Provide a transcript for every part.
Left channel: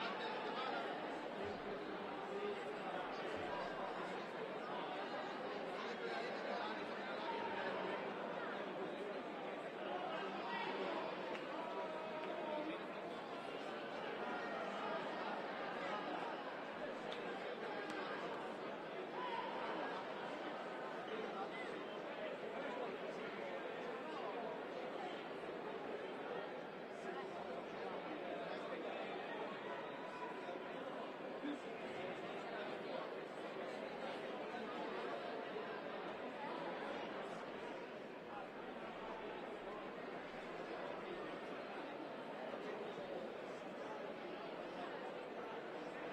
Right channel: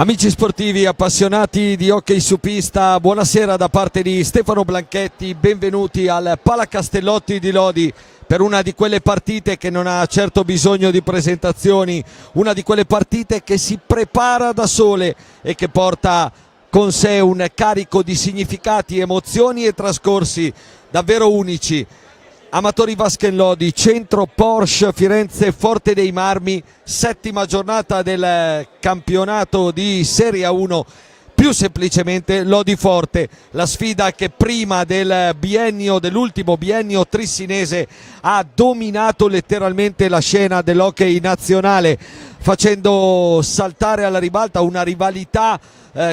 Amici sportivi appassionati di hockey su pista, buonasera da parte di Stefano Blanchetti, benvenuti al Palacastellotti di Lodi per una di quelle partite che non ha certo bisogno di presentazioni, una di quelle partite che si prepara da sole e che porta con sé un carico di significati, emozioni e trascorsi davvero unici. Amatori Vasken Lodi, centro Porsche Firenze Forte dei Marmi, settima giornata del campionato di Serie A1, più semplicemente Lodi Forte, la sfida che prima dell'ultimo biennio trissinese ha dominato letteralmente la scena dell'hockey nazionale, facendo saltare alla ribalta una rivalità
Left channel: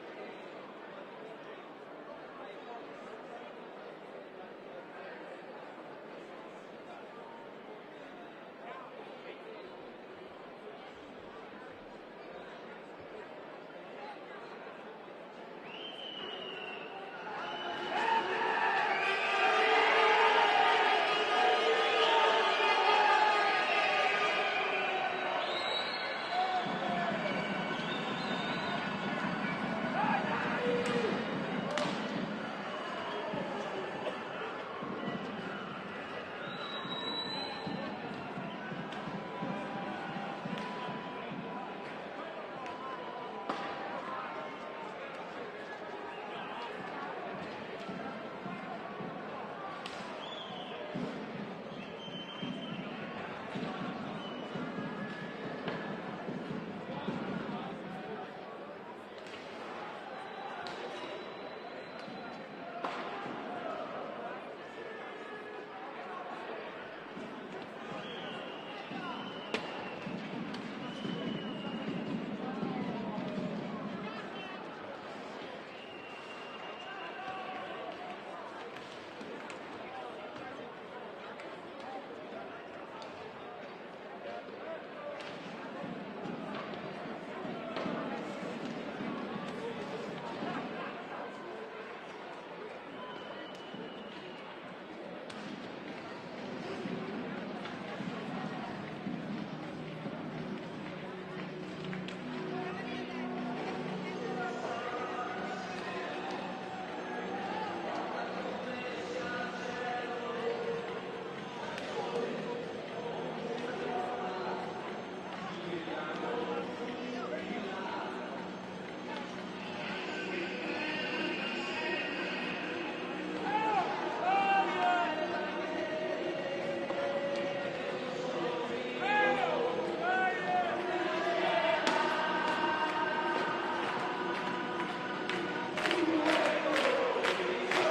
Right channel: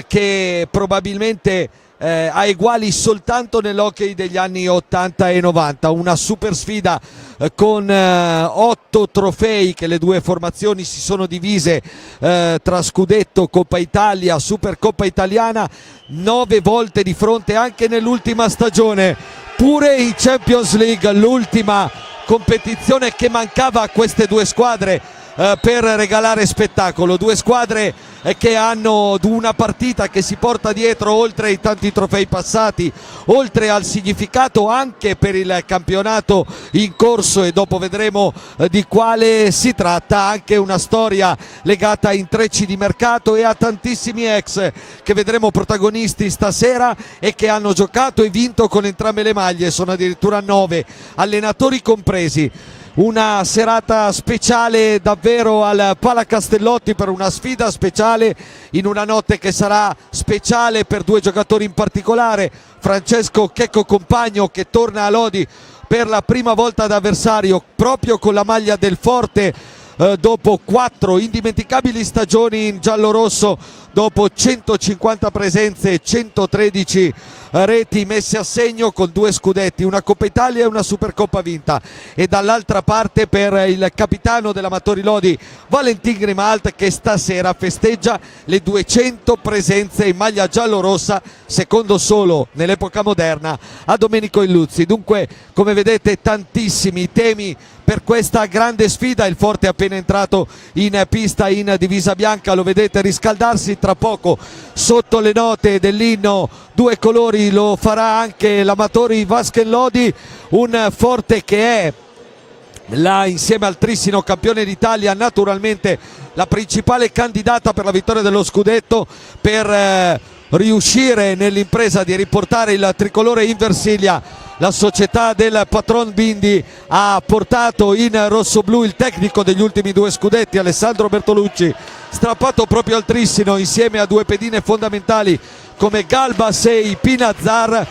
che probabilmente ha eguali soltanto nell'hockey degli anni 80 e 90, una super sfida con 8 trofei che le due formazioni si sono divise tra Scudetto, Coppa Italia, Supercoppa Italiana, 9 volte di fronte anche nell'ultima stagione, pure in Champions League, l'ultima competizione che mancava a queste due squadre per regalare spettacolo, due squadre che hanno una partita che si porta dietro, oltre ai tanti trofei passati, oltre al significato anche per il campionato in corso, e dopo vedremo di quale si tratta, anche una storia legata a intrecci di mercato e a tantissimi ex che vedremo protagonisti stasera e che hanno giocato e vinto con entrambe le maglie, sono addirittura 9 allenatori compresi. Una serata speciale davvero al Palacastellotti per una sfida speciale in una notte che sarà speciale per due giocatori in particolare, Francesco Checco Compagno che torna a Lodi per la prima volta da avversario proprio con la maglia del Forte dopo 4 indimenticabili stagioni in giallorosso, dopo 150 presenze e 113 reti messe a segno con 2 scudetti, una Coppa Italia e una Supercoppa vinta, e dall'altra parte per il capitano dell'Amatori Lodi Valentin Grimalt che stasera festeggia le 200 presenze in maglia giallorossa, secondo solo nell'epoca moderna a Domenico Illuzzi. Dunque, come vedete, tantissimi temi per questa grande sfida. Il Forte è appena entrato in pista in divisa bianca, lo vedete riscaldarsi, tra poco sotto le note dell'inno due colori lo farà anche l'Amatori Vasken Lodi, un Forte che è là insieme al trissino campione d'Italia naturalmente la principale candidata per la vittoria dello scudetto, per riuscire nell'impresa di riportare il tricolore in Versilia. La società del patron Bindi ha portato in rossoblu il tecnico degli ultimi 2 scudetti Alessandro Bertolucci, strappato proprio al trissino insieme a 2 pedine fondamentali come Galbas e Pinazzar,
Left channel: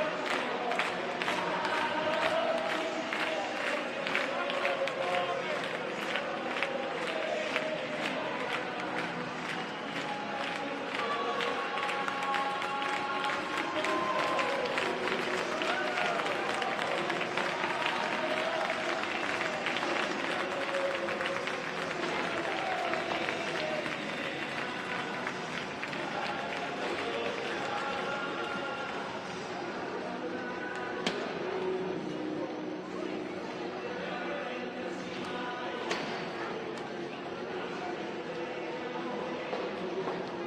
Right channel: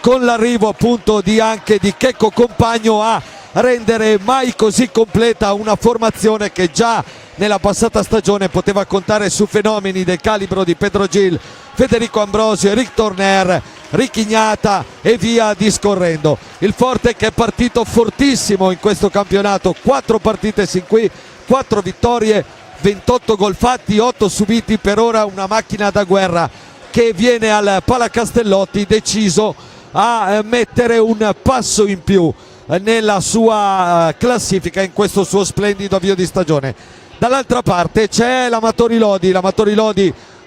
con l'arrivo appunto anche di Checco Compagno a rendere mai così completa una formazione che già nella passata stagione poteva contare su fenomeni del calibro di Pedro Gil, Federico Ambrosio, Eric Torner, Ricchignata e via discorrendo. Il Forte che è partito fortissimo in questo campionato, 4 partite sin qui, 4 vittorie, 28 gol fatti, 8 subiti, per ora una macchina da guerra che viene al Palacastellotti deciso a mettere un passo in più nella sua classifica in questo suo splendido avvio di stagione. Dall'altra parte c'è l'Amatori Lodi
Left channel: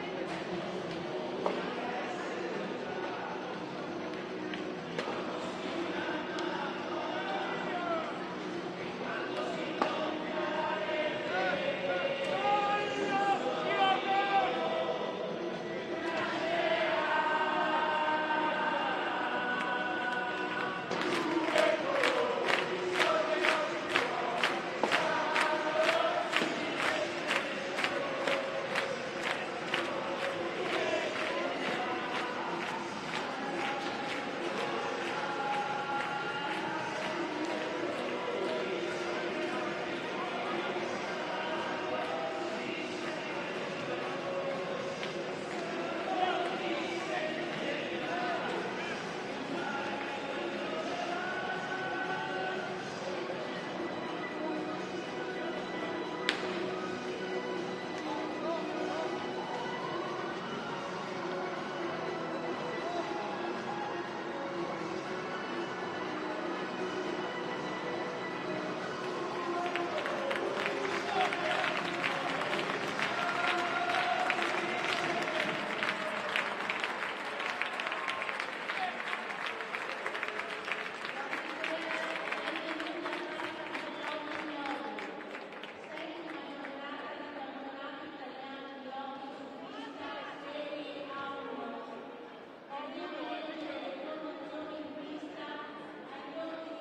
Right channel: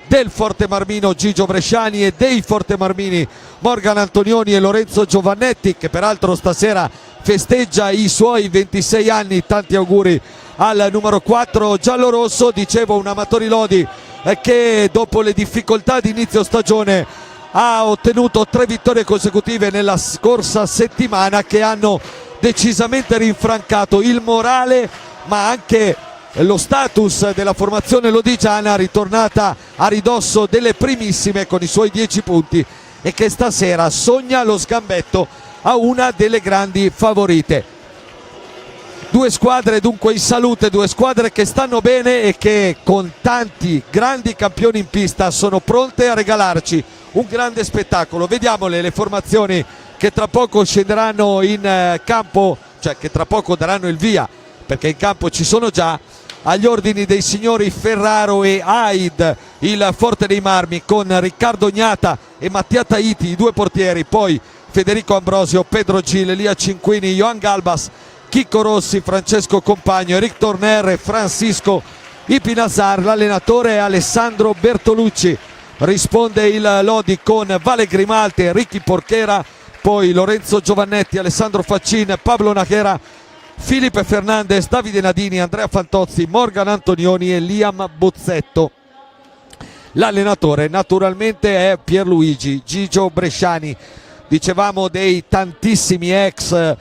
del Forte Marmino Gigio Bresciani e dei Forte Marmini Morgan Antonioni e Lorenzo Giovannetti, che peraltro stasera festeggia i suoi 26 anni, tanti auguri al numero 4 giallorosso. Dicevo, un Amatori Lodi che dopo le difficoltà di inizio stagione ha ottenuto 3 vittorie consecutive nella scorsa settimana che hanno decisamente rinfrancato il morale ma anche lo status della formazione lodigiana, ritornata a ridosso delle primissime con i suoi 10 punti e che stasera sogna lo sgambetto a una delle grandi favorite. 2 squadre dunque in salute, 2 squadre che stanno bene e che con tanti grandi campioni in pista sono pronte a regalarci un grande spettacolo. Vediamole le formazioni che tra poco scenderanno in campo, cioè che tra poco daranno il via, perché in campo ci sono già, agli ordini dei signori Ferraro e Aid, il Forte dei Marmi, con Riccardo Gnata e Mattia Taiti, i 2 portieri, poi Federico Ambrosio, Pedro Gil, Elia Cinquini, Johan Galbas, Chicco Rossi, Francesco Compagno, Eric Torner e Francisco i Pinasar. L'allenatore è Alessandro Bertolucci, risponde il Lodi con Vale Grimaldi, Ricky Porchera, poi Lorenzo Giovannetti, Alessandro Faccin, Pablo Nachera, Filipe Fernandez, Davide Nadini, Andrea Fantozzi, Morgan Antonioni e Liam Bozzetto. L'allenatore naturalmente è Pierluigi Gigio Bresciani. Dicevamo dei tantissimi ex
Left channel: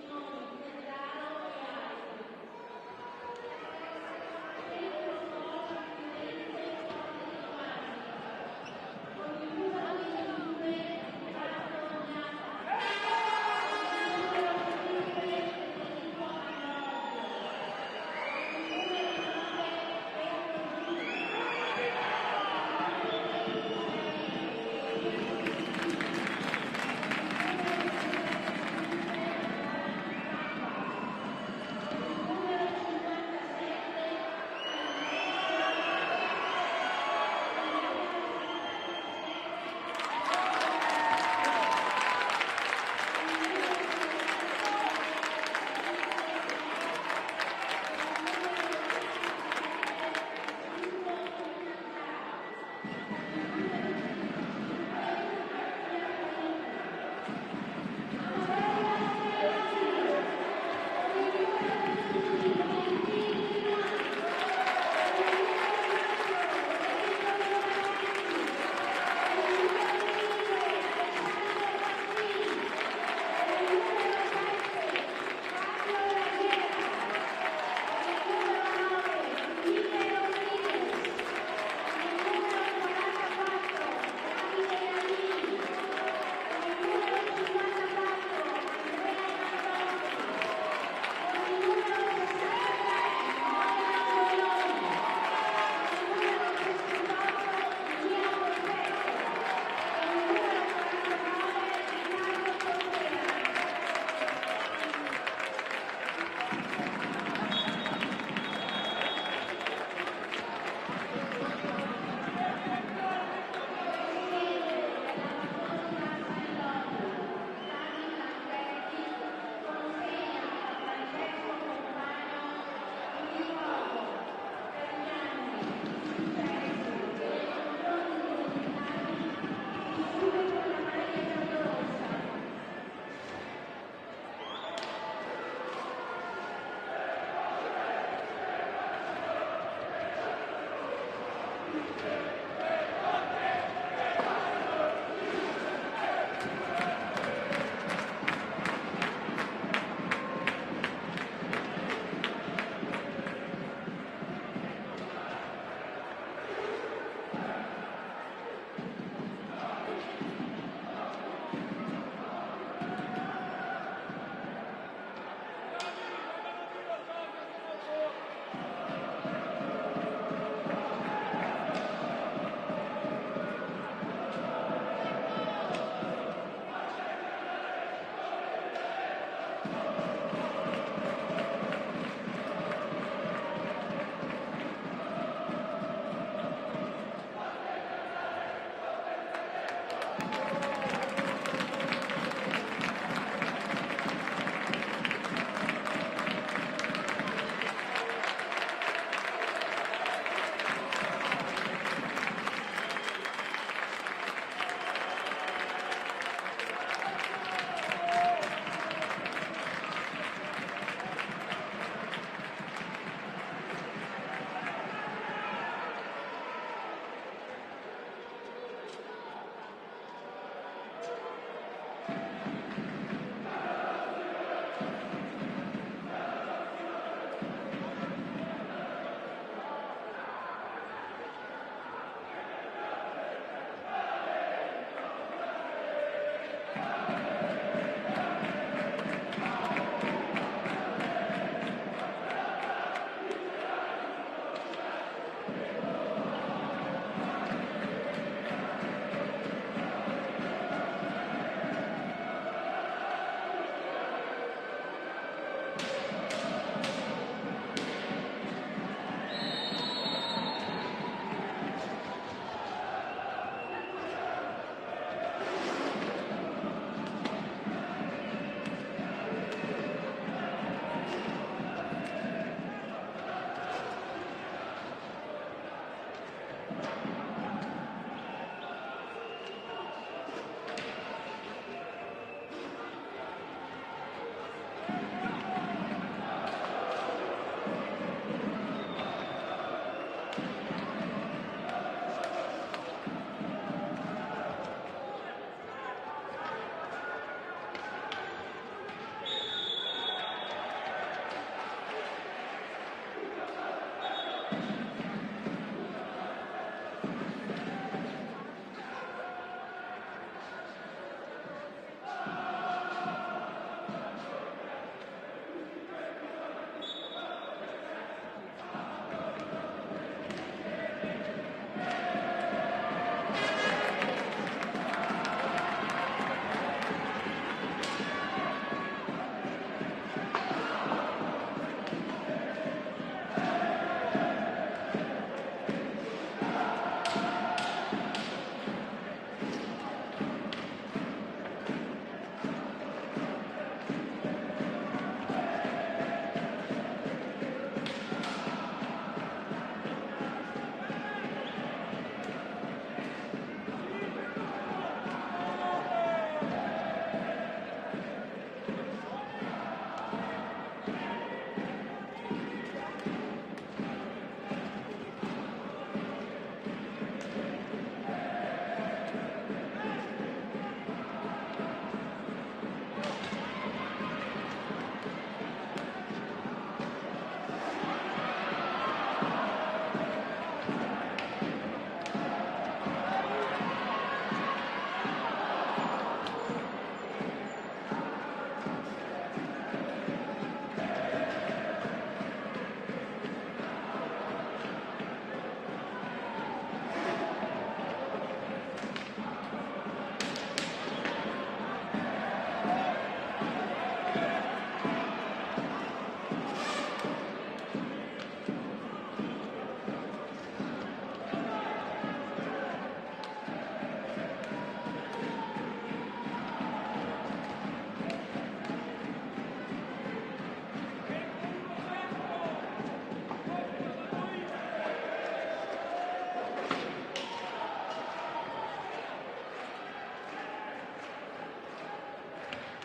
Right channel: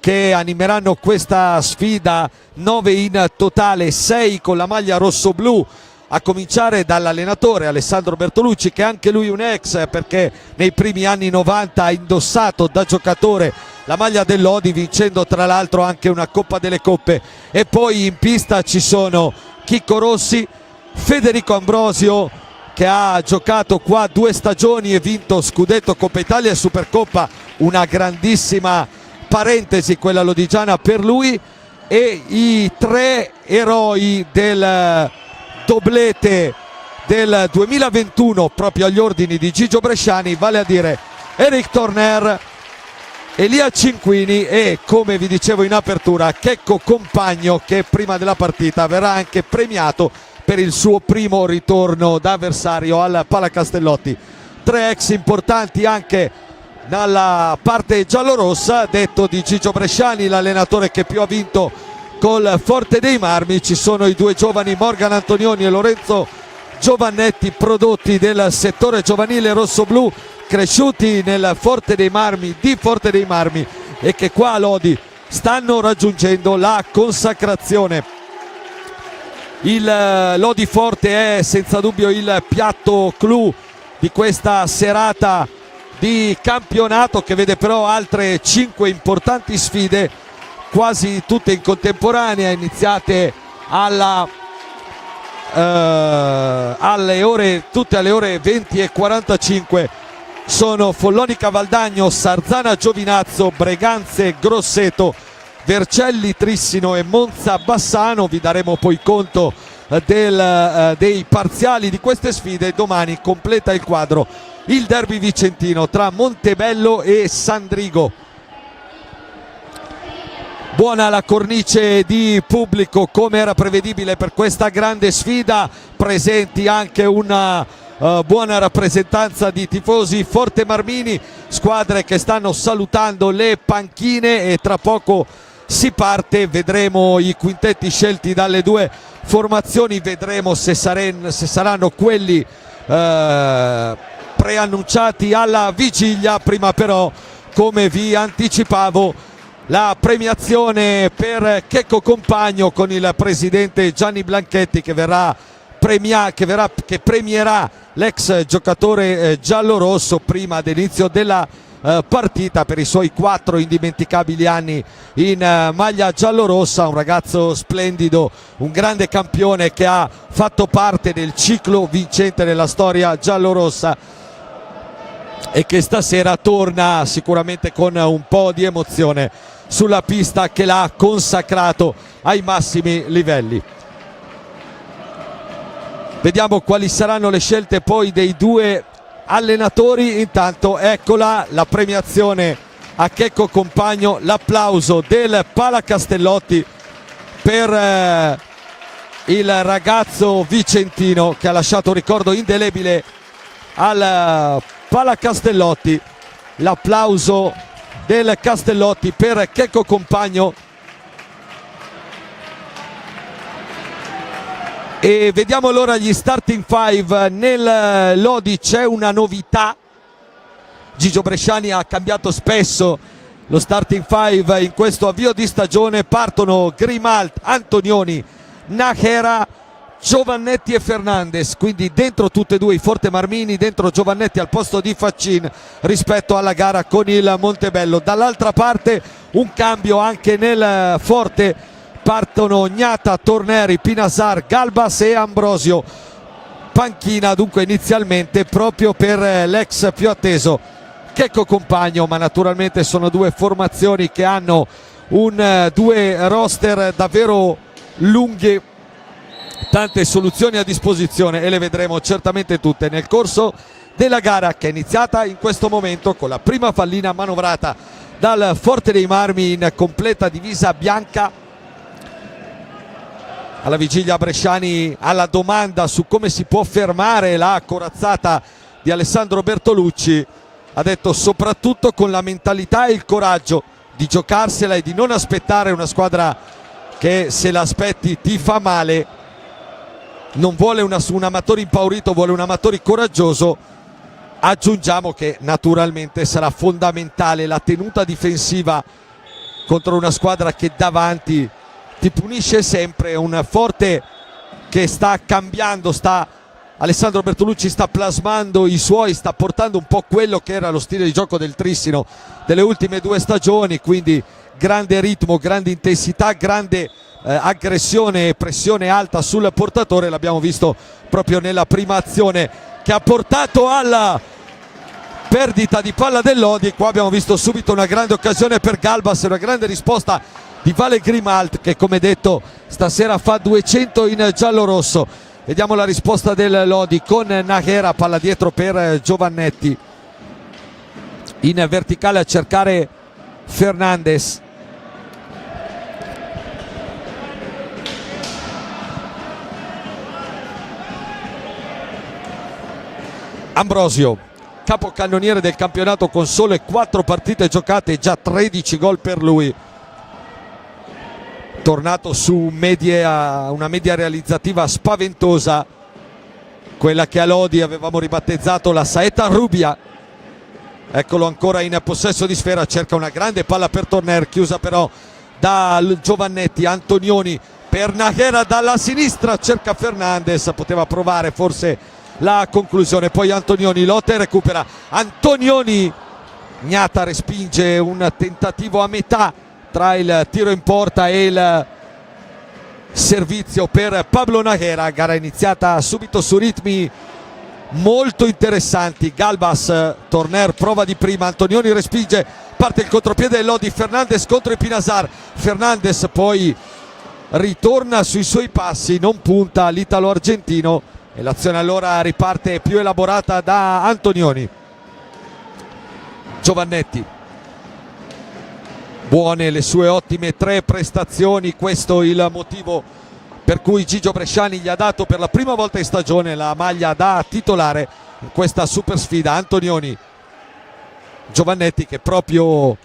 che animeranno questa sfida, 9 in totale, 6 con la maglia rosso-blu, a cominciare dall'allenatore Alessandro Bertolucci, che anche lui un ex, perché nei primi anni 90 ha indossato da giocatore la maglia del Lodi, vincendo tra l'altro anche una Coppa delle Coppe. E poi in pista ci sono Chicco Rossi, Federico Ambrosio, che ha giocato qua 2 stagioni e vinto scudetto, Coppa Italia e Supercoppa, una grandissima parentesi quella lodigiana per lui, e i 3 eroi del doblete del 2021 proprio agli ordini di Gigio Bresciani, vale a dire Eric Torner, Elia Cinquini e, come vi dicevo in apertura, Checco Compagno, che prima della partita verrà anche premiato per il suo primo ritorno da avversario al Palacastellotti. 3 ex importanti anche dalla parte giallorossa, detto di Gigio Bresciani, l'allenatore che più ha vinto col Forte dei Marmi. Ci sono i 2 giovani Morgan Antonioni e Lorenzo Giovannetti, prodotti del settore giovanile rossoblu, cresciuti nel Forte dei Marmi, di Forte dei Marmi, e che qua a Lodi stanno raggiungendo la consacrazione. Il Lodi Forte è senza dubbio il piatto clou di questa serata di campionato, che vede però altre 5 importanti sfide, quasi tutte in contemporanea, iniziate tutte alle ore 20:45. Sono Follonica Valdagno, Sarzana Giovinazzo, Breganze Grosseto, Vercelli Trissino e Monza Bassano. Vi daremo poi conto dei parziali di queste sfide. Domani completa il quadro il derby vicentino tra Montebello e Sandrigo. Buona la cornice di pubblico, come era prevedibile per questa grande sfida, presenti anche una buona rappresentanza di tifosi fortemarmini, squadre che stanno salutando le panchine, e tra poco si parte. Vedremo i quintetti scelti dalle 2 formazioni, vedremo se saranno quelli preannunciati alla vigilia. Prima però, come vi anticipavo, la premiazione per Checco Compagno con il presidente Gianni Blanchetti, che premierà l'ex giocatore giallorosso prima dell'inizio della partita per i suoi 4 indimenticabili anni in maglia giallorossa. Un ragazzo splendido, un grande campione che ha fatto parte del ciclo vincente nella storia giallorossa, e che stasera torna sicuramente con un po' di emozione sulla pista che l'ha consacrato ai massimi livelli. Vediamo quali saranno le scelte poi dei 2 allenatori. Intanto eccola la premiazione a Checco Compagno, l'applauso del Palacastellotti per il ragazzo vicentino che ha lasciato un ricordo indelebile al Palacastellotti. L'applauso del Castellotti per Checco Compagno. E vediamo allora gli starting 5. Nel Lodi c'è una novità. Gigio Bresciani ha cambiato spesso lo starting 5 in questo avvio di stagione. Partono Grimald, Antonioni, Nachera, Giovannetti e Fernandez, quindi dentro tutte e 2 i fortemarmini, dentro Giovannetti al posto di Faccin rispetto alla gara con il Montebello. Dall'altra parte un cambio anche nel Forte, partono Gnata, Torneri, Pinasar, Galbas e Ambrosio. Panchina dunque inizialmente proprio per l'ex più atteso Checco Compagno, ma naturalmente sono 2 formazioni che hanno 2 roster davvero lunghi, tante soluzioni a disposizione, e le vedremo certamente tutte nel corso della gara, che è iniziata in questo momento con la prima pallina manovrata dal Forte dei Marmi in completa divisa bianca. alla vigilia Bresciani alla domanda su come si può fermare la corazzata di Alessandro Bertolucci, ha detto soprattutto con la mentalità e il coraggio di giocarsela e di non aspettare una squadra che se l'aspetti ti fa male. Non vuole un Amatori impaurito, vuole un Amatori coraggioso. Aggiungiamo che naturalmente sarà fondamentale la tenuta difensiva contro una squadra che davanti ti punisce sempre. Un Forte che sta cambiando, Alessandro Bertolucci sta plasmando i suoi, sta portando un po' quello che era lo stile di gioco del Trissino delle ultime 2 stagioni, quindi grande ritmo, grande intensità, grande aggressione e pressione alta sul portatore. L'abbiamo visto proprio nella prima azione che ha portato alla perdita di palla del Lodi. Qua abbiamo visto subito una grande occasione per Galbas e una grande risposta di Vale Grimalt, che come detto stasera fa 200 in giallo-rosso. Vediamo la risposta del Lodi con Nahera, palla dietro per Giovannetti, in verticale a cercare Fernandes. Ambrosio, capocannoniere del campionato con sole 4 partite giocate e già 13 gol per lui, tornato su una media realizzativa spaventosa, quella che a Lodi avevamo ribattezzato la saetta Rubia. Eccolo ancora in possesso di sfera, cerca una grande palla per Torner, chiusa però da Giovannetti. Antonioni per Nahera dalla sinistra, cerca Fernandes, poteva provare forse la conclusione, poi Antonioni lotta e recupera. Antonioni, Gnata respinge un tentativo a metà tra il tiro in porta e il servizio per Pablo Nahera. Gara iniziata subito su ritmi molto interessanti. Galbas, Torner prova di prima, Antonioni respinge, parte il contropiede del Lodi, Fernandes contro Epinazar, Fernandes poi ritorna sui suoi passi, non punta l'italo-argentino e l'azione allora riparte più elaborata da Antonioni. Giovannetti, buone le sue ottime 3 prestazioni, questo il motivo per cui Gigio Bresciani gli ha dato per la prima volta in stagione la maglia da titolare in questa super sfida. Antonioni, Giovannetti che proprio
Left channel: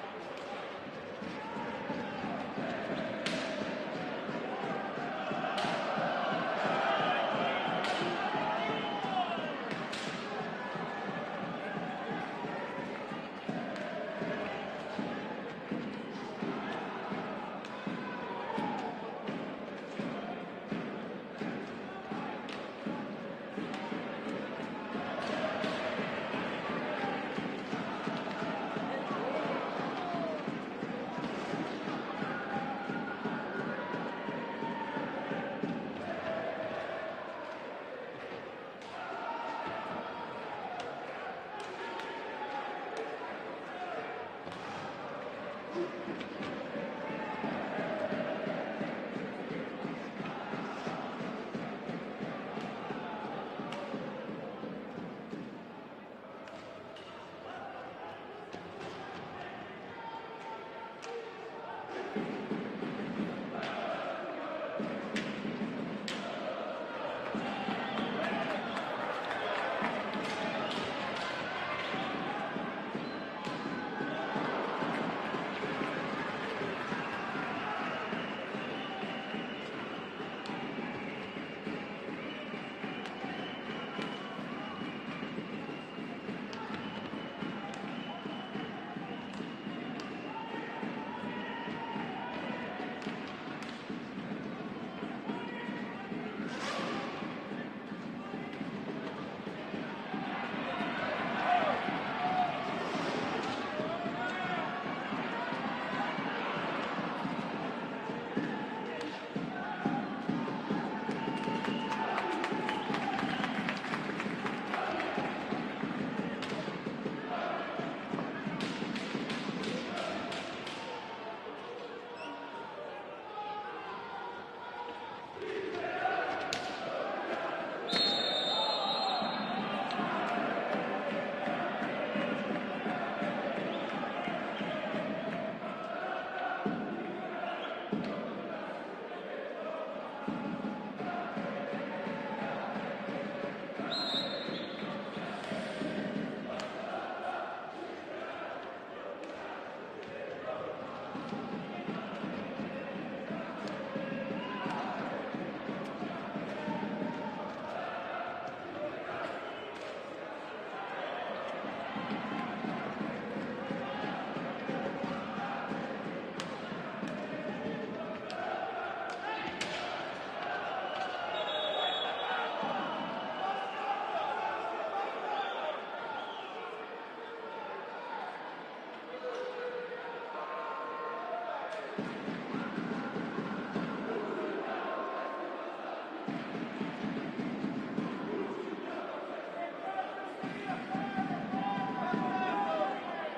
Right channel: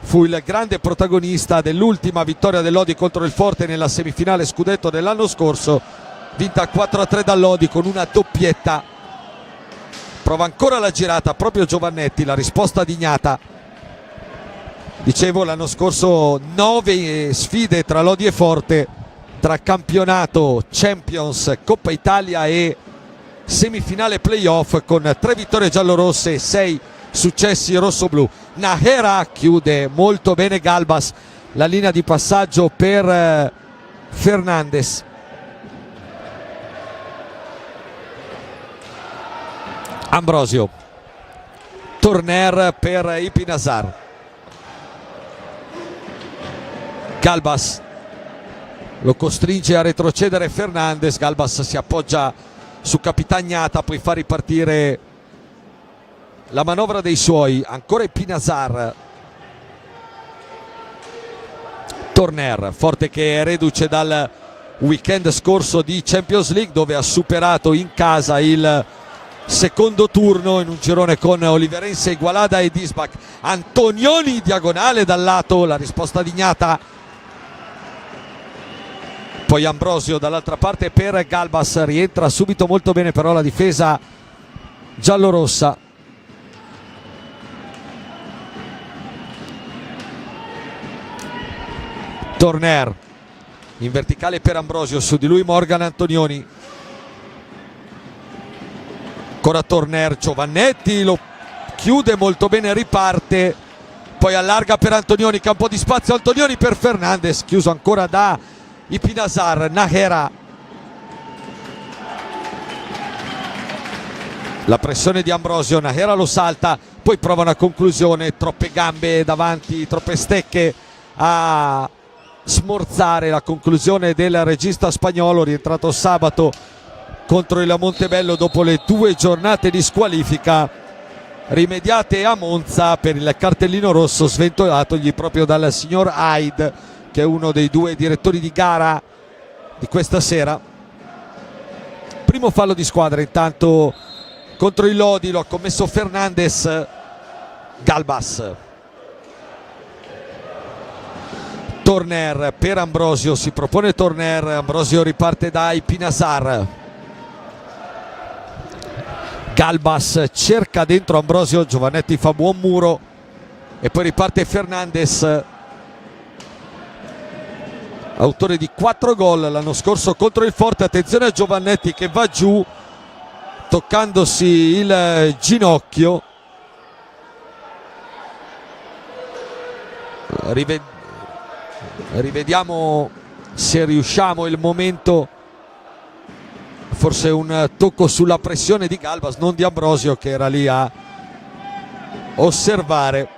fu il grande protagonista dell'ultima vittoria del Lodi contro il Forte nella semifinale scudetto dell'anno scorso, vinta 4-3 dal Lodi con una doppietta. Prova ancora la girata proprio Giovannetti, la risposta di Gnata. Dicevo, l'anno scorso 9 sfide tra Lodi e Forte, tra campionato, Champions, Coppa Italia e semifinale playoff, con 3 vittorie giallorosse e 6 successi rossoblù. Nahera chiude molto bene Galbas, la linea di passaggio per Fernandes. Ambrosio, Torner per Ipinazar, Galbas lo costringe a retrocedere Fernandes. Galbas si appoggia su Capitagnata, poi fa ripartire la manovra dei suoi. Ancora Ipinazar, Torner, Forte che è reduce dal weekend scorso di Champions League, dove ha superato in casa il secondo turno in un girone con Oliverense, Igualada e Disbach. Antonioni diagonale dal lato, la risposta di Gnata, poi Ambrosio dall'altra parte per Galbas, rientra subito molto bene però la difesa giallorossa. Torner in verticale per Ambrosio, su di lui Morgan Antonioni. Ancora Torner, Giovannetti lo chiude molto bene, riparte, poi allarga per Antonioni, campo di spazio, Antonioni per Fernandes, chiuso ancora da Ipinazar. Nahera, la pressione di Ambrosio, Nahera lo salta, poi prova una conclusione, troppe gambe davanti, troppe stecche a smorzare la conclusione del regista spagnolo, rientrato sabato contro il Montebello dopo le 2 giornate di squalifica rimediate a Monza per il cartellino rosso sventolatogli proprio dal signor Hyde, che è uno dei 2 direttori di gara di questa sera. Primo fallo di squadra intanto contro il Lodi, lo ha commesso Fernandez. Galbas, Torner per Ambrosio, si propone Torner, Ambrosio riparte da Ipinasar. Galbas cerca dentro Ambrosio, Giovannetti fa buon muro e poi riparte Fernandez, autore di 4 gol l'anno scorso contro il Forte. Attenzione a Giovannetti che va giù toccandosi il ginocchio. Rivediamo se riusciamo il momento, forse un tocco sulla pressione di Galbas, non di Ambrosio che era lì a osservare.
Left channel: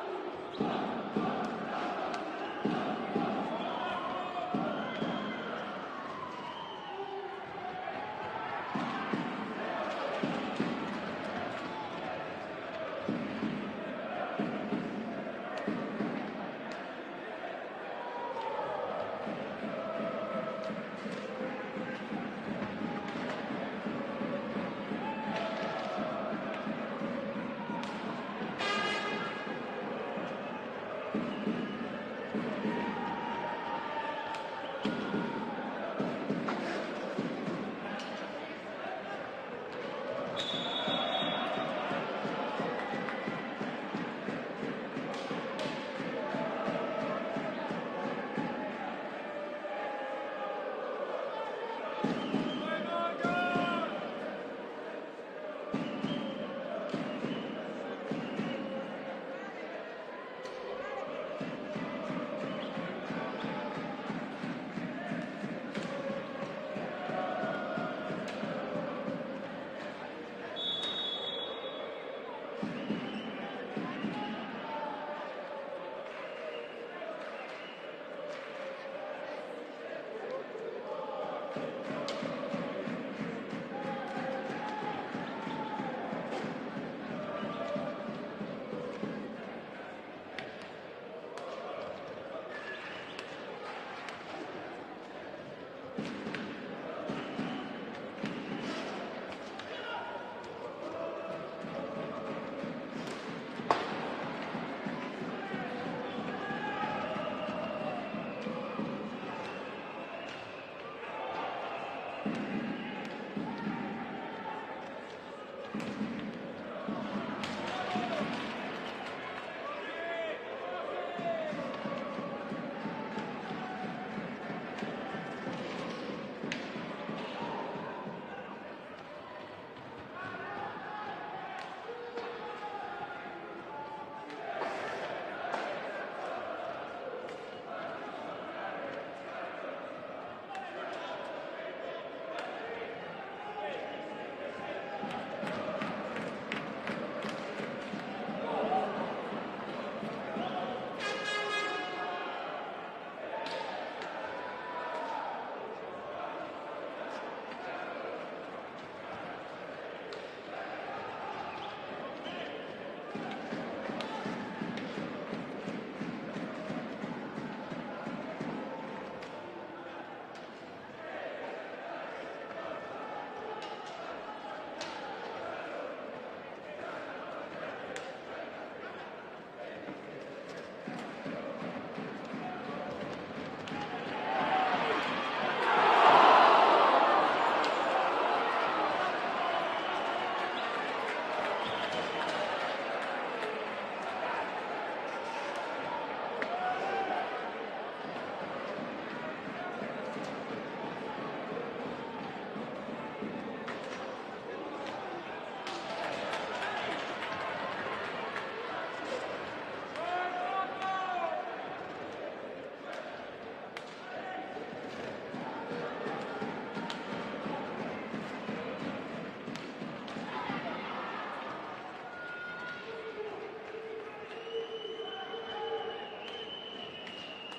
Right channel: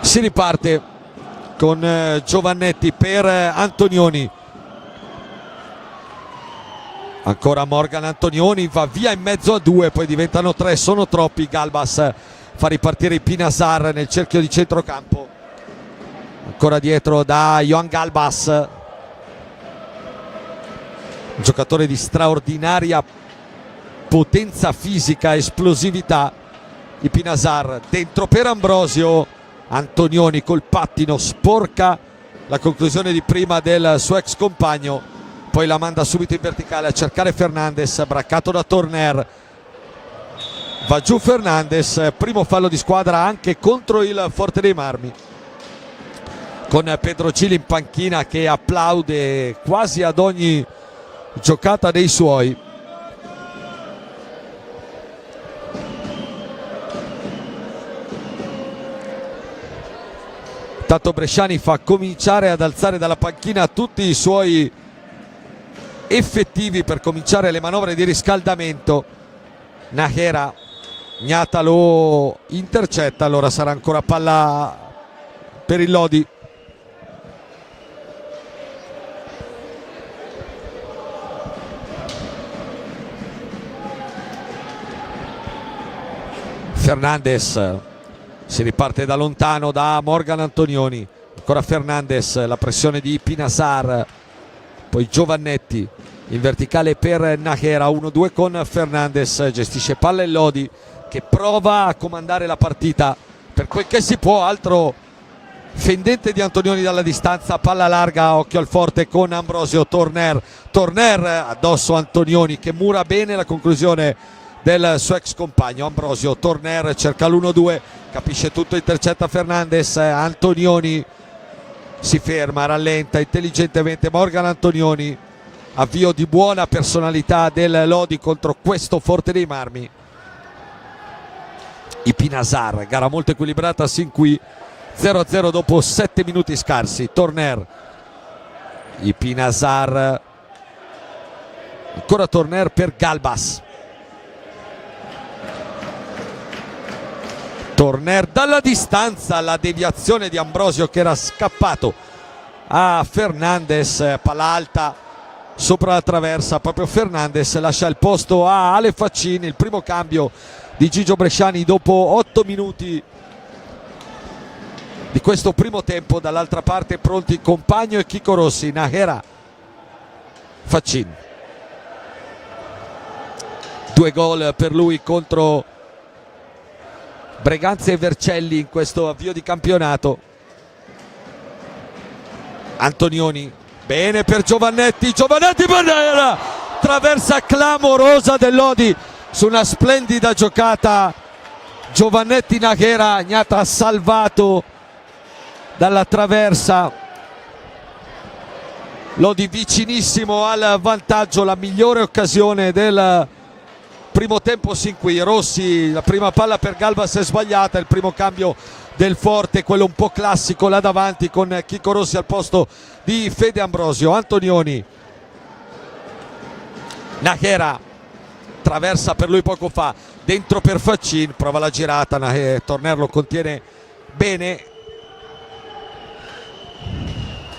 Si riparte con Giovannetti per Antonioni. Ancora Morgan Antonioni, va via in mezzo a 2, poi diventano 3, sono troppi. Galbas fa ripartire Ipinasar nel cerchio di centrocampo. Ancora dietro da Johan Galbas, un giocatore di straordinaria potenza fisica, esplosività. Ipinasar dentro per Ambrosio. Antonioni col pattino sporca la conclusione di prima del suo ex compagno, poi la manda subito in verticale a cercare Fernandez, braccato da Torner, va giù Fernandez. Primo fallo di squadra anche contro il Forte dei Marmi, con Pedro Gili in panchina che applaude quasi ad ogni giocata dei suoi. Intanto Bresciani fa cominciare ad alzare dalla panchina tutti i suoi effettivi per cominciare le manovre di riscaldamento. Nahera, Gnata lo intercetta, allora sarà ancora palla per il Lodi. Fernandez, si riparte da lontano da Morgan Antonioni, ancora Fernandez, la pressione di Pinasar, poi Giovannetti in verticale per Nahera, 1-2 con Fernandez, gestisce palla il Lodi che prova a comandare la partita per quel che si può. Altro fendente di Antonioni dalla distanza, palla larga, occhio al Forte con Ambrosio. Torner addosso Antonioni che mura bene la conclusione del suo ex compagno. Ambrosio, Torner cerca l'1-2, capisce tutto, intercetta Fernandez. Antonioni si ferma, rallenta intelligentemente Morgan Antonioni. Avvio di buona personalità del Lodi contro questo Forte dei Marmi. Ipinasar, gara molto equilibrata sin qui, 0-0 dopo 7 minuti scarsi. Torner, Ipinasar, ancora Torner per Galbas. Torner dalla distanza, la deviazione di Ambrosio che era scappato a Fernandez, palla alta sopra la traversa, proprio Fernandez lascia il posto a Ale Faccini. Il primo cambio di Gigio Bresciani dopo 8 minuti di questo primo tempo. Dall'altra parte pronti Compagno e Chico Rossi. Nahera, Faccini, 2 gol per lui contro Breganze e Vercelli in questo avvio di campionato. Antonioni, bene per Giovannetti, Banera, traversa clamorosa del Lodi su una splendida giocata. Giovannetti, Nahera, Gnata salvato dalla traversa. Lodi vicinissimo al vantaggio, la migliore occasione del primo tempo sin qui. Rossi, la prima palla per Galbas è sbagliata, il primo cambio del Forte, quello un po' classico là davanti con Chico Rossi al posto di Fede Ambrosio. Antonioni, Nahera, traversa per lui poco fa, dentro per Faccin, prova la girata, Torner lo contiene bene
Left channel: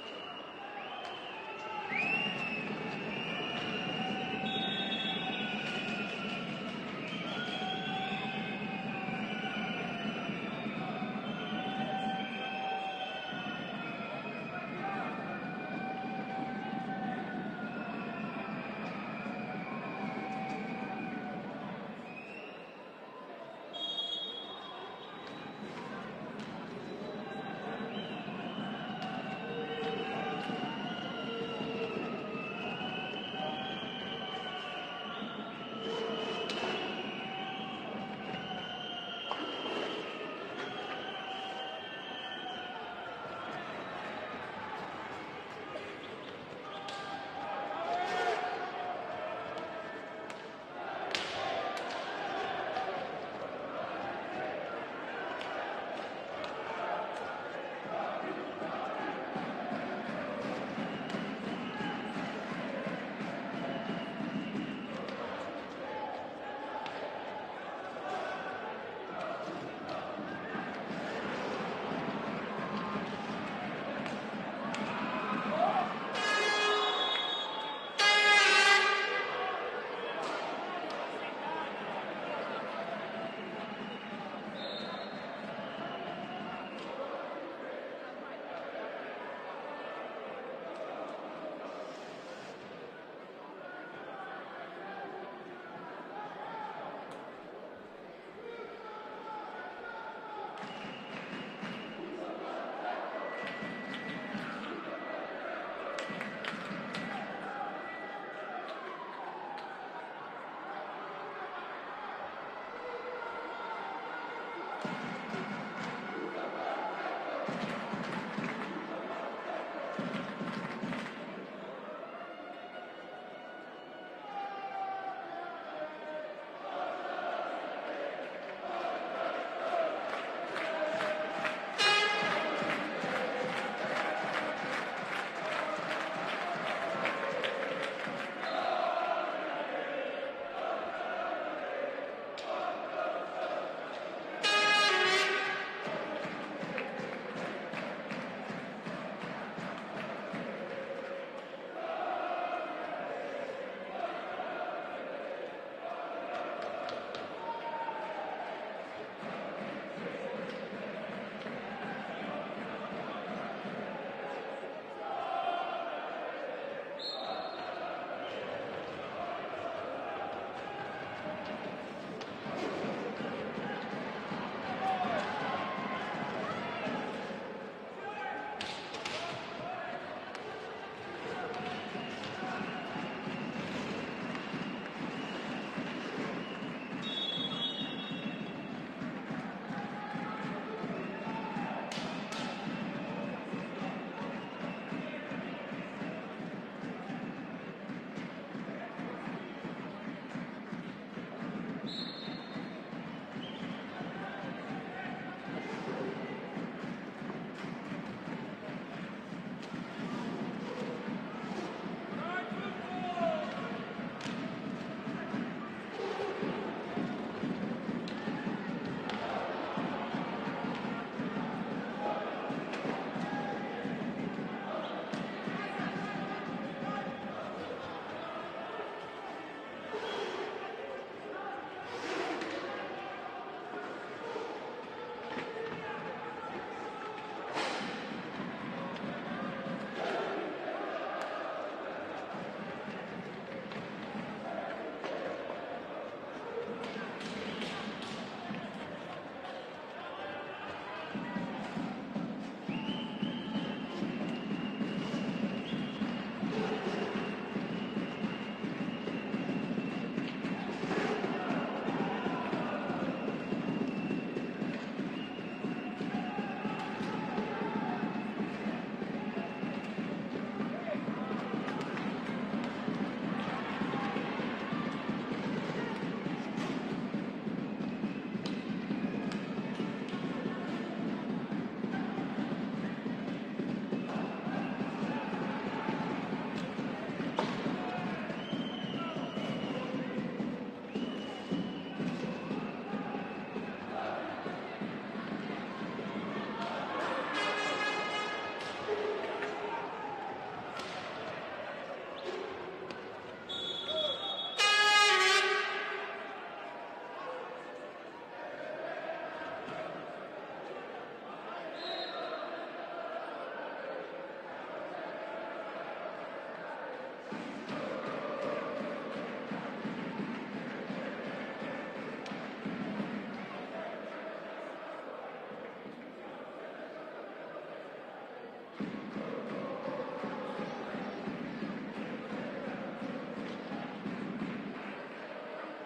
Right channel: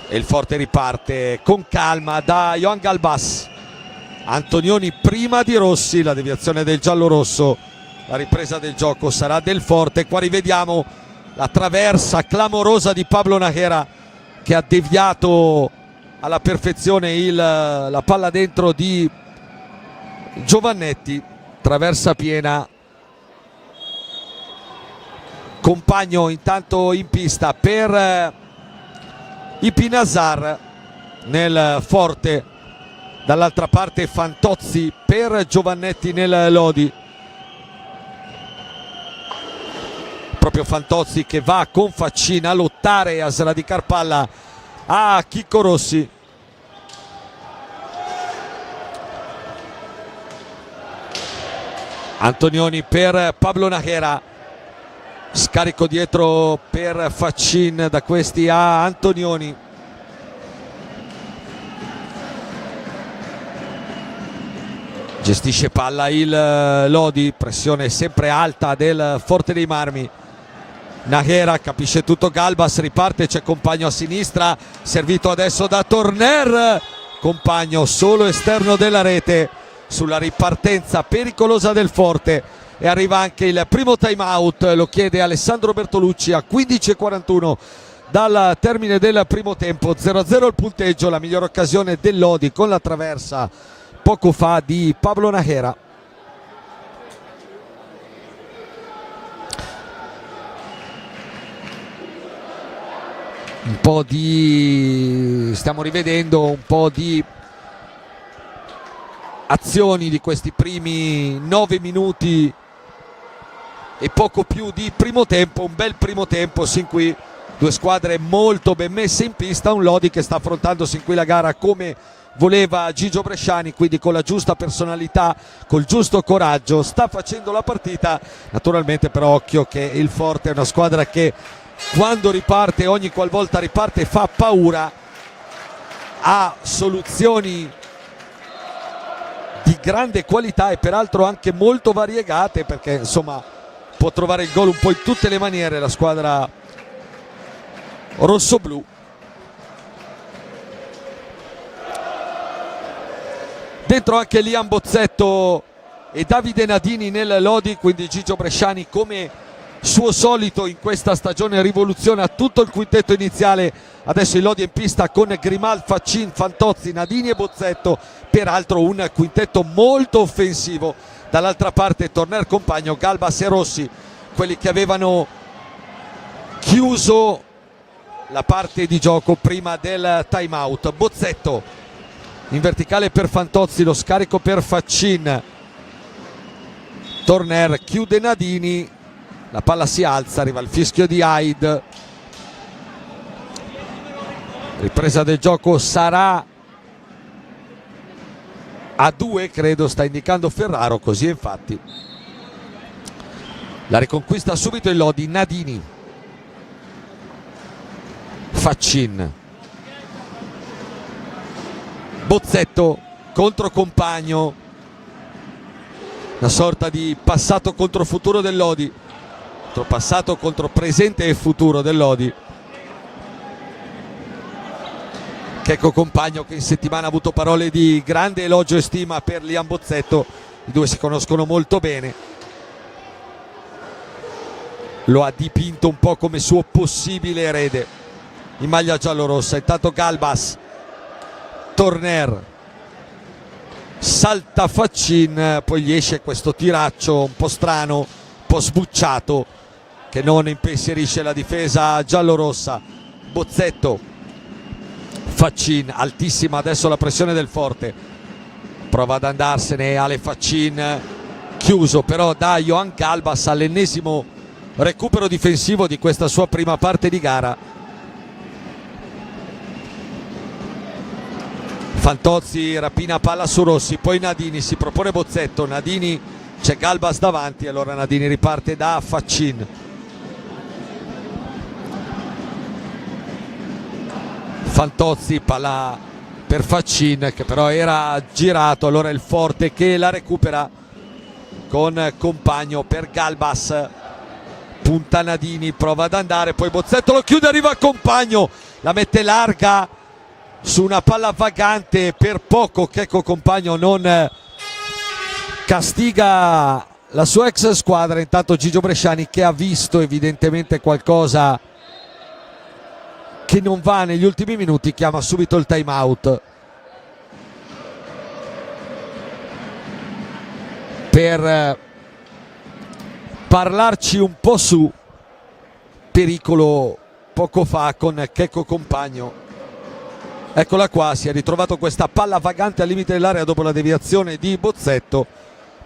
e il Forte riparte con calma da Johan Galbas. Antonioni prima di Rossi, la deviazione del giallorosso La ripresa del gioco sarà del Forte. Qua rivediamo la traversa clamorosa di Pablo Najera che ha deviato alla perfezione la palla dentro di Giovannetti. Traversa piena. Compagno intanto in pista per i Pinasar nel Forte. Dall'altra parte Fantozzi per Giovannetti nel Lodi. Proprio Fantozzi che va con Faccin a lottare e a sradicar palla a Chicco Rossi. Antonioni per Pablo Najera. Scarico dietro per Faccin, da questi a Antonioni. Gestisce palla il Lodi, pressione sempre alta del Forte dei Marmi. Najera capisce tutto Galbas, riparte, c'è Compagno a sinistra, servito adesso da Torner. Compagno solo esterno della rete sulla ripartenza pericolosa del Forte. E arriva anche il primo time out, lo chiede Alessandro Bertolucci a 15:41 dal termine del primo tempo. 0-0 il punteggio, la migliore occasione del Lodi con la traversa poco fa di Pablo Najera. Un po' di... stiamo rivedendo un po' di azioni di questi primi 9 minuti e poco più di primo tempo. Un bel primo tempo sin qui, due squadre molto ben messe in pista, un Lodi che sta affrontando sin qui la gara come voleva Gigio Bresciani, quindi con la giusta personalità, col giusto coraggio sta facendo la partita. Naturalmente però occhio che il Forte è una squadra che quando riparte, ogni qualvolta riparte, fa paura, ha soluzioni di grande qualità e peraltro anche molto variegate, perché insomma può trovare il gol un po' in tutte le maniere la squadra rossoblù. Dentro anche Liam Bozzetto e Davide Nadini nel Lodi, quindi Gigio Bresciani come suo solito in questa stagione rivoluziona tutto il quintetto iniziale. Adesso il Lodi è in pista con Grimal, Faccin, Fantozzi, Nadini e Bozzetto, peraltro un quintetto molto offensivo. Dall'altra parte Torner, Compagno, Galbas e Rossi, quelli che avevano chiuso la parte di gioco prima del time out. Bozzetto in verticale per Fantozzi, lo scarico per Faccin. Torner chiude Nadini, la palla si alza, arriva il fischio di Haid. Ripresa del gioco sarà a 2, credo sta indicando Ferraro, così è infatti. La riconquista subito il Lodi. Nadini, Faccin, Bozzetto contro Compagno, una sorta di passato contro futuro del Lodi, passato contro presente e futuro del Lodi. Checco Compagno che in settimana ha avuto parole di grande elogio e stima per Liam Bozzetto, i due si conoscono molto bene, lo ha dipinto un po' come suo possibile erede in maglia giallorossa. Intanto Galbas, Torner, salta Faccin, poi gli esce questo tiraccio un po' strano, un po' sbucciato, che non impensierisce la difesa giallorossa. Bozzetto, Faccin, altissima adesso la pressione del Forte, prova ad andarsene Ale Faccin, chiuso però da Johan Galbas all'ennesimo recupero difensivo di questa sua prima parte di gara. Fantozzi rapina palla su Rossi, poi Nadini, si propone Bozzetto, Nadini, c'è Galbas davanti, allora Nadini riparte da Faccin. Fantozzi, palla per Faccin che però era girato, allora il Forte che la recupera con Compagno per Galbas, punta Nadini, prova ad andare, poi Bozzetto lo chiude, arriva Compagno, la mette larga su una palla vagante, per poco Checco Compagno non castiga la sua ex squadra. Intanto Gigio Bresciani, che ha visto evidentemente qualcosa che non va negli ultimi minuti, chiama subito il time out per parlarci un po' su. Pericolo poco fa con Checco Compagno. Eccola qua, si è ritrovato questa palla vagante al limite dell'area dopo la deviazione di Bozzetto.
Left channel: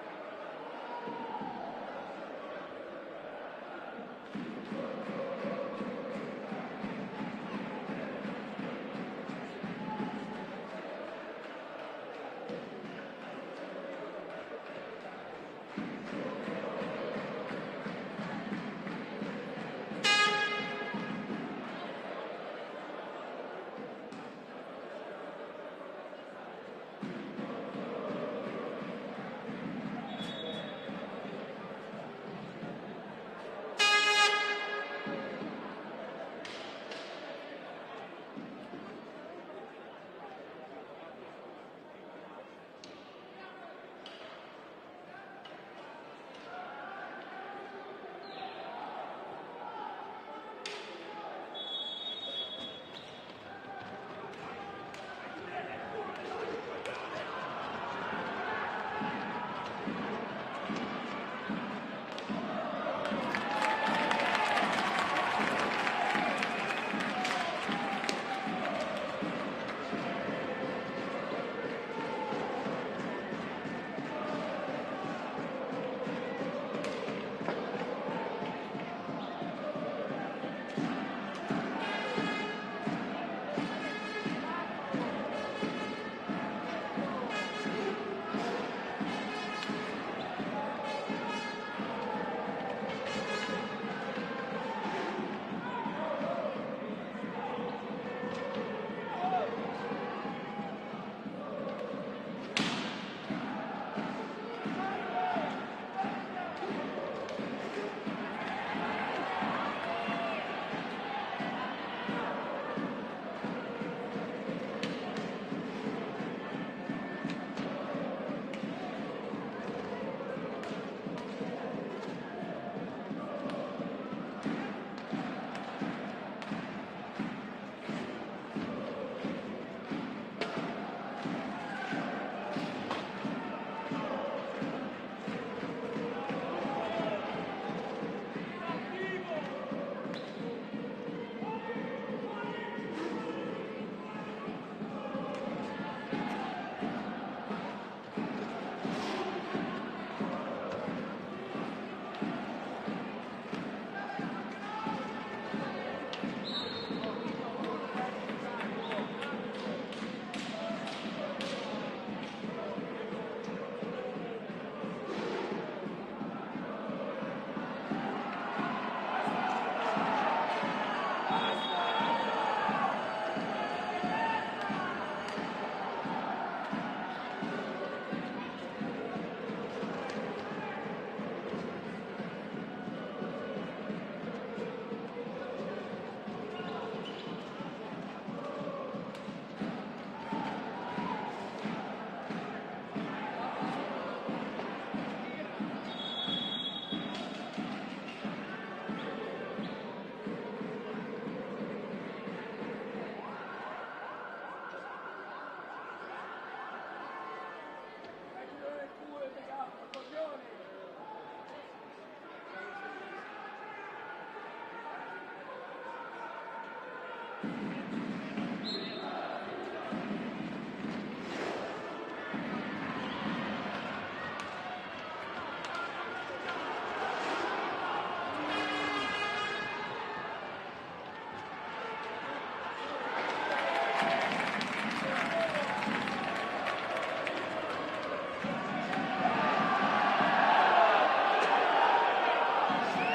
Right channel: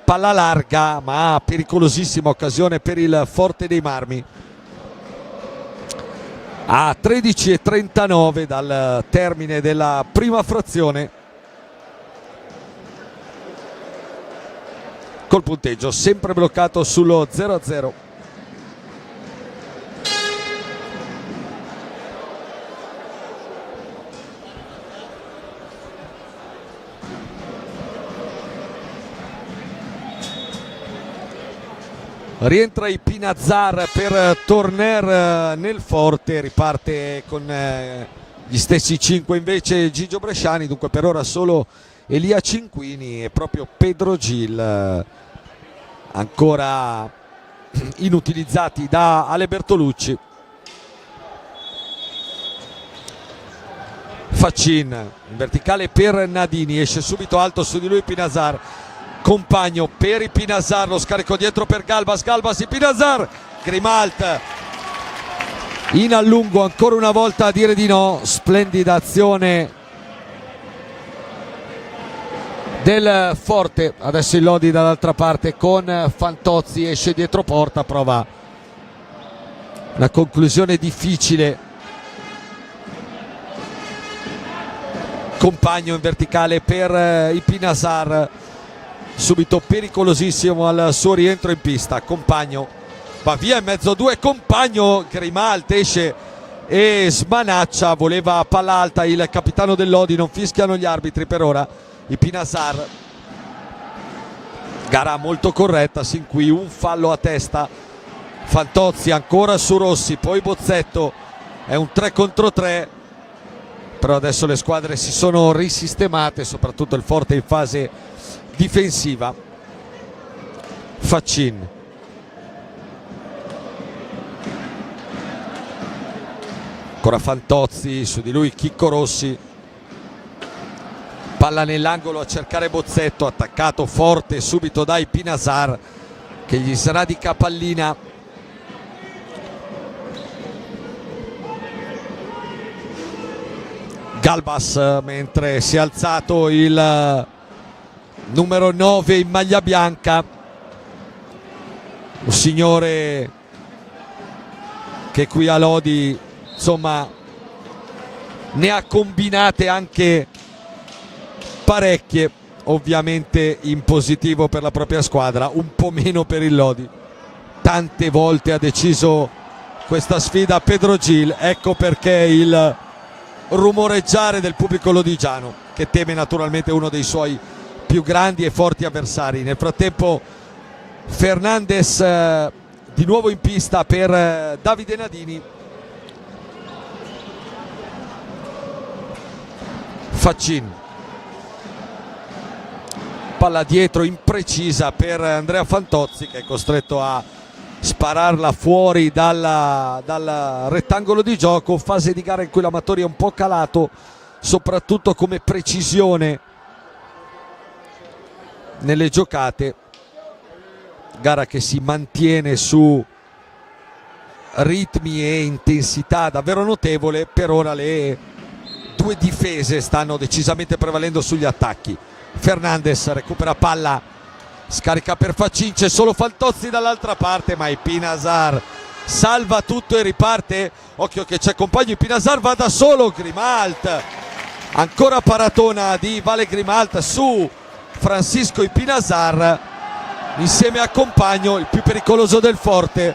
Palla larga ma pericolosissima occasione per il Forte dei Marmi. A 13:39 dal termine della prima frazione, col punteggio sempre bloccato sullo 0-0. Rientra i Pinazar per tornare nel Forte, riparte con gli stessi 5 invece Gigio Bresciani, dunque per ora solo Elia Cinquini e proprio Pedro Gil ancora inutilizzati da Ale Bertolucci. Faccin in verticale per Nadini, esce subito alto su di lui Pinazar. Compagno per i Pinazar, lo scarico dietro per Galbas, Galbas i Pinazar, Grimalt in allungo ancora una volta a dire di no. Splendida azione del Forte. Adesso il Lodi dall'altra parte con Fantozzi, esce dietro porta, prova la conclusione difficile. Compagno in verticale per i Pinazar, subito pericolosissimo al suo rientro in pista. Compagno va via in mezzo a due, Compagno, Grimalt esce e smanaccia, voleva palla alta il capitano del Lodi, non fischiano gli arbitri per ora. I Pinazar, gara molto corretta sin qui, un fallo a testa. Fantozzi ancora su Rossi, poi Bozzetto, è un 3 contro 3, però adesso le squadre si sono risistemate, soprattutto il Forte in fase difensiva. Faccin, ancora Fantozzi, su di lui Chicco Rossi, palla nell'angolo a cercare Bozzetto, attaccato forte subito dai Pinazar che gli sarà di capallina. Galbas, mentre si è alzato il numero 9 in maglia bianca, un signore che qui a Lodi insomma ne ha combinate anche parecchie, ovviamente in positivo per la propria squadra, un po' meno per il Lodi. Tante volte ha deciso questa sfida Pedro Gil, ecco perché il rumoreggiare del pubblico lodigiano, che teme naturalmente uno dei suoi più grandi e forti avversari. Nel frattempo Fernandez di nuovo in pista per Davide Nadini. Faccin, palla dietro imprecisa per Andrea Fantozzi, che è costretto a spararla fuori dal rettangolo di gioco. Fase di gara in cui l'Amatori è un po' calato, soprattutto come precisione nelle giocate. Gara che si mantiene su ritmi e intensità davvero notevole. Per ora le due difese stanno decisamente prevalendo sugli attacchi. Fernandez recupera palla, scarica per Faccin, c'è solo Fantozzi dall'altra parte, ma i Pinazar salva tutto e riparte. Occhio che c'è Compagno, i Pinazar va da solo, Grimalt, ancora paratona di Vale Grimalt su Francisco i Pinazar insieme a Compagno, il più pericoloso del Forte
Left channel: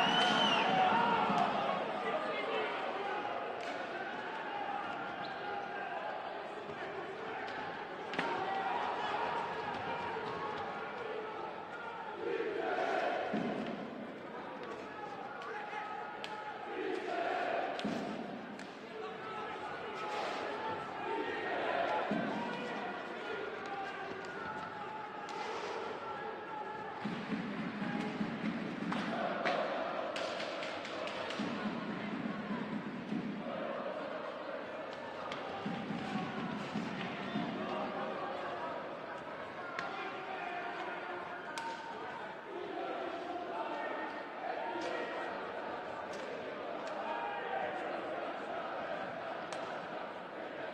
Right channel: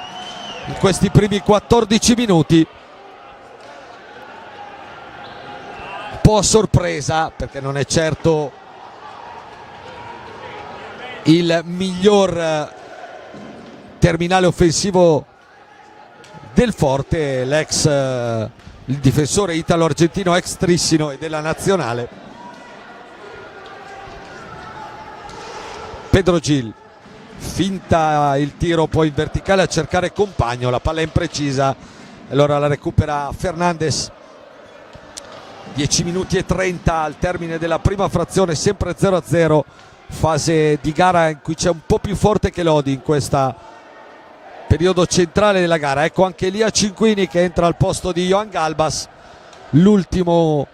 in questi primi 14 minuti. Un po' a sorpresa, perché non è certo il miglior terminale offensivo del Forte, il difensore italo-argentino ex Trissino e della nazionale. Pedro Gil finta il tiro poi in verticale a cercare Compagno, la palla è imprecisa, allora la recupera Fernandes. 10 minuti e 30 al termine della prima frazione, sempre 0-0, fase di gara in cui c'è un po' più forte che Lodi in questo periodo centrale della gara. Ecco anche Elia Cinquini che entra al posto di Johan Galbas, l'ultimo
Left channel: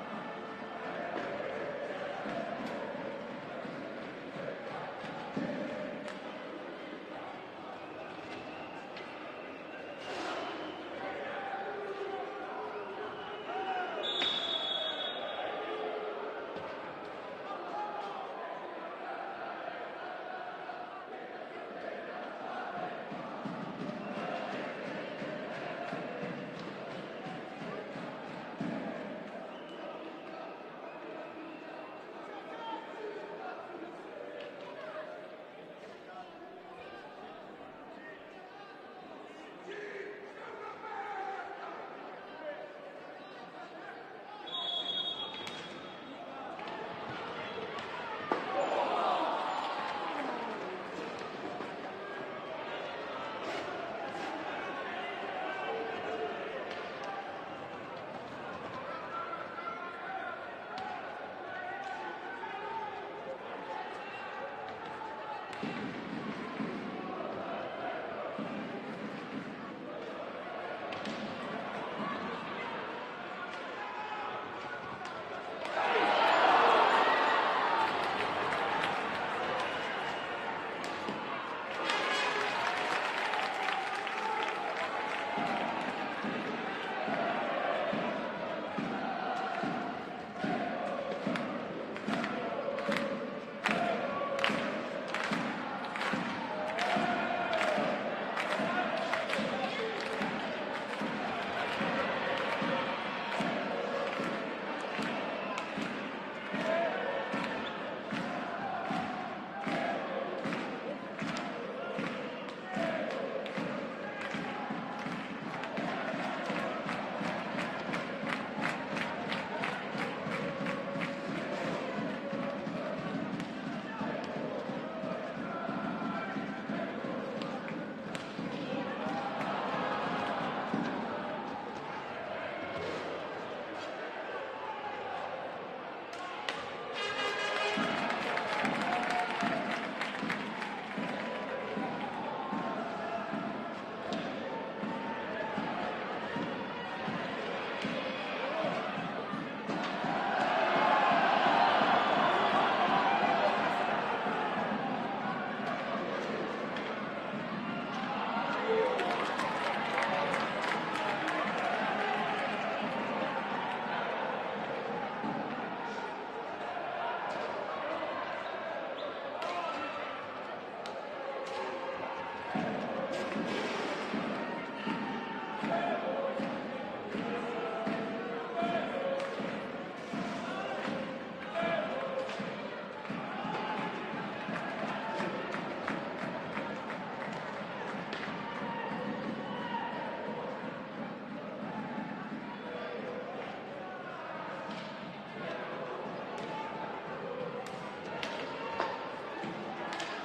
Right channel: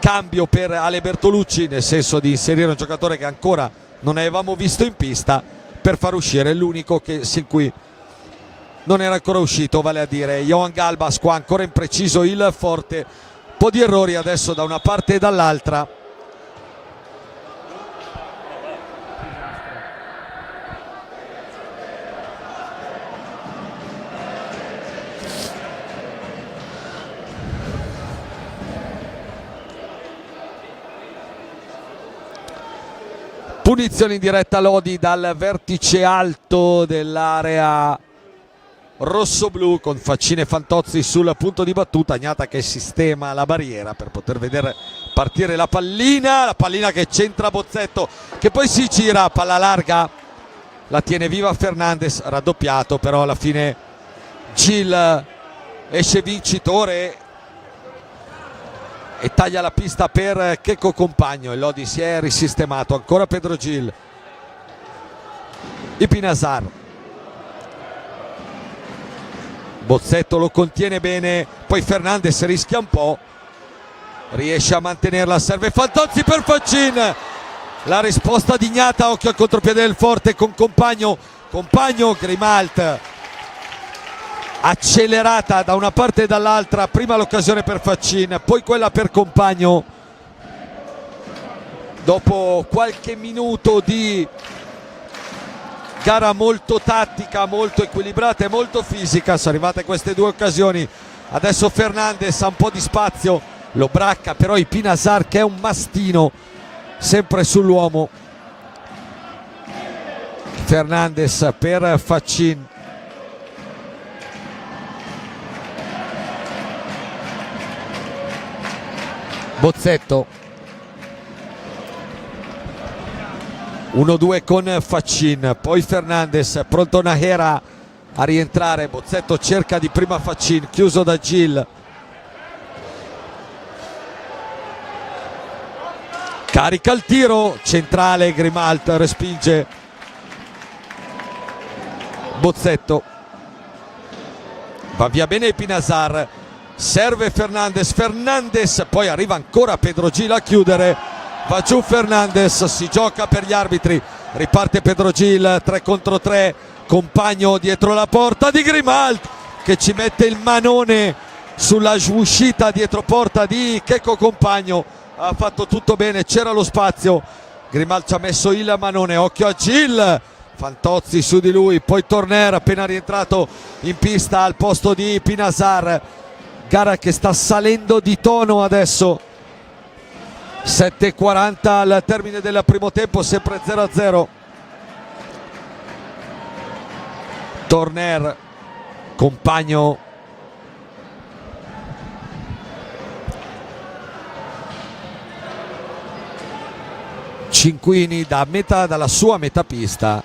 cambio per Ale Bertolucci, nel senso di inserire un giocatore che ancora non avevamo visto in pista per far uscire l'unico sin cui non era ancora uscito, vale a dire Johan Galbas. Qua ancora impreciso il forte, un po' di errori adesso da una parte e dall'altra. Punizione in diretta Lodi dal vertice alto dell'area rosso-blu con Faccini e Fantozzi sul punto di battuta. Agnata che sistema la barriera per poter vedere partire la pallina che centra Bozzetto, che poi si gira, palla larga, la tiene viva Fernandes, raddoppiato, però alla fine Gil esce vincitore e taglia la pista per Checco Compagno. E Lodi si è risistemato, ancora Pedro Gil, Ipinasar, Bozzetto lo contiene bene, poi Fernandes rischia un po', riesce a mantenerla, serve Fantozzi per Faccin, la risposta di Ignata, occhio al contropiede del forte con Compagno, Grimalt accelerata da una parte e dall'altra, prima l'occasione per Faccin, poi quella per Compagno. Dopo qualche minuto di gara molto tattica, molto equilibrata e molto fisica, sono arrivate queste due occasioni. Adesso Fernandes ha un po' di spazio, lo bracca però Ipinasar che è un mastino sempre sull'uomo. Fernandes per Faccin, Bozzetto, 1-2 con Faccin, poi Fernandes, pronto Nahera a rientrare, Bozzetto cerca di prima Faccin, chiuso da Gil, carica il tiro centrale, Grimalt respinge Bozzetto, va via bene Ipinasar, serve Fernandes, poi arriva ancora Pedro Gil a chiudere, va giù Fernandes, si gioca per gli arbitri, riparte Pedro Gil, 3 contro 3, Compagno dietro la porta di Grimalt che ci mette il manone sulla uscita dietro porta di Checco Compagno, ha fatto tutto bene, c'era lo spazio, Grimalt ci ha messo il manone, occhio a Gil, Fantozzi su di lui, poi Torner appena rientrato in pista al posto di Pinasar, gara che sta salendo di tono adesso, 7:40 al termine del primo tempo, sempre 0-0. Torner, Compagno, Cinquini dalla sua metà pista,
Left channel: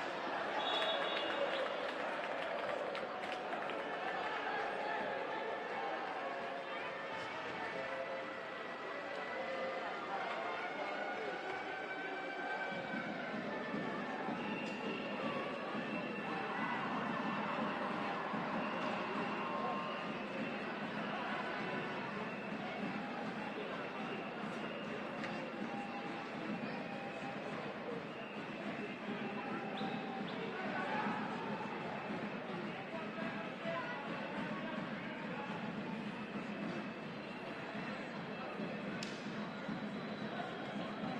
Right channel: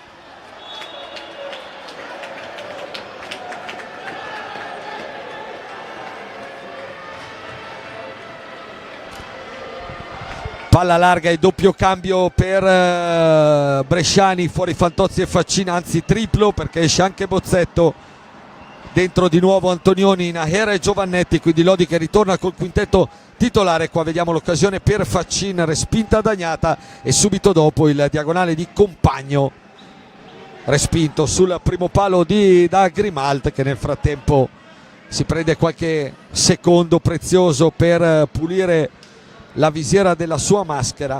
palla larga e doppio cambio per Bresciani, fuori Fantozzi e Faccin, anzi triplo perché esce anche Bozzetto, dentro di nuovo Antonioni, Nahera e Giovannetti, quindi Lodi che ritorna col quintetto titolare. Qua vediamo l'occasione per Faccin, respinta da Agnata, e subito dopo il diagonale di Compagno respinto sul primo palo da Grimalt, che nel frattempo si prende qualche secondo prezioso per pulire la visiera della sua maschera.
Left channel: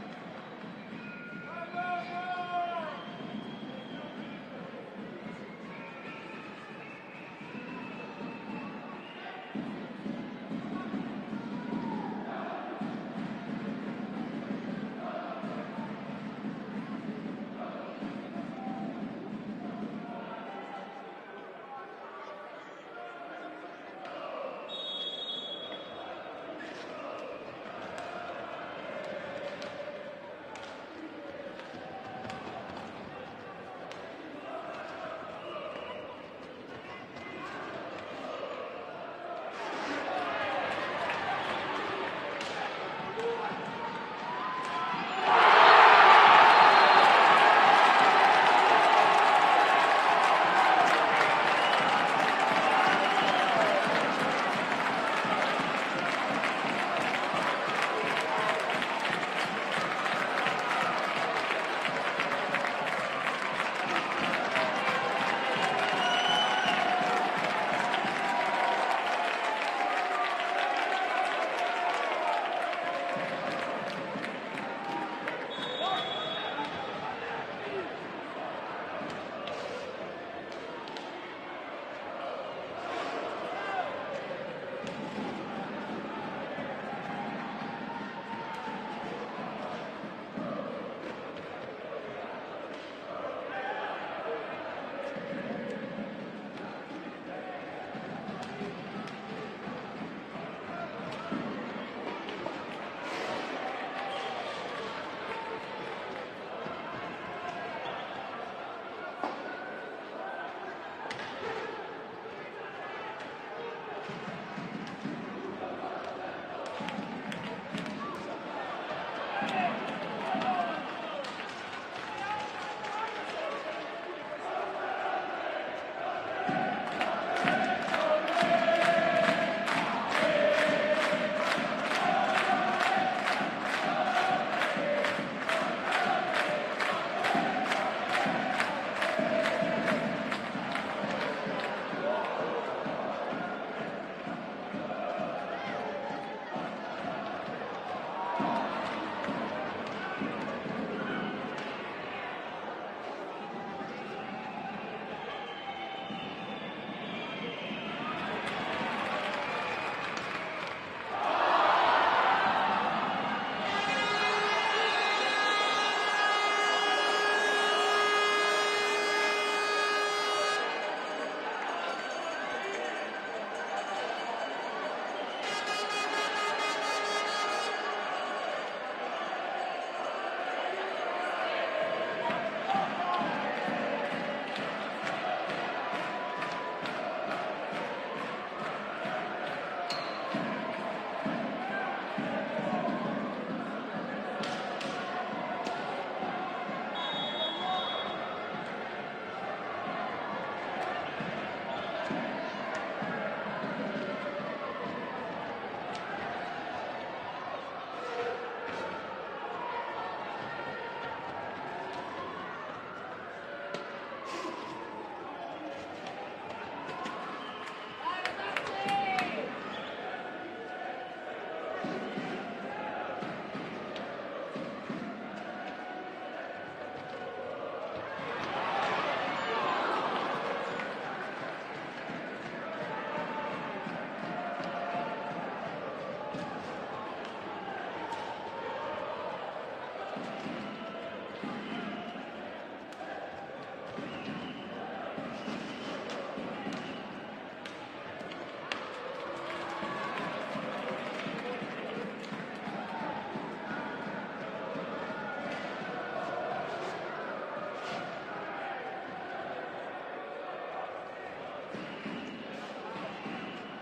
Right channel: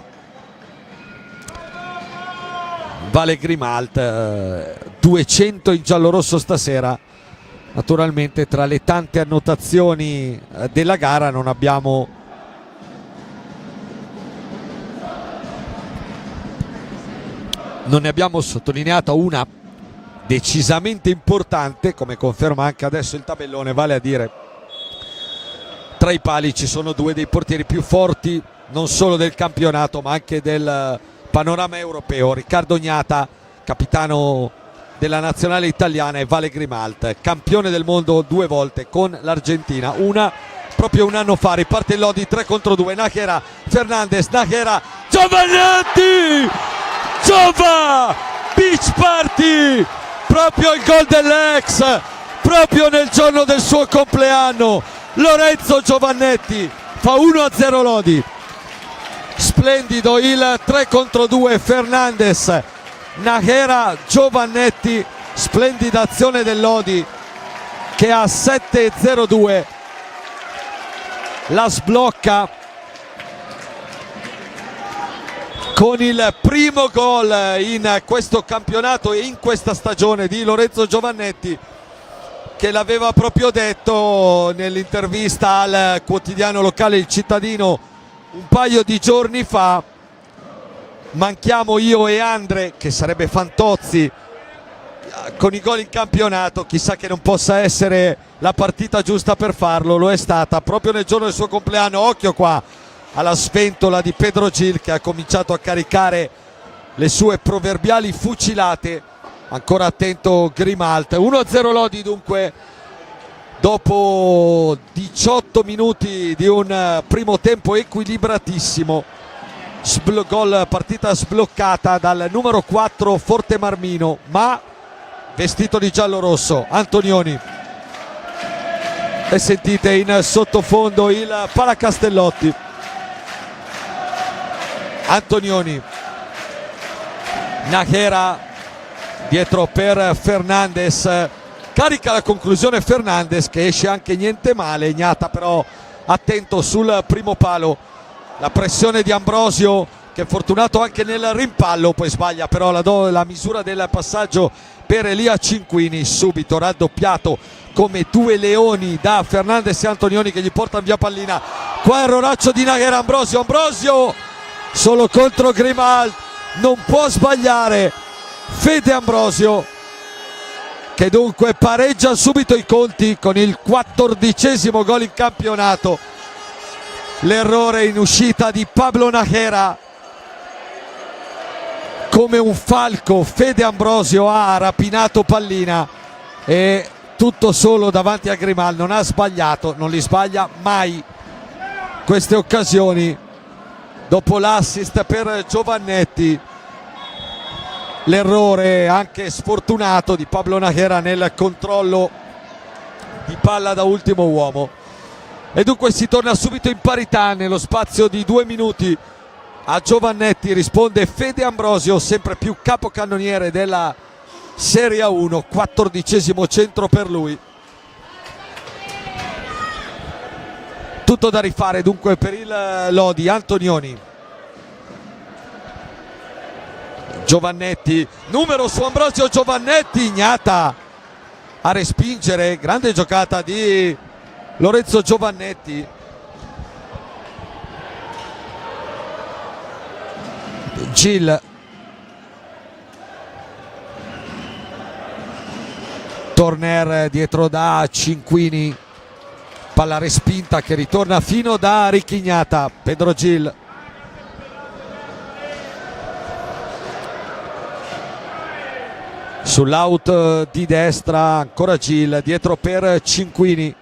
Vale Grimalt, 200 in giallorosso stasera. Naturalmente tra le tante annotazioni della gara non ne abbiamo sottolineata una decisamente importante, come conferma anche adesso il tabellone, vale a dire tra i pali ci sono due dei portieri più forti non solo del campionato ma anche del panorama europeo. Riccardo Gnata, capitano della nazionale italiana, e Vale Grimalt, campione del mondo 2 volte con l'Argentina, una proprio un anno fa. Riparte il Lodi 3 contro 2, Nájera, Fernandez, Nájera, Giovannetti, Giova, beach party, proprio il gol dell'ex, proprio nel giorno del suo compleanno. Lorenzo Giovannetti fa 1-0 Lodi. Splendido il 3 contro 2, Fernandez, Nájera, Giovannetti, splendida azione del Lodi che a 7-0-2 la sblocca con il primo gol in questo campionato e in questa stagione di Lorenzo Giovannetti, che l'aveva proprio detto nell'intervista al quotidiano locale Il Cittadino un paio di giorni fa: manchiamo io e Andre, che sarebbe Fantozzi, con i gol in campionato, chissà che non possa essere la partita giusta per farlo. Lo è stata proprio nel giorno del suo compleanno. Occhio qua alla sventola di Pedro Gil, che ha cominciato a caricare le sue proverbiali fucilate. Ancora attento Grimalt. 1-0 Lodi dunque dopo 18 minuti di un primo tempo equilibratissimo. Partita sbloccata dal numero 4 Forte Marmino, ma vestito di giallo-rosso, Antonioni. E sentite in sottofondo il Palacastellotti. Antonioni, Nájera dietro per Fernandez, carica la conclusione Fernandez, che esce anche niente male. Gnata però attento sul primo palo. La pressione di Ambrosio, che è fortunato anche nel rimpallo, poi sbaglia però la misura del passaggio per Elia Cinquini. Subito raddoppiato come due leoni da Fernandez e Antonioni, che gli portano via pallina. Qua erroraccio di Nájera, Ambrosio solo contro Grimalt, non può sbagliare Fede Ambrosio, che dunque pareggia subito i conti con il 14° gol in campionato. L'errore in uscita di Pablo Nájera. Come un falco Fede Ambrosio ha rapinato pallina, e tutto solo davanti a Grimalt. Non ha sbagliato, non li sbaglia mai queste occasioni. Dopo l'assist per Giovannetti, l'errore anche sfortunato di Pablo Nájera nel controllo di palla da ultimo uomo. E dunque si torna subito in parità nello spazio di 2 minuti. A Giovannetti risponde Fede Ambrosio, sempre più capocannoniere della Serie A1, 14° centro per lui. Tutto da rifare dunque per il Lodi. Antonioni, Giovannetti, numero su Ambrosio, Giovannetti, Gnata a respingere. Grande giocata di Lorenzo Giovannetti. Gil, Torner dietro da Cinquini, palla respinta che ritorna fino da Richignata. Pedro Gil, sull'out di destra ancora Gil, dietro per Cinquini,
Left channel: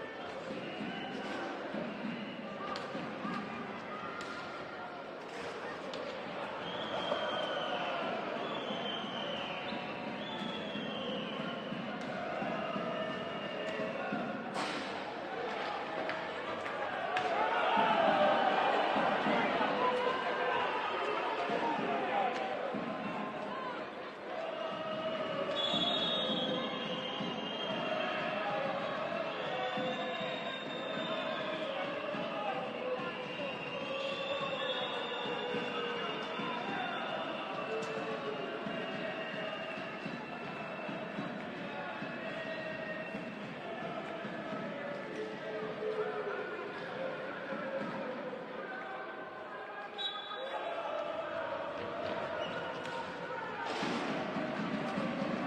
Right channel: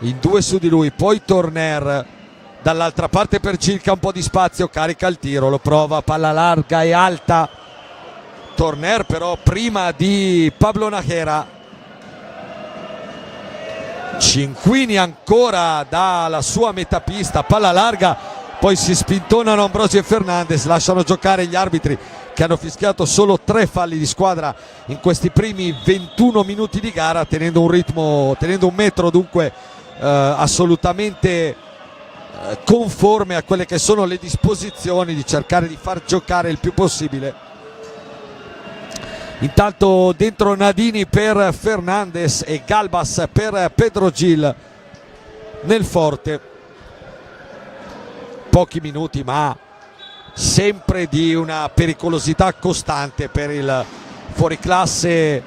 in 2 su di lui, poi Torner dall'altra parte per Gil, che ha un po' di spazio, carica il tiro, lo prova, palla larga e alta. Torner però prima di Pablo Nájera. Cinquini ancora dalla sua metapista, palla larga, poi si spintonano Ambrosio e Fernandez, lasciano giocare gli arbitri, che hanno fischiato solo 3 falli di squadra in questi primi 21 minuti di gara, tenendo un ritmo, tenendo un metro dunque assolutamente conforme a quelle che sono le disposizioni di cercare di far giocare il più possibile. Intanto dentro Nadini per Fernandez e Galbas per Pedro Gil nel Forte. Pochi minuti, ma sempre di una pericolosità costante per il fuoriclasse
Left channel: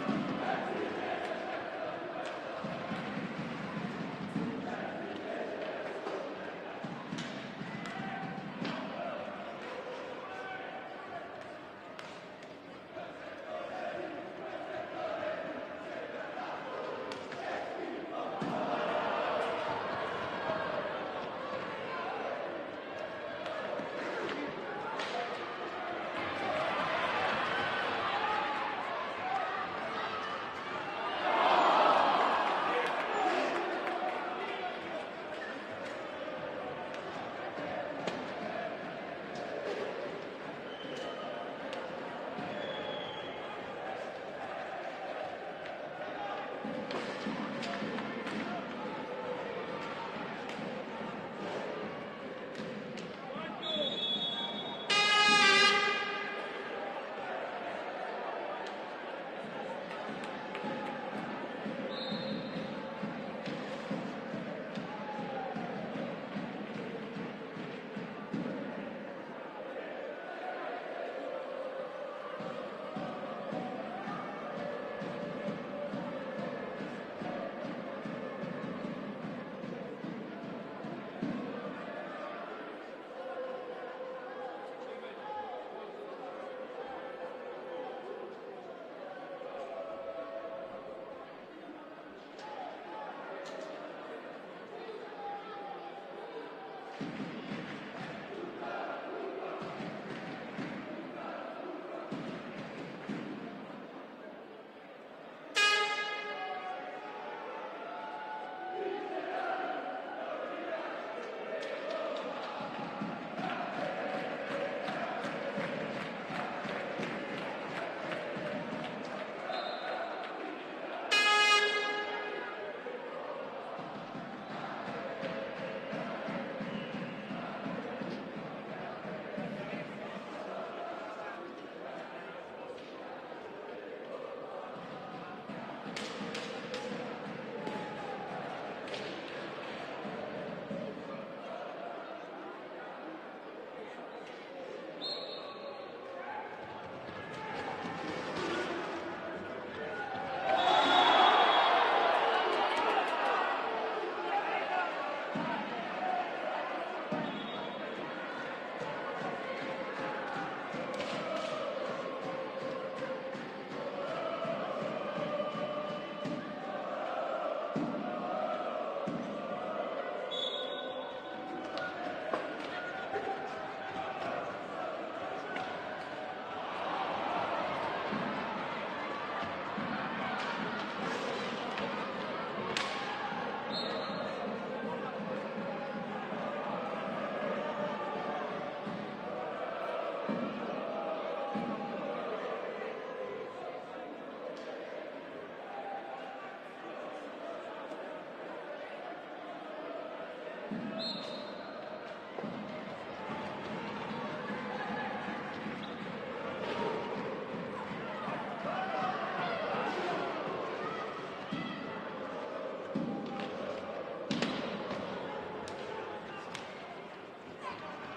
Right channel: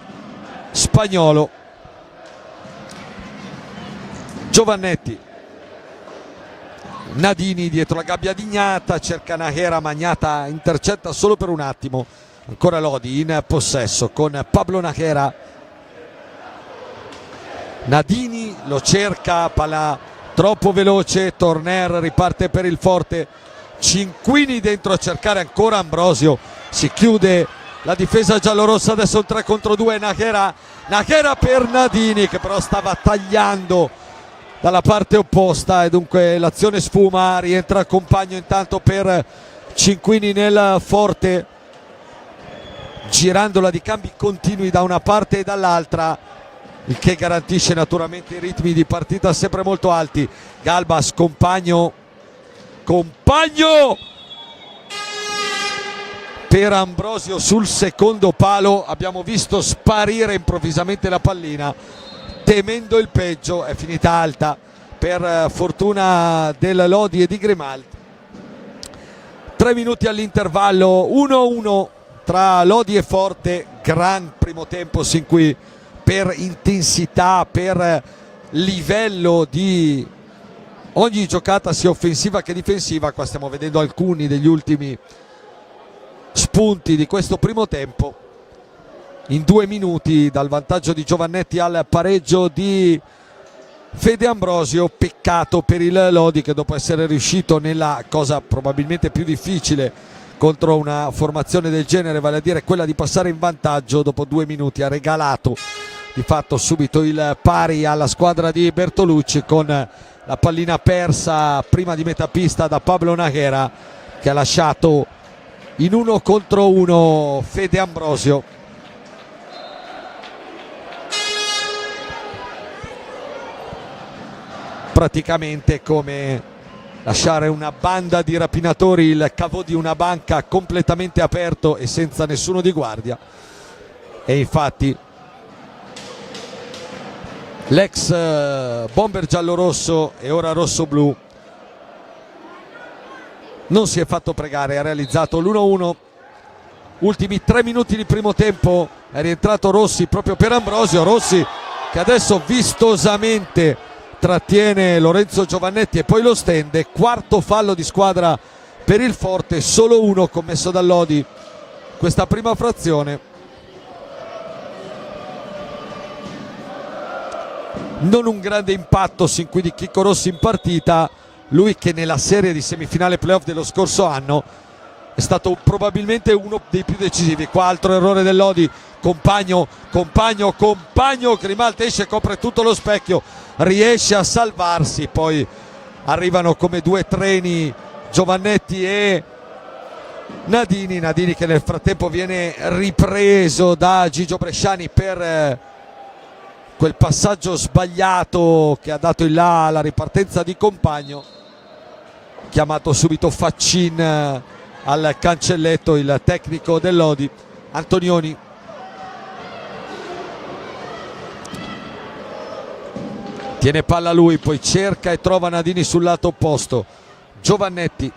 spagnolo. Giovannetti, Nadini dietro la gabbia di Gnata, cerca Nájera, ma Gnata intercetta solo per un attimo. Ancora Lodi in possesso con Pablo Nájera. Nadini lo cerca, palla troppo veloce, Torner riparte per il forte, Cinquini dentro a cercare ancora Ambrosio, si chiude la difesa giallorossa, adesso un 3 contro 2, Nájera per Nadini che però stava tagliando dalla parte opposta e dunque l'azione sfuma, rientra il compagno intanto per Cinquini nel forte, girandola di cambi continui da una parte e dall'altra, il che garantisce naturalmente i ritmi di partita sempre molto alti. Galbas, compagno per Ambrosio sul secondo palo, abbiamo visto sparire improvvisamente la pallina temendo il peggio, è finita alta per fortuna del Lodi e di Grimaldi. 3 minuti all'intervallo, 1-1 tra Lodi e Forte. Gran primo tempo sin qui per intensità, per livello di ogni giocata sia offensiva che difensiva. Qua stiamo vedendo alcuni degli ultimi spunti di questo primo tempo. In 2 minuti dal vantaggio di Giovannetti al pareggio di Fede Ambrosio. Peccato per il Lodi che dopo essere riuscito nella cosa probabilmente più difficile contro una formazione del genere, vale a dire quella di passare in vantaggio, dopo 2 minuti ha regalato di fatto subito il pari alla squadra di Bertolucci con la pallina persa prima di metà pista da Pablo Nájera, che ha lasciato in 1 contro 1 Fede Ambrosio. Praticamente come lasciare una banda di rapinatori, il cavo di una banca completamente aperto e senza nessuno di guardia. E infatti l'ex bomber giallorosso e ora rosso-blu non si è fatto pregare, ha realizzato l'1-1. Ultimi 3 minuti di primo tempo, è rientrato Rossi proprio per Ambrosio. Rossi che adesso vistosamente trattiene Lorenzo Giovannetti e poi lo stende. Quarto fallo di squadra per il Forte, solo uno commesso da Lodi questa prima frazione. Non un grande impatto sin qui di Chicco Rossi in partita, lui che nella serie di semifinale playoff dello scorso anno è stato probabilmente uno dei più decisivi. Qua altro errore del Lodi, compagno, Grimaldi esce, copre tutto lo specchio, riesce a salvarsi, poi arrivano come 2 treni Giovannetti e Nadini che nel frattempo viene ripreso da Gigio Bresciani per quel passaggio sbagliato che ha dato il là alla ripartenza di compagno. Chiamato subito Faccin al cancelletto, il tecnico del Lodi. Antonioni tiene palla lui, poi cerca e trova Nadini sul lato opposto. Giovannetti,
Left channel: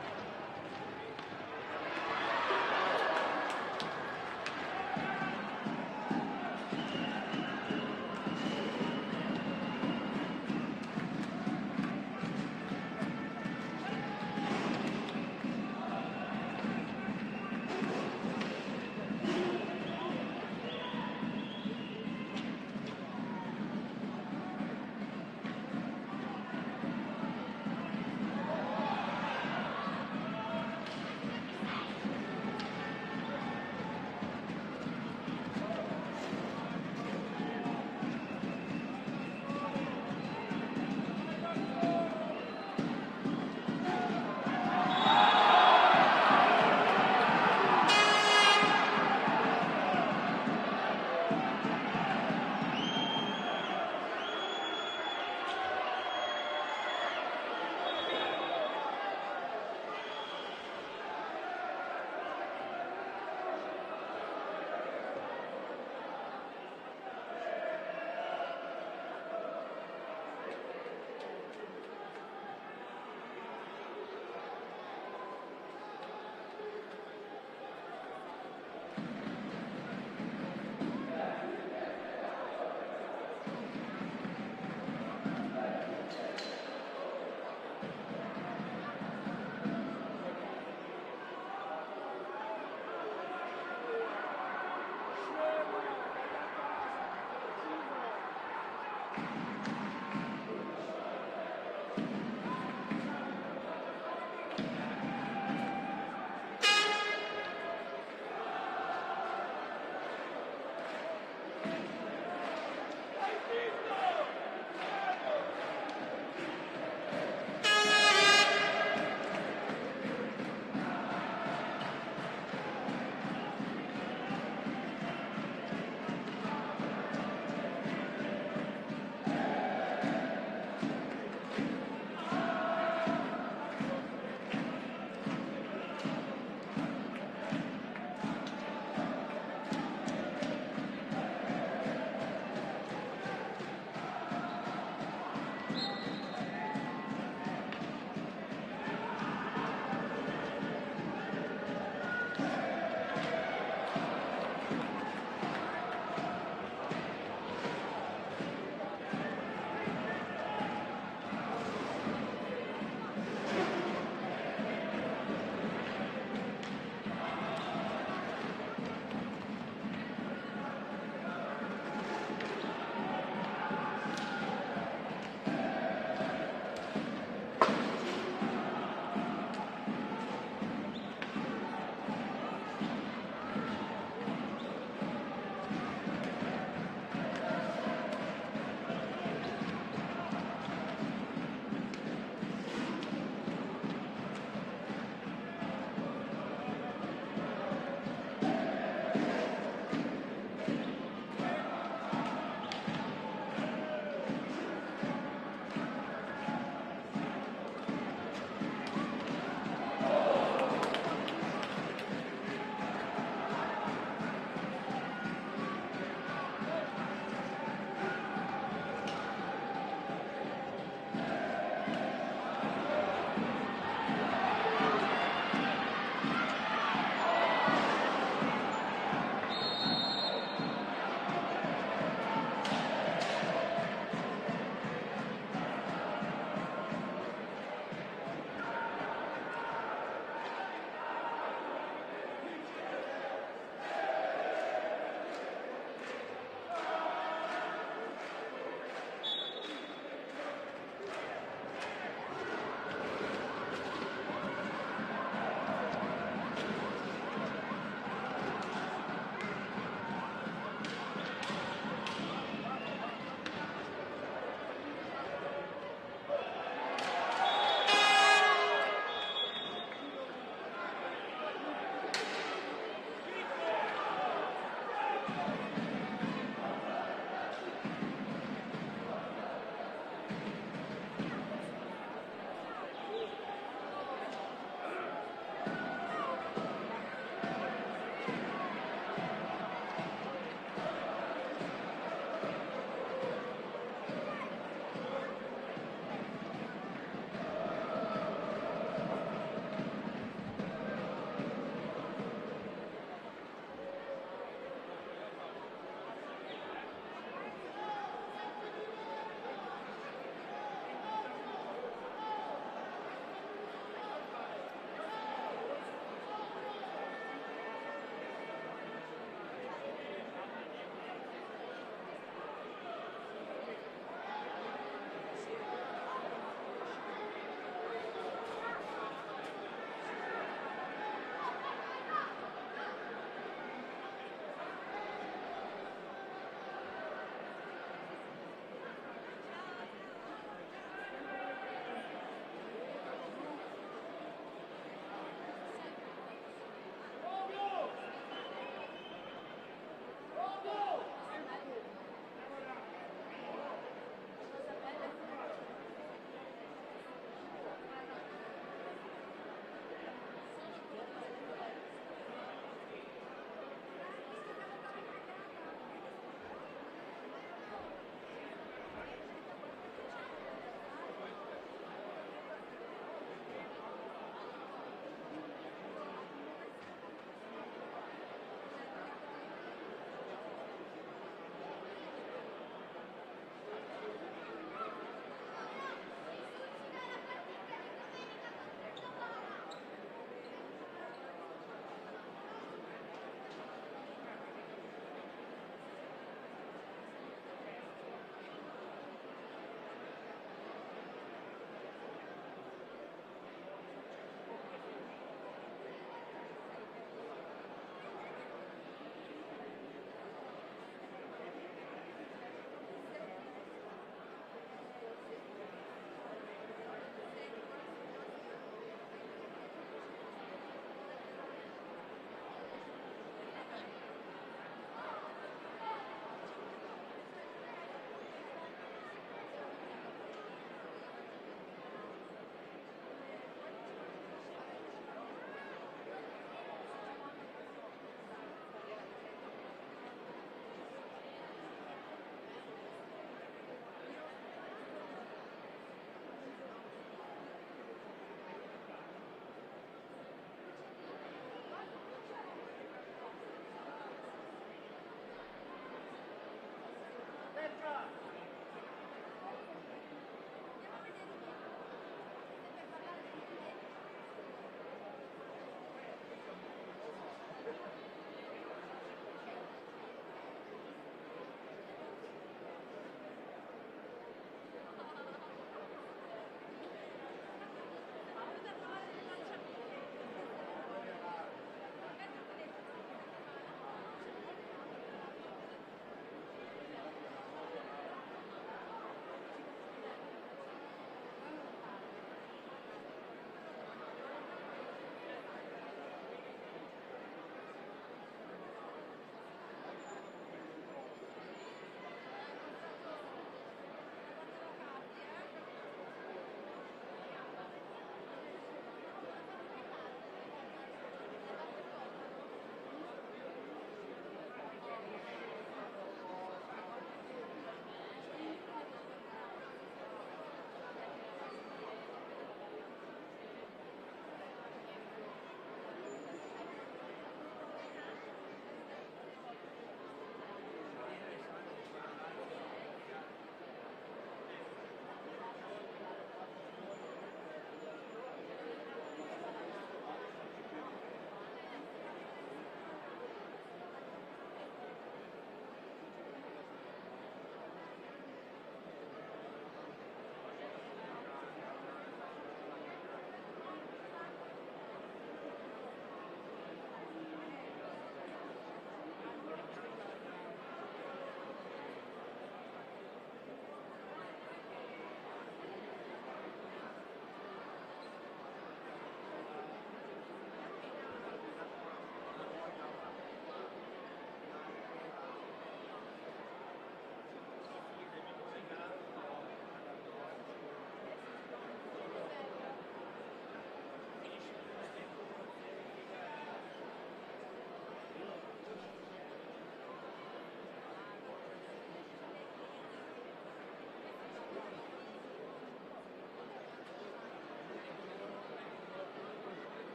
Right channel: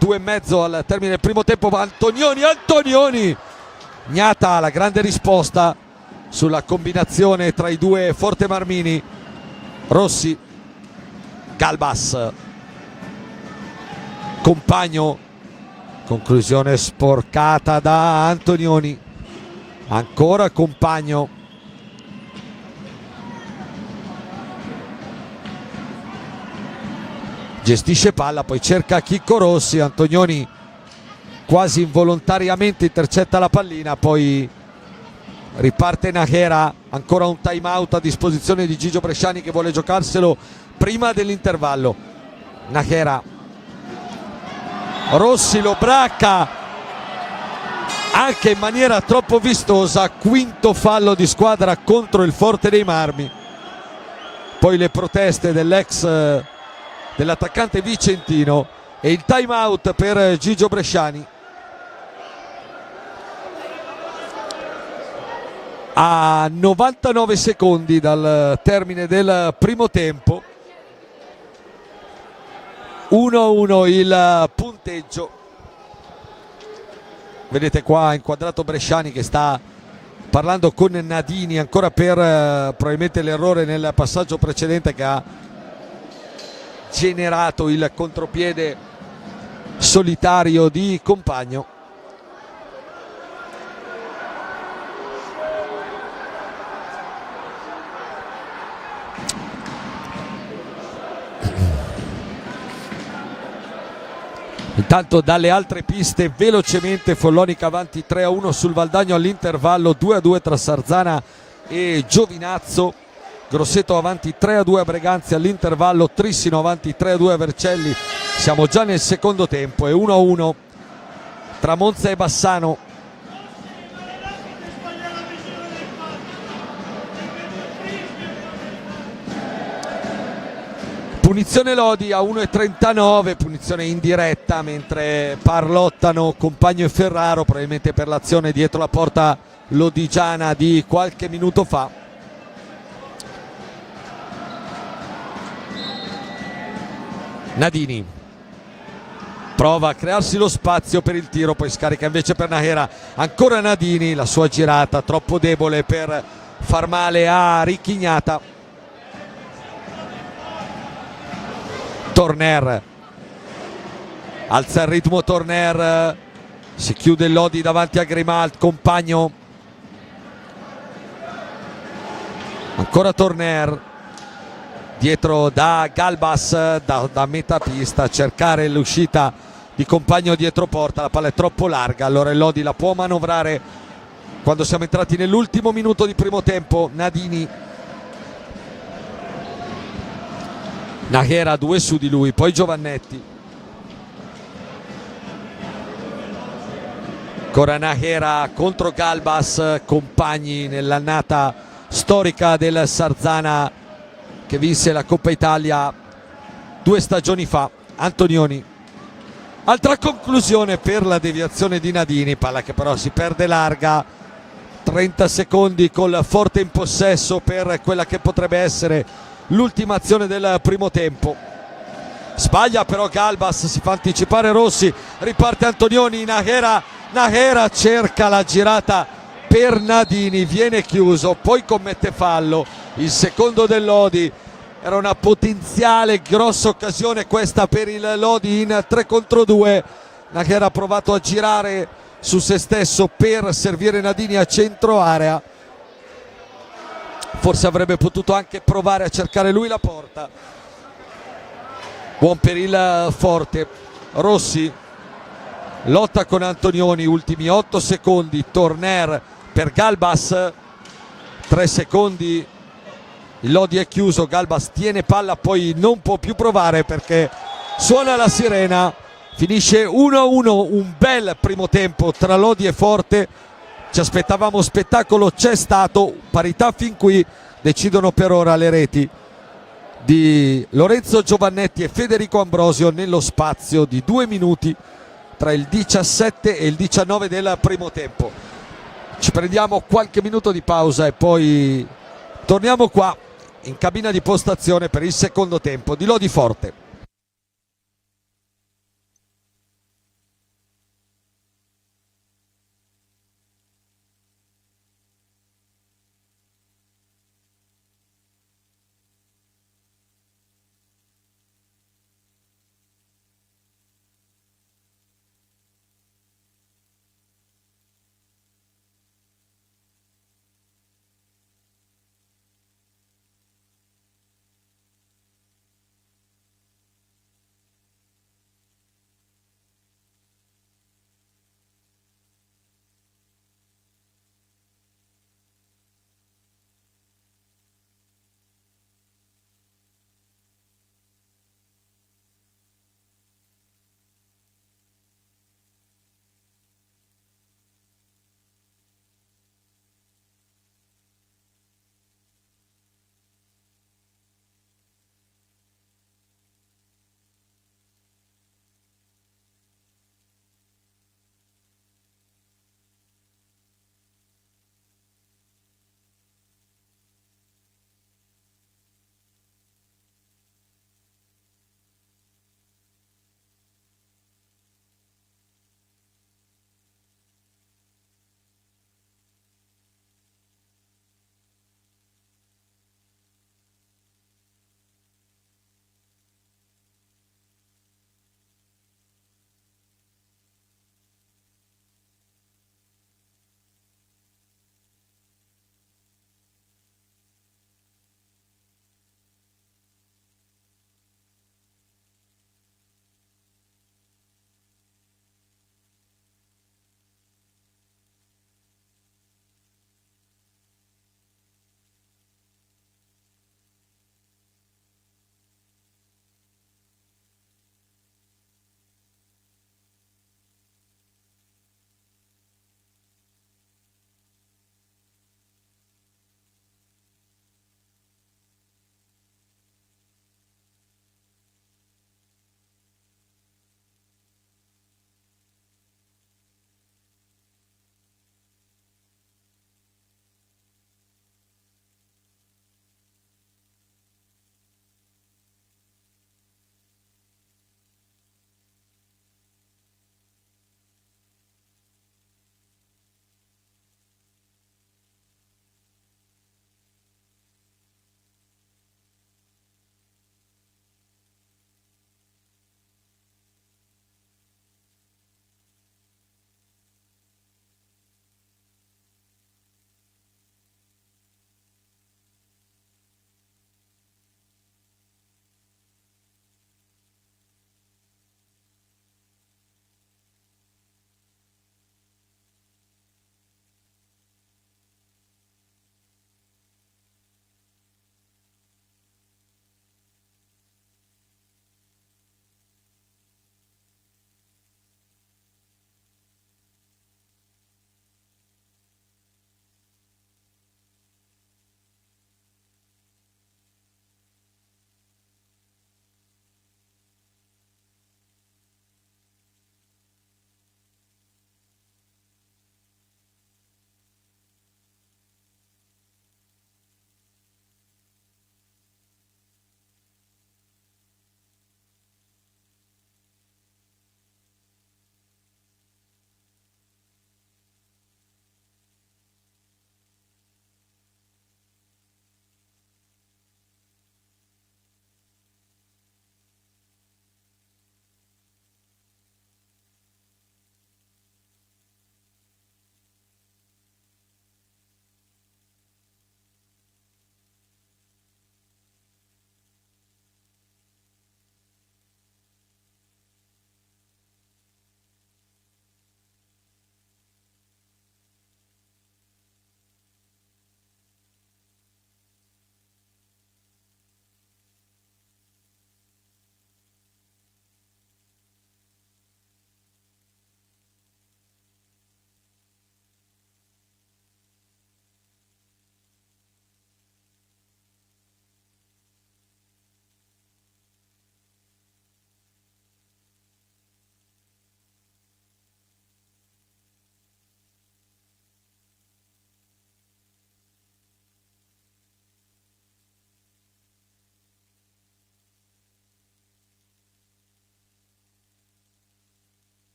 2,5 al termine del primo tempo. Antonioni, Gnata la grande risposta sulla combinazione tra i due Forte Marmini. Rossi, Galbas, compagno, conclusione sporcata da Antonioni, ancora compagno, gestisce palla, poi cerca Chicco Rossi. Antonioni quasi involontariamente intercetta la pallina, poi riparte Nájera. Ancora un time out a disposizione di Gigio Bresciani che vuole giocarselo prima dell'intervallo. Nájera, Rossi lo bracca anche in maniera troppo vistosa. Quinto fallo di squadra contro il Forte dei Marmi. Poi le proteste dell'attaccante vicentino e il time out per Gigio Bresciani. A 99 secondi dal termine del primo tempo, 1-1 il punteggio. Vedete qua inquadrato Bresciani che sta parlando con Nadini ancora per probabilmente l'errore nel passaggio precedente che ha generato il contropiede solitario di Compagno. Intanto dalle altre piste velocemente Follonica avanti 3-1 sul Valdagno all'intervallo, 2-2 tra Sarzana e Giovinazzo. Grosseto avanti 3-2 a Breganzi all'intervallo, Trissino avanti 3-2 a Vercelli. Siamo già nel secondo tempo e 1-1 tra Monza e Bassano. Punizione Lodi a 1,39, punizione indiretta, mentre parlottano Compagno e Ferraro, probabilmente per l'azione dietro la porta lodigiana di qualche minuto fa. Nadini prova a crearsi lo spazio per il tiro, poi scarica invece per Nahera. Ancora Nadini, la sua girata troppo debole per far male a Ricchignata. Torner alza il ritmo, Torner, si chiude il Lodi davanti a Grimald. Compagno, ancora Torner dietro da Galbas, da metà pista a cercare l'uscita di Compagno dietro porta. La palla è troppo larga, allora il Lodi la può manovrare quando siamo entrati nell'ultimo minuto di primo tempo. Nadini, Nahera 2 su di lui, poi Giovannetti, ancora Nahera contro Galbas. Compagni nell'annata storica del Sarzana che vinse la Coppa Italia 2 stagioni fa. Antonioni, altra conclusione per la deviazione di Nadini, palla che però si perde larga. 30 secondi col forte in possesso per quella che potrebbe essere l'ultima azione del primo tempo. Sbaglia però Galbas, si fa anticipare Rossi, riparte Antonioni. Nahera cerca la girata per Nadini, viene chiuso, poi commette fallo. Il secondo del Lodi, era una potenziale grossa occasione questa per il Lodi in 3 contro 2. Nahera ha provato a girare su se stesso per servire Nadini a centro area, forse avrebbe potuto anche provare a cercare lui la porta. Buon per il Forte. Rossi lotta con Antonioni, ultimi 8 secondi. Torner per Galbas, 3 secondi, il Lodi è chiuso. Galbas tiene palla, poi non può più provare perché suona la sirena. Finisce 1-1, un bel primo tempo tra Lodi e Forte. Ci aspettavamo spettacolo, c'è stato, parità fin qui. Decidono per ora le reti di Lorenzo Giovannetti e Federico Ambrosio nello spazio di 2 minuti tra il 17 e il 19 del primo tempo. Ci prendiamo qualche minuto di pausa e poi torniamo qua in cabina di postazione per il secondo tempo di Lodi Forte.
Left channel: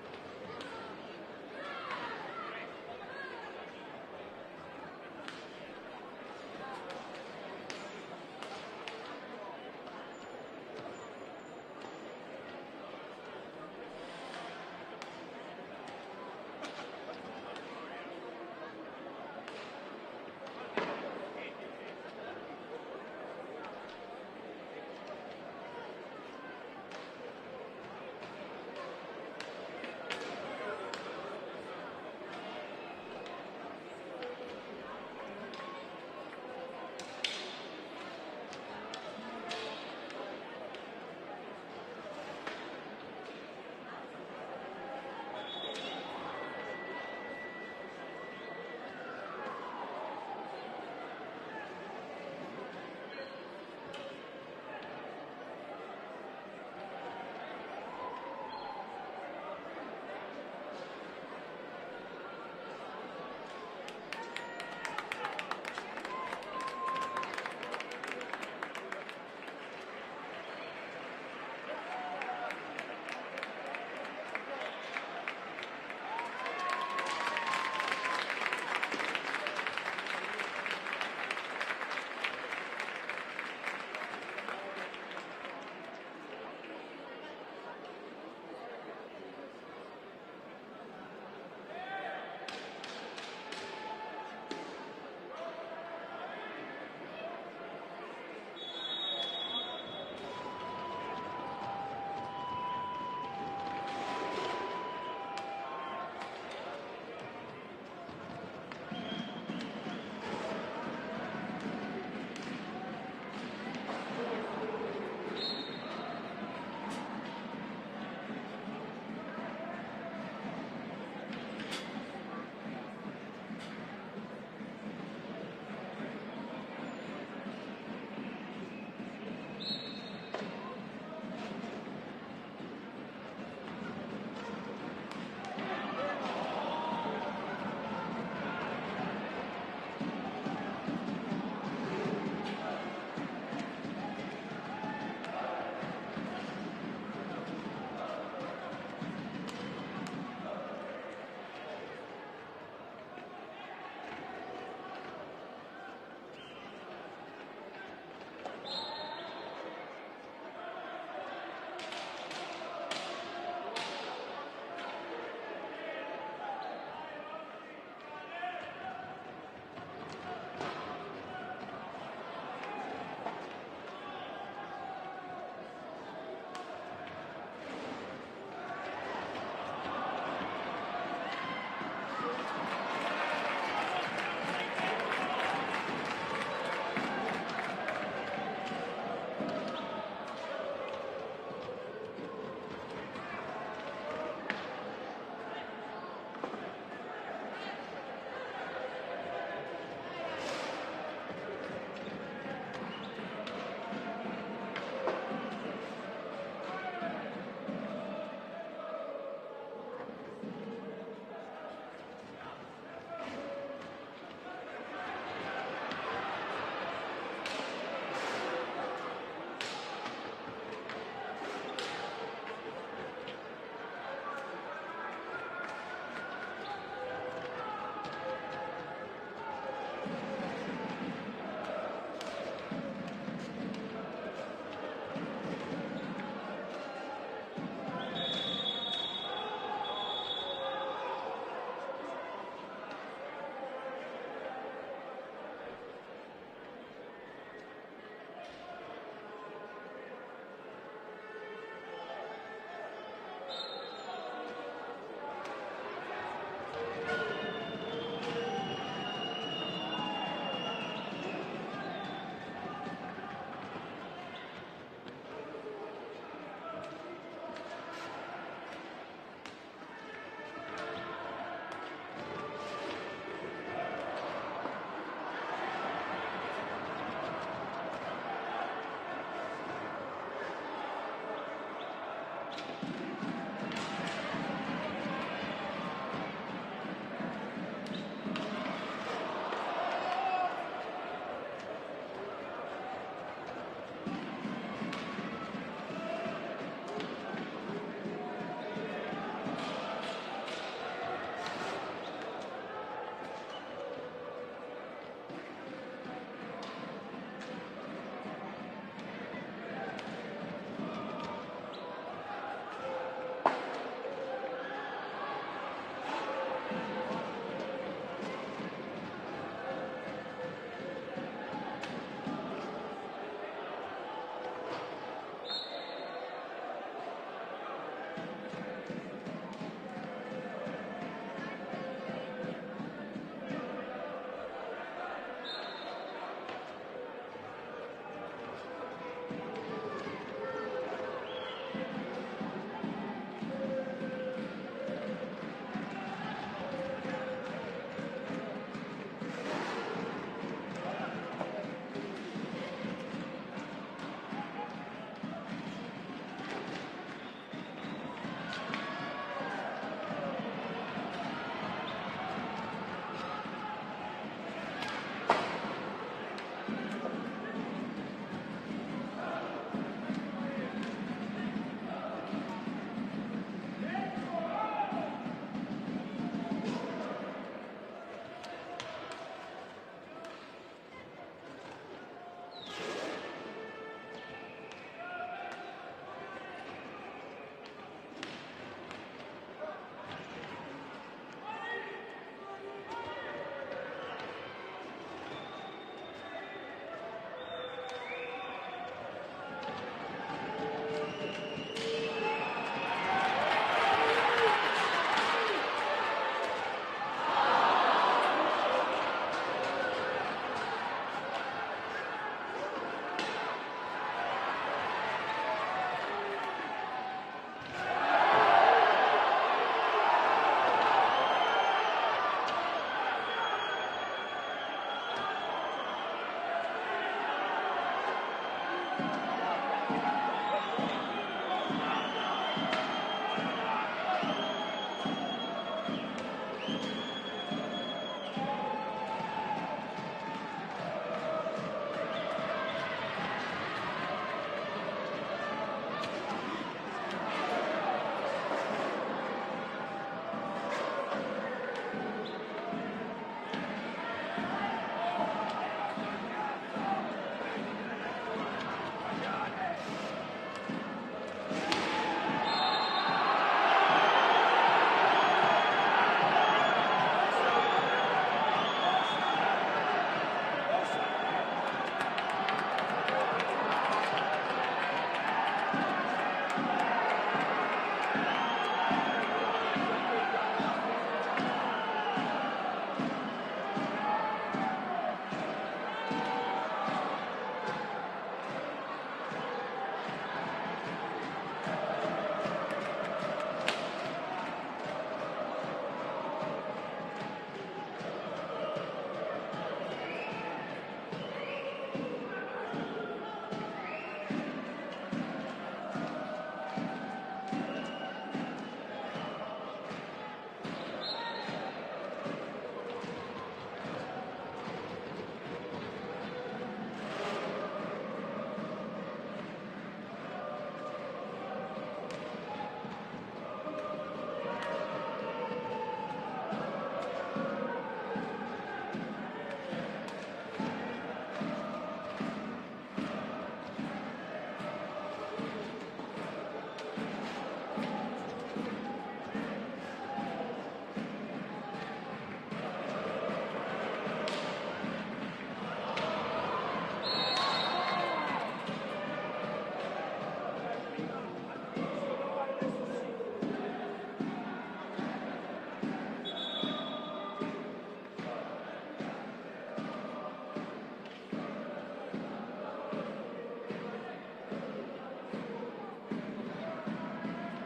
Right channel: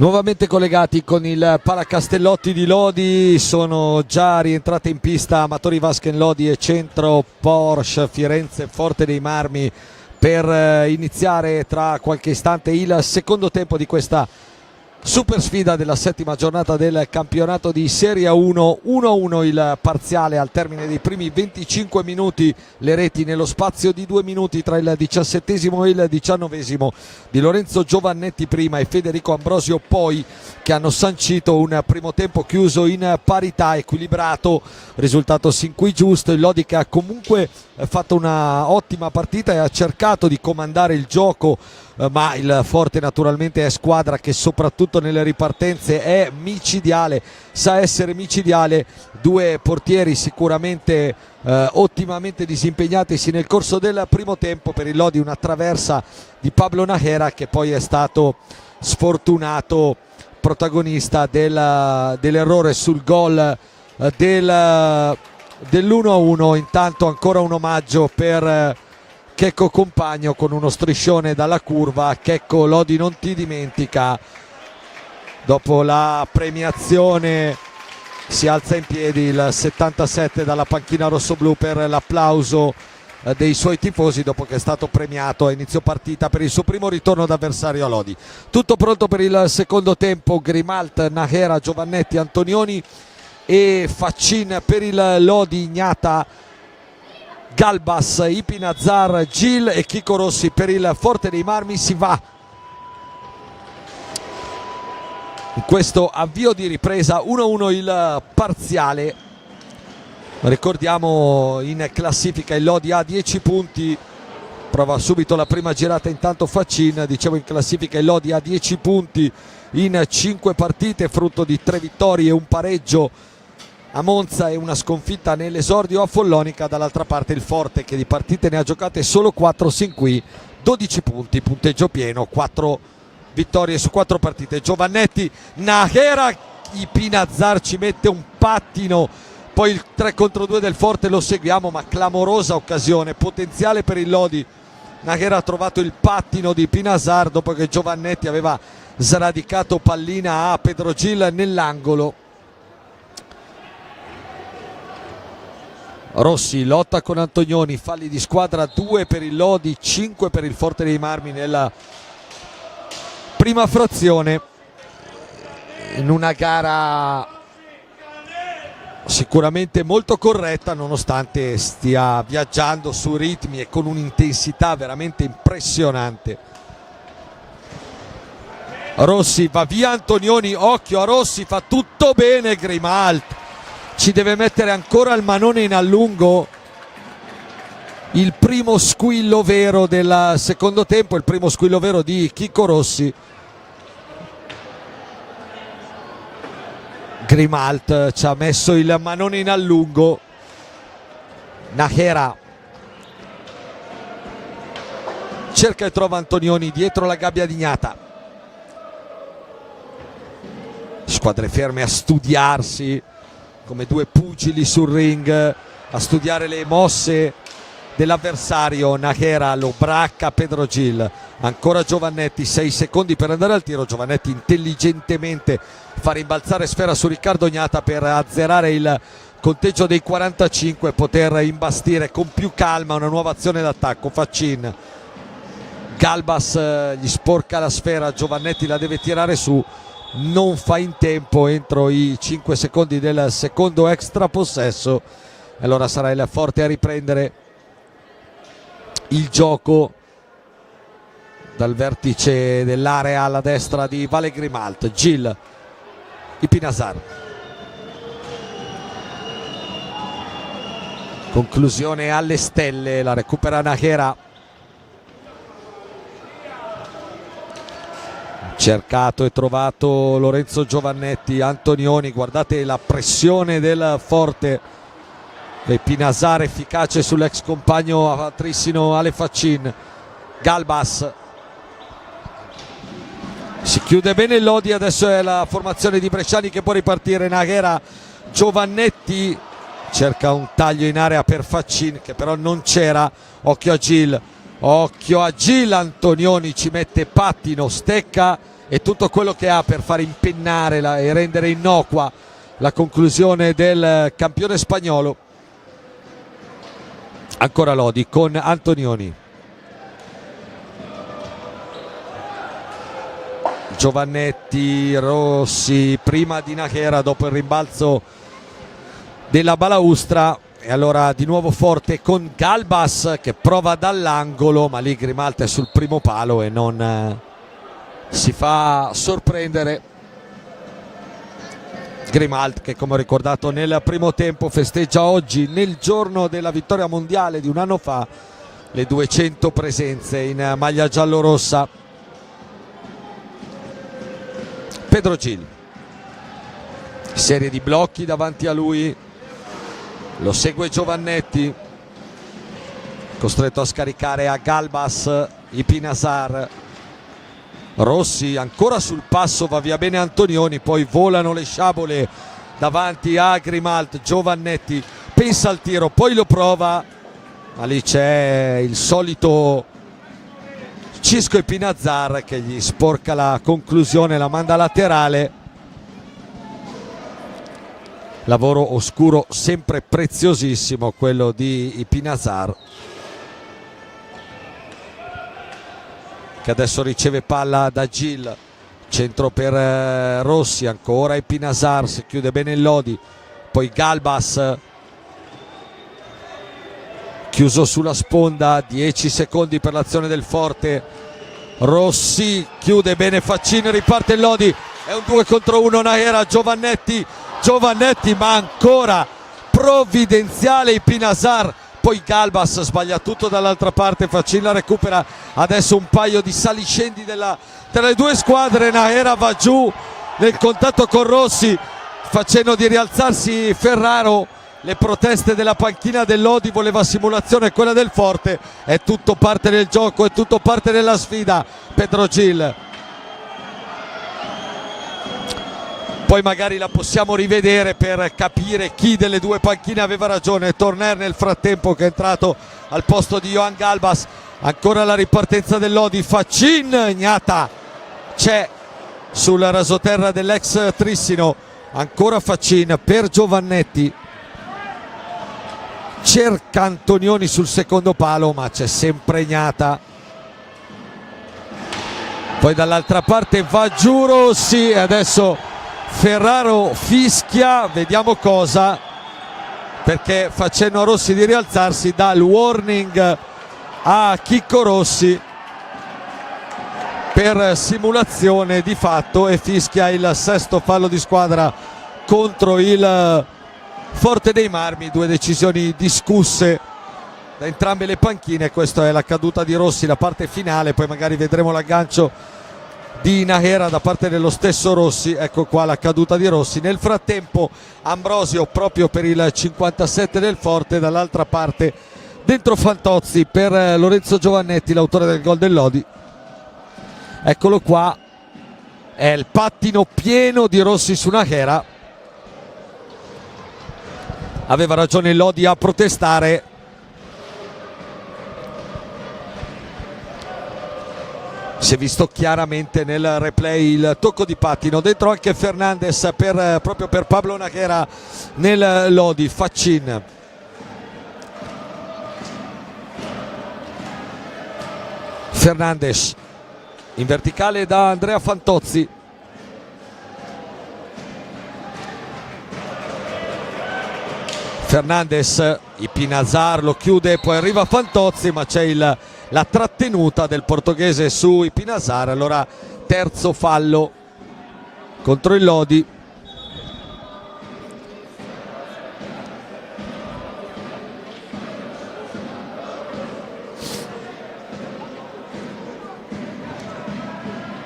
Nuovamente collegati con il Palacastellotti di Lodi, sono già rientrate in pista Amatori Vasken Lodi e Centro Porsche Firenze Forte dei Marmi per iniziare tra qualche istante il secondo tempo di questa super sfida della settima giornata del campionato di Serie 1. 1-1 il parziale al termine dei primi 25 minuti, le reti nello spazio di 2 minuti tra il 17esimo e il 19esimo di Lorenzo Giovannetti prima e Federico Ambrosio poi, che hanno sancito un primo tempo chiuso in parità, equilibrato, risultato sin qui giusto. Il Lodi che ha comunque fatto una ottima partita e ha cercato di comandare il gioco, ma il Forte naturalmente è squadra che soprattutto nelle ripartenze è micidiale, sa essere micidiale. Due portieri sicuramente ottimamente disimpegnatisi nel corso del primo tempo. Per il Lodi una traversa di Pablo Najera, che poi è stato sfortunato protagonista dell'errore sul gol dell'1-1. Intanto ancora un omaggio per Checco Compagno con uno striscione dalla curva. Checco, Lodi non ti dimentica. Dopo la premiazione si alza in piedi il 77 dalla panchina rossoblù per l'applauso dei suoi tifosi dopo che è stato premiato a inizio partita per il suo primo ritorno d'avversario a Lodi. Tutto pronto per il secondo tempo. Grimalt, Najera, Giovannetti, Antonioni e Faccin per il Lodi, Ignata, Galbas, Ipinazar, Gil e Chico Rossi per il Forte dei Marmi. Si va in questo avvio di ripresa. 1-1 il parziale. Ricordiamo in classifica il Lodi ha 10 punti, prova subito la prima girata intanto Faccin. Dicevo, in classifica il Lodi ha 10 punti in 5 partite, frutto di 3 vittorie e un pareggio a Monza e una sconfitta nell'esordio a Follonica. Dall'altra parte il Forte, che di partite ne ha giocate solo 4 sin qui, 12 punti, punteggio pieno, 4 vittorie su 4 partite. Giovannetti, Najera, Ipinazar ci mette un pattino, poi il 3 contro 2 del Forte lo seguiamo, ma clamorosa occasione, potenziale per il Lodi. Najera ha trovato il pattino di Ipinazar dopo che Giovannetti aveva sradicato pallina a Pedro Gil nell'angolo. Rossi lotta con Antonioni, falli di squadra, 2 per il Lodi, 5 per il Forte dei Marmi nella prima frazione, in una gara sicuramente molto corretta nonostante stia viaggiando su ritmi e con un'intensità veramente impressionante. Rossi, va via Antonioni, occhio a Rossi, fa tutto bene Grimalt, ci deve mettere ancora il manone in allungo. Il primo squillo vero del secondo tempo, il primo squillo vero di Chico Rossi. Grimalt ci ha messo il manone in allungo. Najera cerca e trova Antonioni dietro la gabbia di Ignata. Squadre ferme a studiarsi come due pugili sul ring, a studiare le mosse dell'avversario. Najera lo bracca Pedro Gil, ancora Giovannetti, 6 secondi per andare al tiro. Giovannetti intelligentemente fa rimbalzare sfera su Riccardo Ignata per azzerare il conteggio dei 45 e poter imbastire con più calma una nuova azione d'attacco. Faccin, Galbas gli sporca la sfera, Giovannetti la deve tirare su, non fa in tempo entro i 5 secondi del secondo extra possesso, e allora sarà il Forte a riprendere il gioco dal vertice dell'area alla destra di Vale Grimalt. Gil, Ipinazar, conclusione alle stelle, la recupera Najera. Cercato e trovato Lorenzo Giovannetti, Antonioni, guardate la pressione del Forte, Ipinazar efficace sull'ex compagno amatrissimo Ale Faccin. Galbas, si chiude bene il Lodi, adesso è la formazione di Bresciani che può ripartire. Najera, Giovannetti cerca un taglio in area per Faccin che però non c'era. Occhio a Gil, Antonioni ci mette pattino, stecca e tutto quello che ha per far impennare e rendere innocua la conclusione del campione spagnolo. Ancora Lodi con Antonioni, Giovannetti, Rossi, prima di Nájera dopo il rimbalzo della balaustra, e allora di nuovo forte con Galbas che prova dall'angolo, ma lì Grimalt è sul primo palo e non si fa sorprendere. Grimalt che, come ho ricordato nel primo tempo, festeggia oggi, nel giorno della vittoria mondiale di un anno fa, le 200 presenze in maglia giallorossa. Pedro Gil, serie di blocchi davanti a lui, lo segue Giovannetti, costretto a scaricare a Galbas Ipinazar. Rossi ancora sul passo, va via bene Antonioni, poi volano le sciabole davanti a Grimalt. Giovannetti pensa al tiro, poi lo prova, ma lì c'è il solito Cisco Ipinazar che gli sporca la conclusione, la manda laterale. Lavoro oscuro sempre preziosissimo quello di Ipinazar, che adesso riceve palla da Gil, centro per Rossi, ancora Ipinazar, si chiude bene il Lodi, poi Galbas chiuso sulla sponda, 10 secondi per l'azione del forte. Rossi chiude bene Faccin, riparte il Lodi, è un 2 contro 1 Nájera. Giovannetti ma ancora provvidenziale Ipinazar, poi Galbas sbaglia tutto dall'altra parte, Faccin la recupera. Adesso un paio di saliscendi tra le due squadre, Nájera va giù nel contatto con Rossi facendo di rialzarsi Ferraro. Le proteste della panchina del Lodi, voleva simulazione quella del forte, è tutto parte del gioco, è tutto parte della sfida. Pedro Gil, poi magari la possiamo rivedere per capire chi delle due panchine aveva ragione. Torner nel frattempo che è entrato al posto di Johan Galbas. Ancora la ripartenza del Lodi, Faccin, Gnata c'è sul rasoterra dell'ex Trissino, ancora Faccin per Giovannetti, cerca Antonioni sul secondo palo ma c'è sempre Gnata. Poi dall'altra parte va giù Rossi e adesso Ferraro fischia, vediamo cosa, perché facendo a Rossi di rialzarsi dà il warning a Chicco Rossi per simulazione di fatto e fischia il sesto fallo di squadra contro il Forte dei Marmi. Due decisioni discusse da entrambe le panchine. Questa è la caduta di Rossi, la parte finale, poi magari vedremo l'aggancio di Nájera da parte dello stesso Rossi. Ecco qua la caduta di Rossi. Nel frattempo Ambrosio proprio per il 57 del Forte, dall'altra parte dentro Fantozzi per Lorenzo Giovannetti, l'autore del gol del Lodi. Eccolo qua, è il pattino pieno di Rossi su Nájera. Aveva ragione il Lodi a protestare. Si è visto chiaramente nel replay il tocco di pattino, dentro anche Fernandez proprio per Pablo Nájera nel Lodi. Faccin, Fernandez in verticale da Andrea Fantozzi. Fernandez, Ipinazar lo chiude, poi arriva Fantozzi ma c'è la trattenuta del portoghese su Ipinazar. Allora terzo fallo contro il Lodi.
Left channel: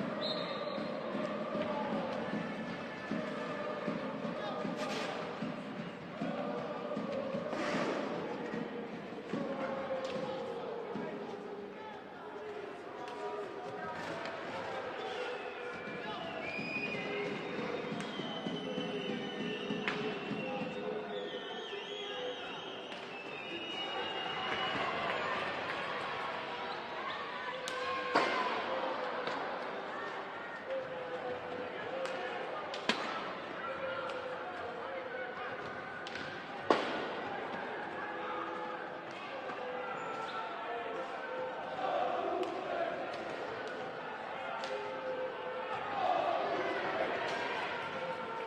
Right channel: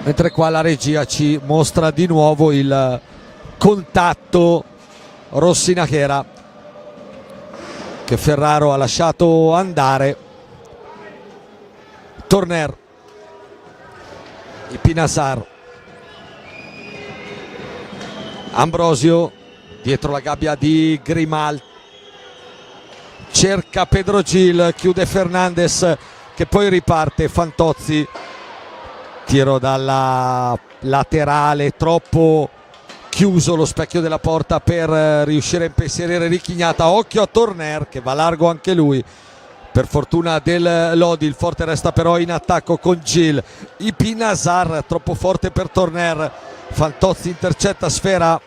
Mentre qua la regia ci mostra di nuovo il contatto Rossi-Nájera che Ferraro ha lasciato andare. Torner, Ipinazar, Ambrosio dietro la gabbia di Grimalt, cerca Pedro Gil, chiude Fernandez che poi riparte. Fantozzi, tiro dalla laterale, troppo chiuso lo specchio della porta per riuscire a impensierire Richignata. Occhio a Torner che va largo anche lui, per fortuna del Lodi. Il forte resta però in attacco con Gil. Ipinasar troppo forte per Torner, Fantozzi intercetta sfera,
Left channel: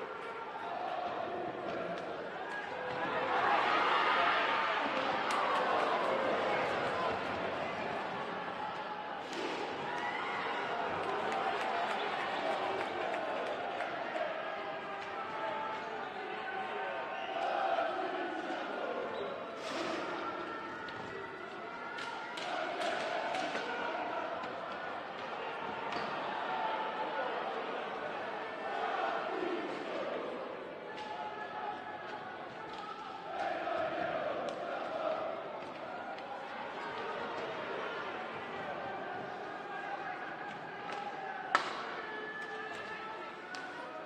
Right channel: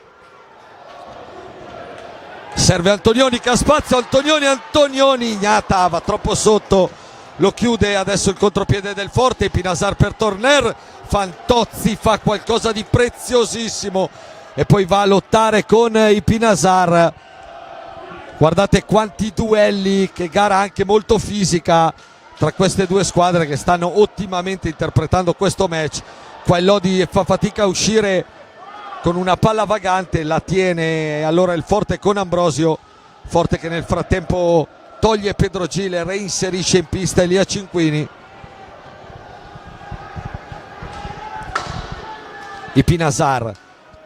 serve Antonioni che ha spazio, Antonioni, Ignata va troppo sotto, lo chiude. Adesso il contropiede del forte, Ipinasar per Torner, Fantozzi fa qualcosa di preziosissimo e poi va a lottare con Ipinasar. Guardate quanti duelli, che gara anche molto fisica tra queste due squadre che stanno ottimamente interpretando questo match. Qua il Lodi fa fatica a uscire con una palla vagante, la tiene allora il forte con Ambrosio, forte che nel frattempo toglie Pedro Gil, reinserisce in pista Elia Cinquini. Ipinasar,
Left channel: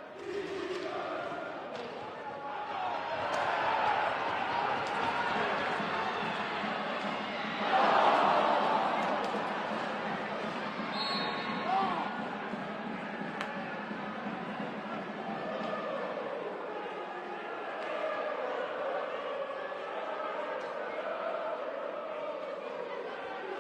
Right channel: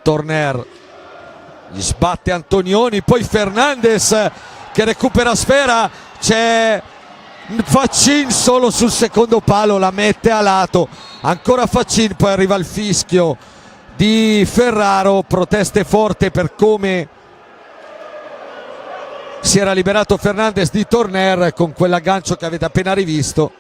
Torner, gli sbatte Antonioni, poi Fernandez che recupera sfera, c'è Faccin solo sul secondo palo, la mette a lato, ancora Faccin, poi arriva il fischio di Ferraro, proteste forte per come si era liberato Fernandez di Torner con quell'aggancio che avete appena rivisto.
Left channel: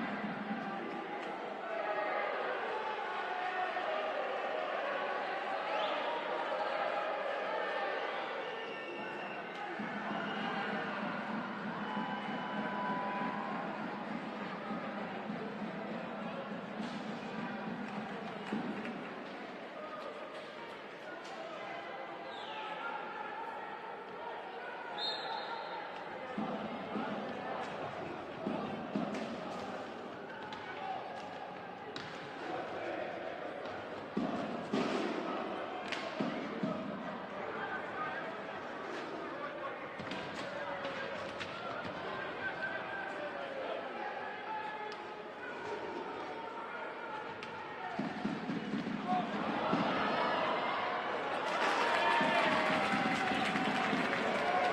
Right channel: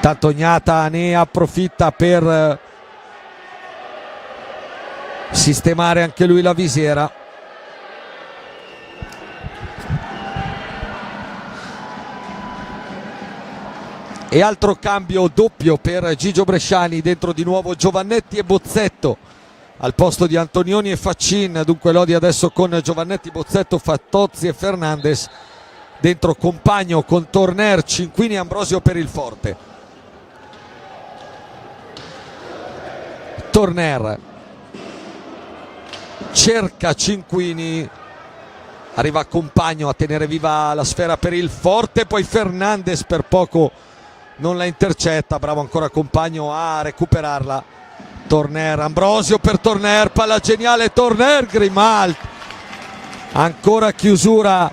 Tanto Ignata ne approfitta per sistemare anche lui la visiera. E altro cambio doppio per Gigio Bresciani, dentro di nuovo Giovannetti e Bozzetto al posto di Antonioni e Faccin. Dunque Lodi adesso con Giovannetti, Bozzetto, Fantozzi e Fernandez, dentro Compagno con Torner, Cinquini e Ambrosio per il forte. Torner cerca Cinquini, arriva Compagno a tenere viva la sfera per il forte, poi Fernandez per poco non la intercetta, bravo ancora Compagno a recuperarla. Torner, Ambrosio per Torner, palla geniale Torner, Grimalt, ancora chiusura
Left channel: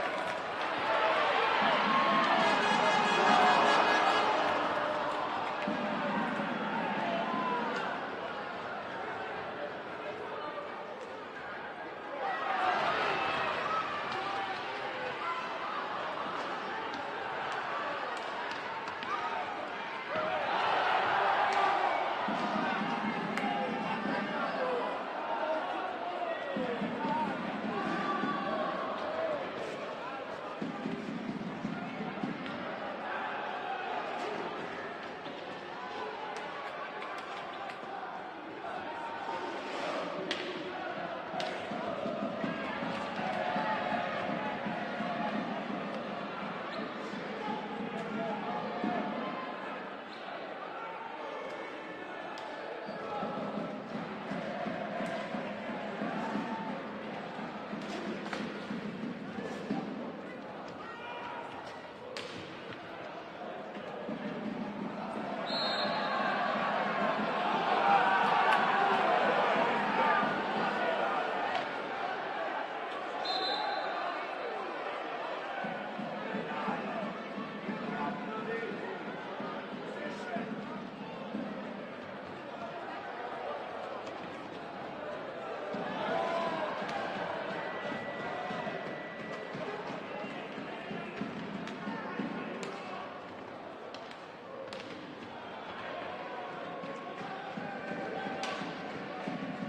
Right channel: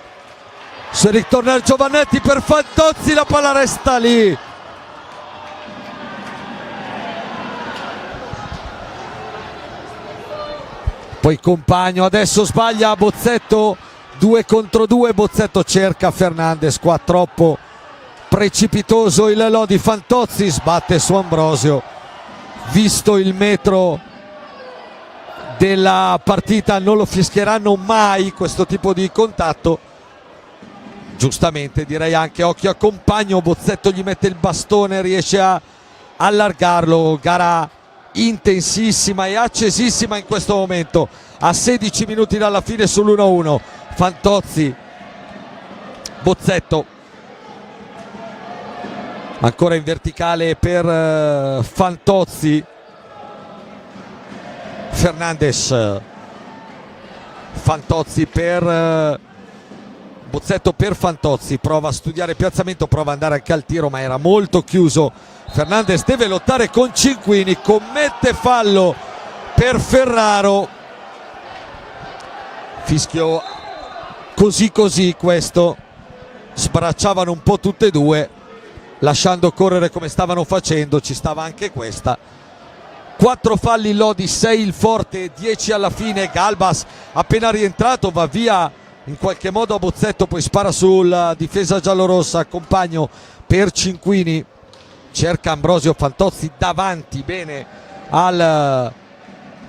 su Eric Torner, Giovannetti per Fantozzi, la palla resta lì. Poi Compagno, adesso sbaglia Bozzetto, 2 contro 2, Bozzetto cerca Fernandez, qua troppo precipitoso il Lodi. Fantozzi sbatte su Ambrosio, visto il metro della partita non lo fischieranno mai questo tipo di contatto, giustamente direi anche. Occhio a Compagno, Bozzetto gli mette il bastone, riesce a allargarlo. Gara intensissima e accesissima in questo momento, a 16 minuti dalla fine sull'1-1. Fantozzi, Bozzetto ancora in verticale per Fantozzi, Fernandez, Fantozzi per Bozzetto per Fantozzi, prova a studiare il piazzamento, prova ad andare anche al tiro ma era molto chiuso. Fernandez deve lottare con Cinquini, commette fallo per Ferraro, fischio così così questo, sbracciavano un po' tutte e due lasciando correre come stavano facendo, ci stava anche questa. 4 falli Lodi, 6 il forte, 10 alla fine. Galbas appena rientrato va via in qualche modo a Bozzetto, poi spara sulla difesa giallorossa. Compagno per Cinquini, cerca Ambrosio, Fantozzi davanti bene al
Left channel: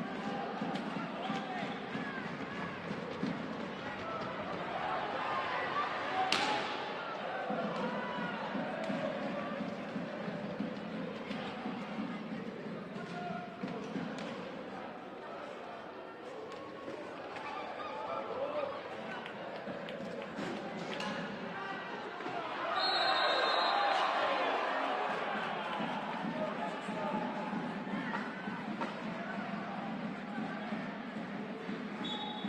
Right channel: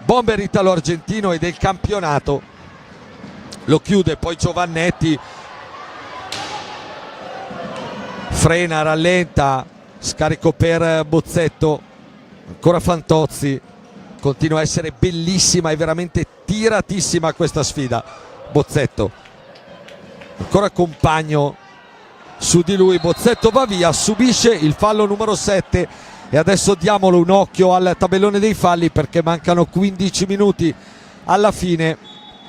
bomber italo-argentino e del campionato, lo chiude. Poi Giovannetti frena, rallenta, scarico per Bozzetto, ancora Fantozzi, continua a essere bellissima e veramente tiratissima questa sfida. Bozzetto, ancora Compagno su di lui, Bozzetto va via, subisce il fallo numero 7 e adesso diamolo un occhio al tabellone dei falli perché mancano 15 minuti alla fine.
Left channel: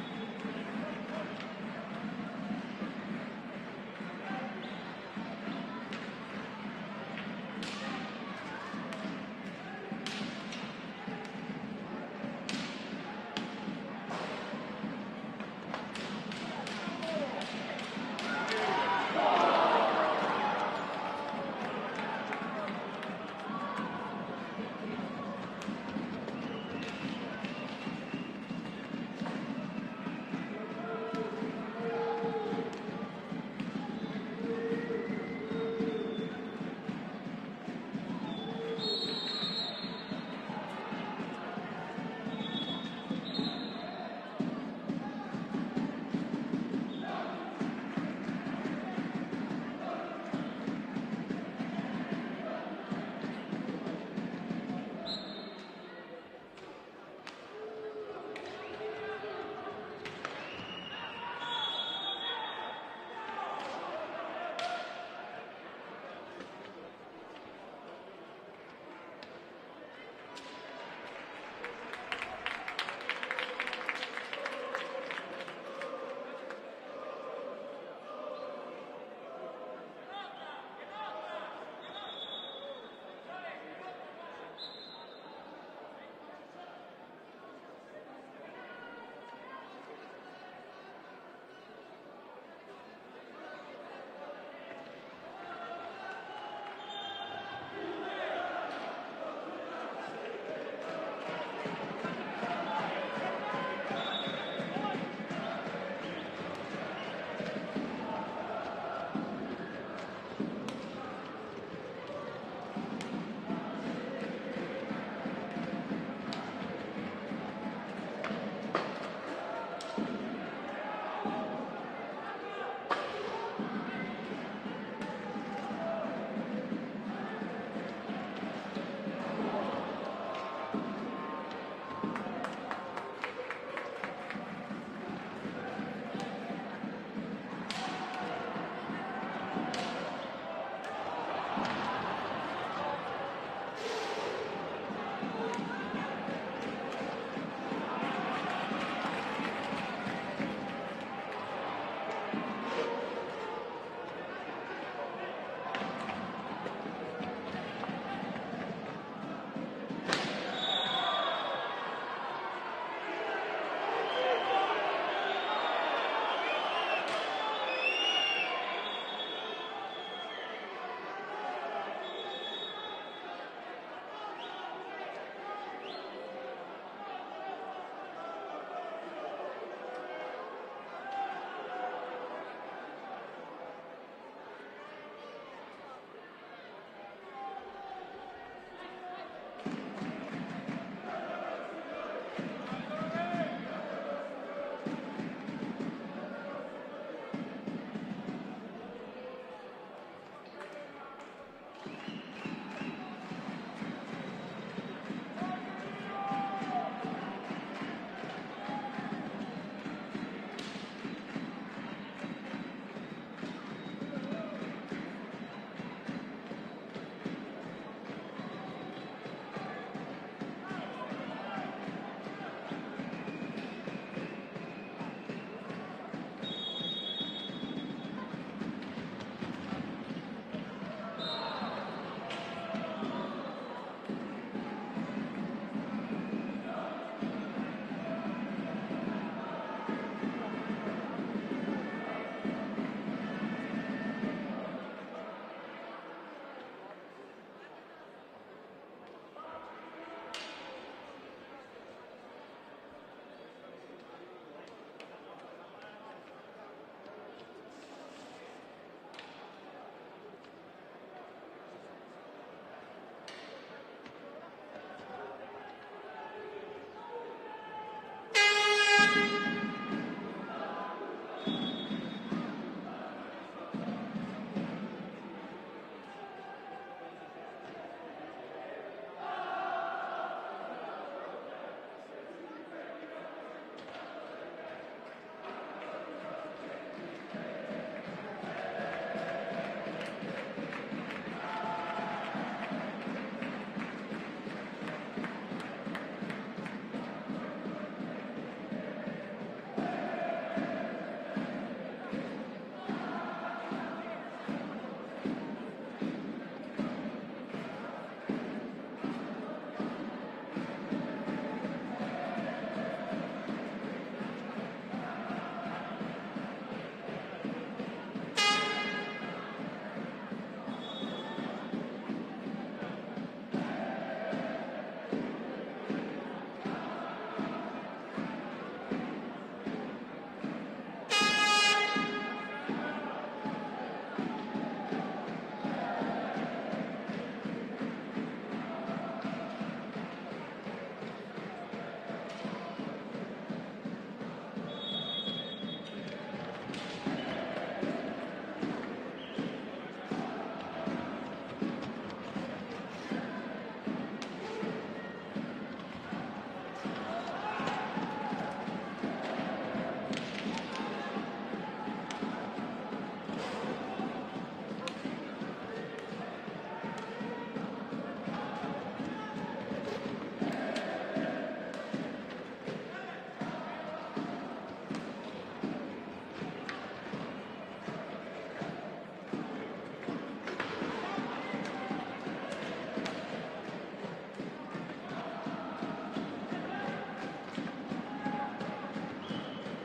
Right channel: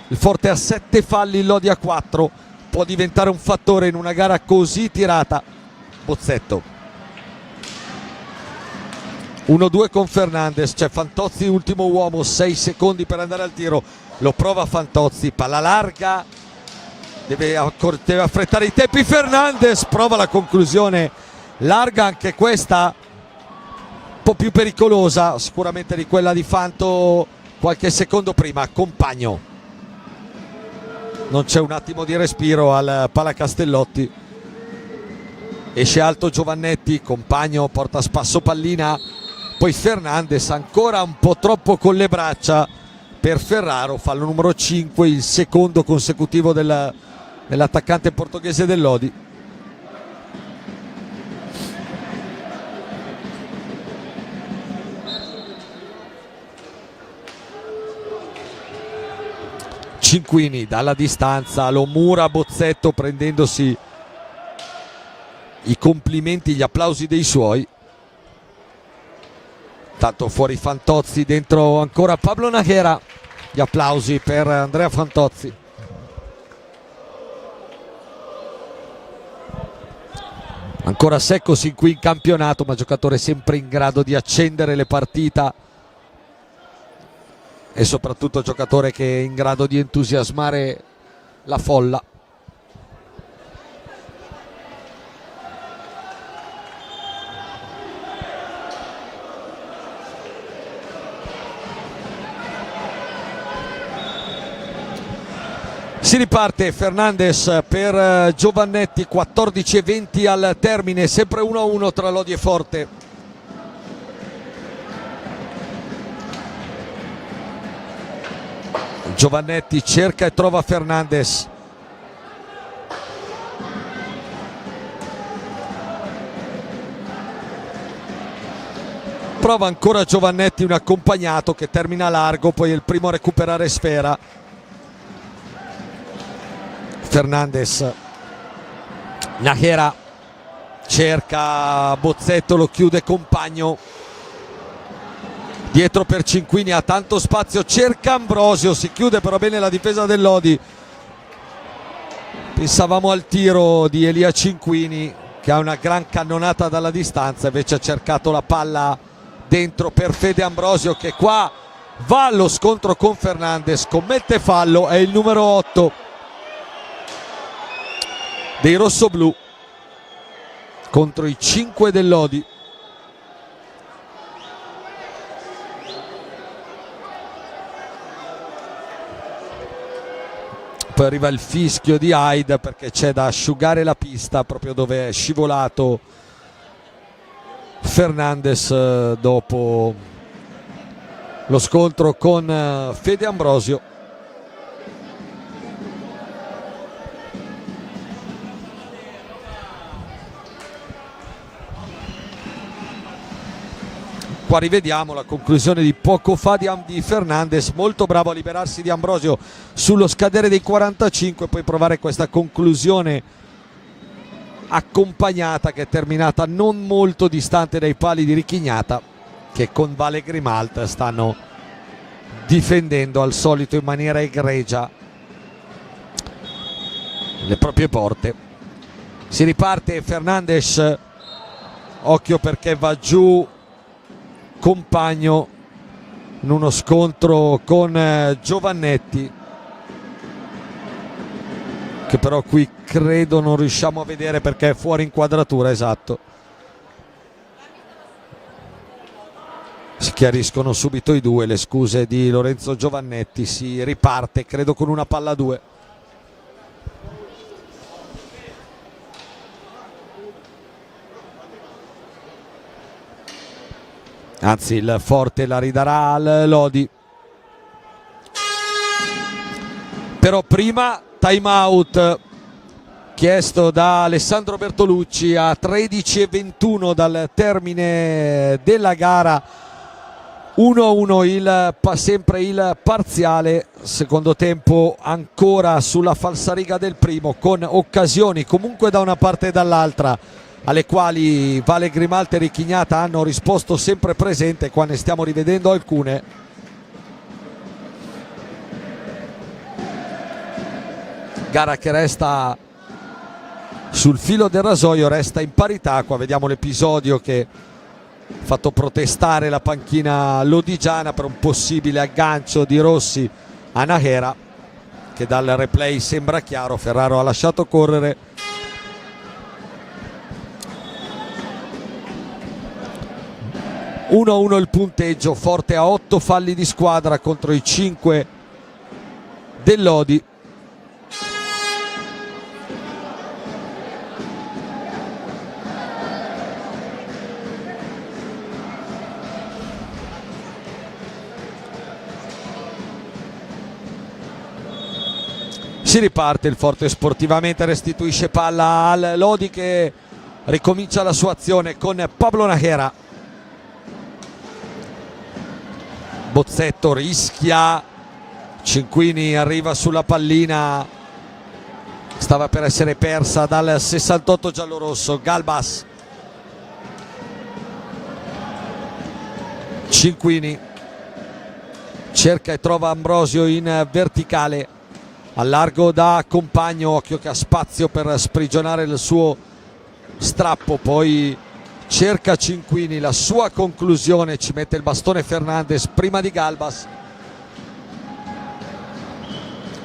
Il forte ha 7 falli, il Lodi a 4, può diventare un fattore in una gara così tirata. Bozzetto 1-2 con Fernandez, c'è Fantozzi ultimo uomo, 6 secondi per andare al tiro, lo prova Fantozzi, palla larga deve affrettare i tempi. Fernandes prova la conclusione larga, anche questa un po' più pericolosa sicuramente di quella di Fanto qualche secondo prima. Compagno, non c'è un attimo di respiro al Palacastellotti, esce alto Giovannetti, Compagno porta a spasso pallina, poi Fernandes ancora un po' troppo con le braccia per Ferraro, fallo numero 5, il secondo consecutivo dell'attaccante portoghese del Lodi. Cinquini dalla distanza lo mura Bozzetto, prendendosi i complimenti, gli applausi dei suoi. Tanto fuori Fantozzi, dentro ancora Pablo Najera, gli applausi per Andrea Fantozzi. Ancora secco sin qui in campionato, ma giocatore sempre in grado di accendere le partite e soprattutto giocatore che è in grado di entusiasmare la folla. Si riparte, Fernandes per Giovannetti, 14:20 al termine, sempre 1-1 tra Lodi e Forte. Giovannetti cerca e trova Fernandes. Prova ancora Giovannetti, un accompagnato che termina largo, poi è il primo a recuperare sfera. Fernandes, Najera cerca Bozzetto, lo chiude Compagno, dietro per Cinquini, ha tanto spazio, cerca Ambrosio, si chiude però bene la difesa del Lodi. Pensavamo al tiro di Elia Cinquini che ha una gran cannonata dalla distanza, invece ha cercato la palla dentro per Fede Ambrosio, che qua va allo scontro con Fernandes, commette fallo, è il numero 8 dei rossoblù contro i 5 del Lodi. Poi arriva il fischio di Hyde perché c'è da asciugare la pista proprio dove è scivolato Fernandes dopo lo scontro con Fede Ambrosio. Qua rivediamo la conclusione di poco fa di Fernandes, molto bravo a liberarsi di Ambrosio sullo scadere dei 45, poi provare questa conclusione accompagnata che è terminata non molto distante dai pali di Richignata, che con Vale Grimalt stanno difendendo al solito in maniera egregia le proprie porte. Si riparte, Fernandes, occhio perché va giù Compagno in uno scontro con Giovannetti, che però qui credo non riusciamo a vedere perché è fuori inquadratura. Esatto, si chiariscono subito i due, le scuse di Lorenzo Giovannetti. Si riparte credo con una palla a 2. Anzi, il Forte la ridarà al Lodi. Però prima time out chiesto da Alessandro Bertolucci a 13:21 dal termine della gara. 1-1 sempre il parziale, secondo tempo ancora sulla falsariga del primo, con occasioni comunque da una parte e dall'altra, alle quali Vale Grimalt e Richignata hanno risposto sempre presente. Qua ne stiamo rivedendo alcune. Gara che resta sul filo del rasoio, resta in parità. Qua vediamo l'episodio che ha fatto protestare la panchina lodigiana per un possibile aggancio di Rossi a Najera. che dal replay sembra chiaro. Ferraro ha lasciato correre. (1-1) il punteggio. Forte a 8 falli di squadra contro i 5 del Lodi. Si riparte il Forte sportivamente, restituisce palla al Lodi che ricomincia la sua azione con Pablo Najera. Bozzetto rischia, Cinquini arriva sulla pallina, stava per essere persa dal 68 giallorosso. Galbas, Cinquini cerca e trova Ambrosio in verticale, al largo da Compagno. Occhio che ha spazio per sprigionare il suo strappo, poi cerca Cinquini, la sua conclusione, ci mette il bastone Fernandez prima di Galbas.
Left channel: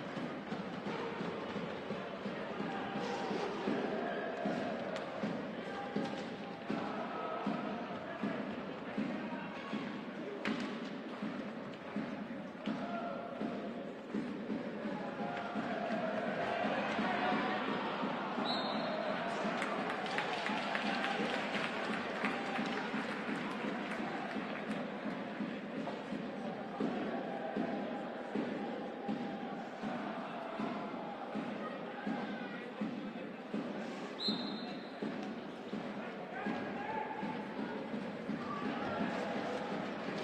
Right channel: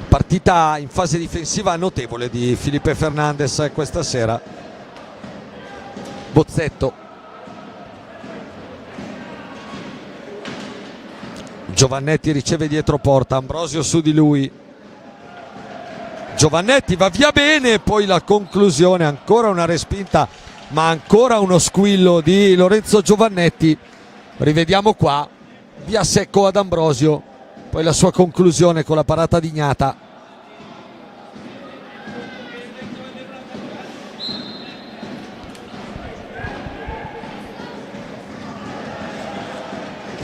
Partita in fase difensiva notevole di Felipe Fernandez questa sera. Bozzetto, Giovannetti riceve dietro porta, Ambrosio su di lui, Giovannetti va via bene, poi la conclusione, ancora una respinta ma ancora uno squillo di Lorenzo Giovannetti. Rivediamo qua, via secco ad Ambrosio, poi la sua conclusione con la parata di Gnata.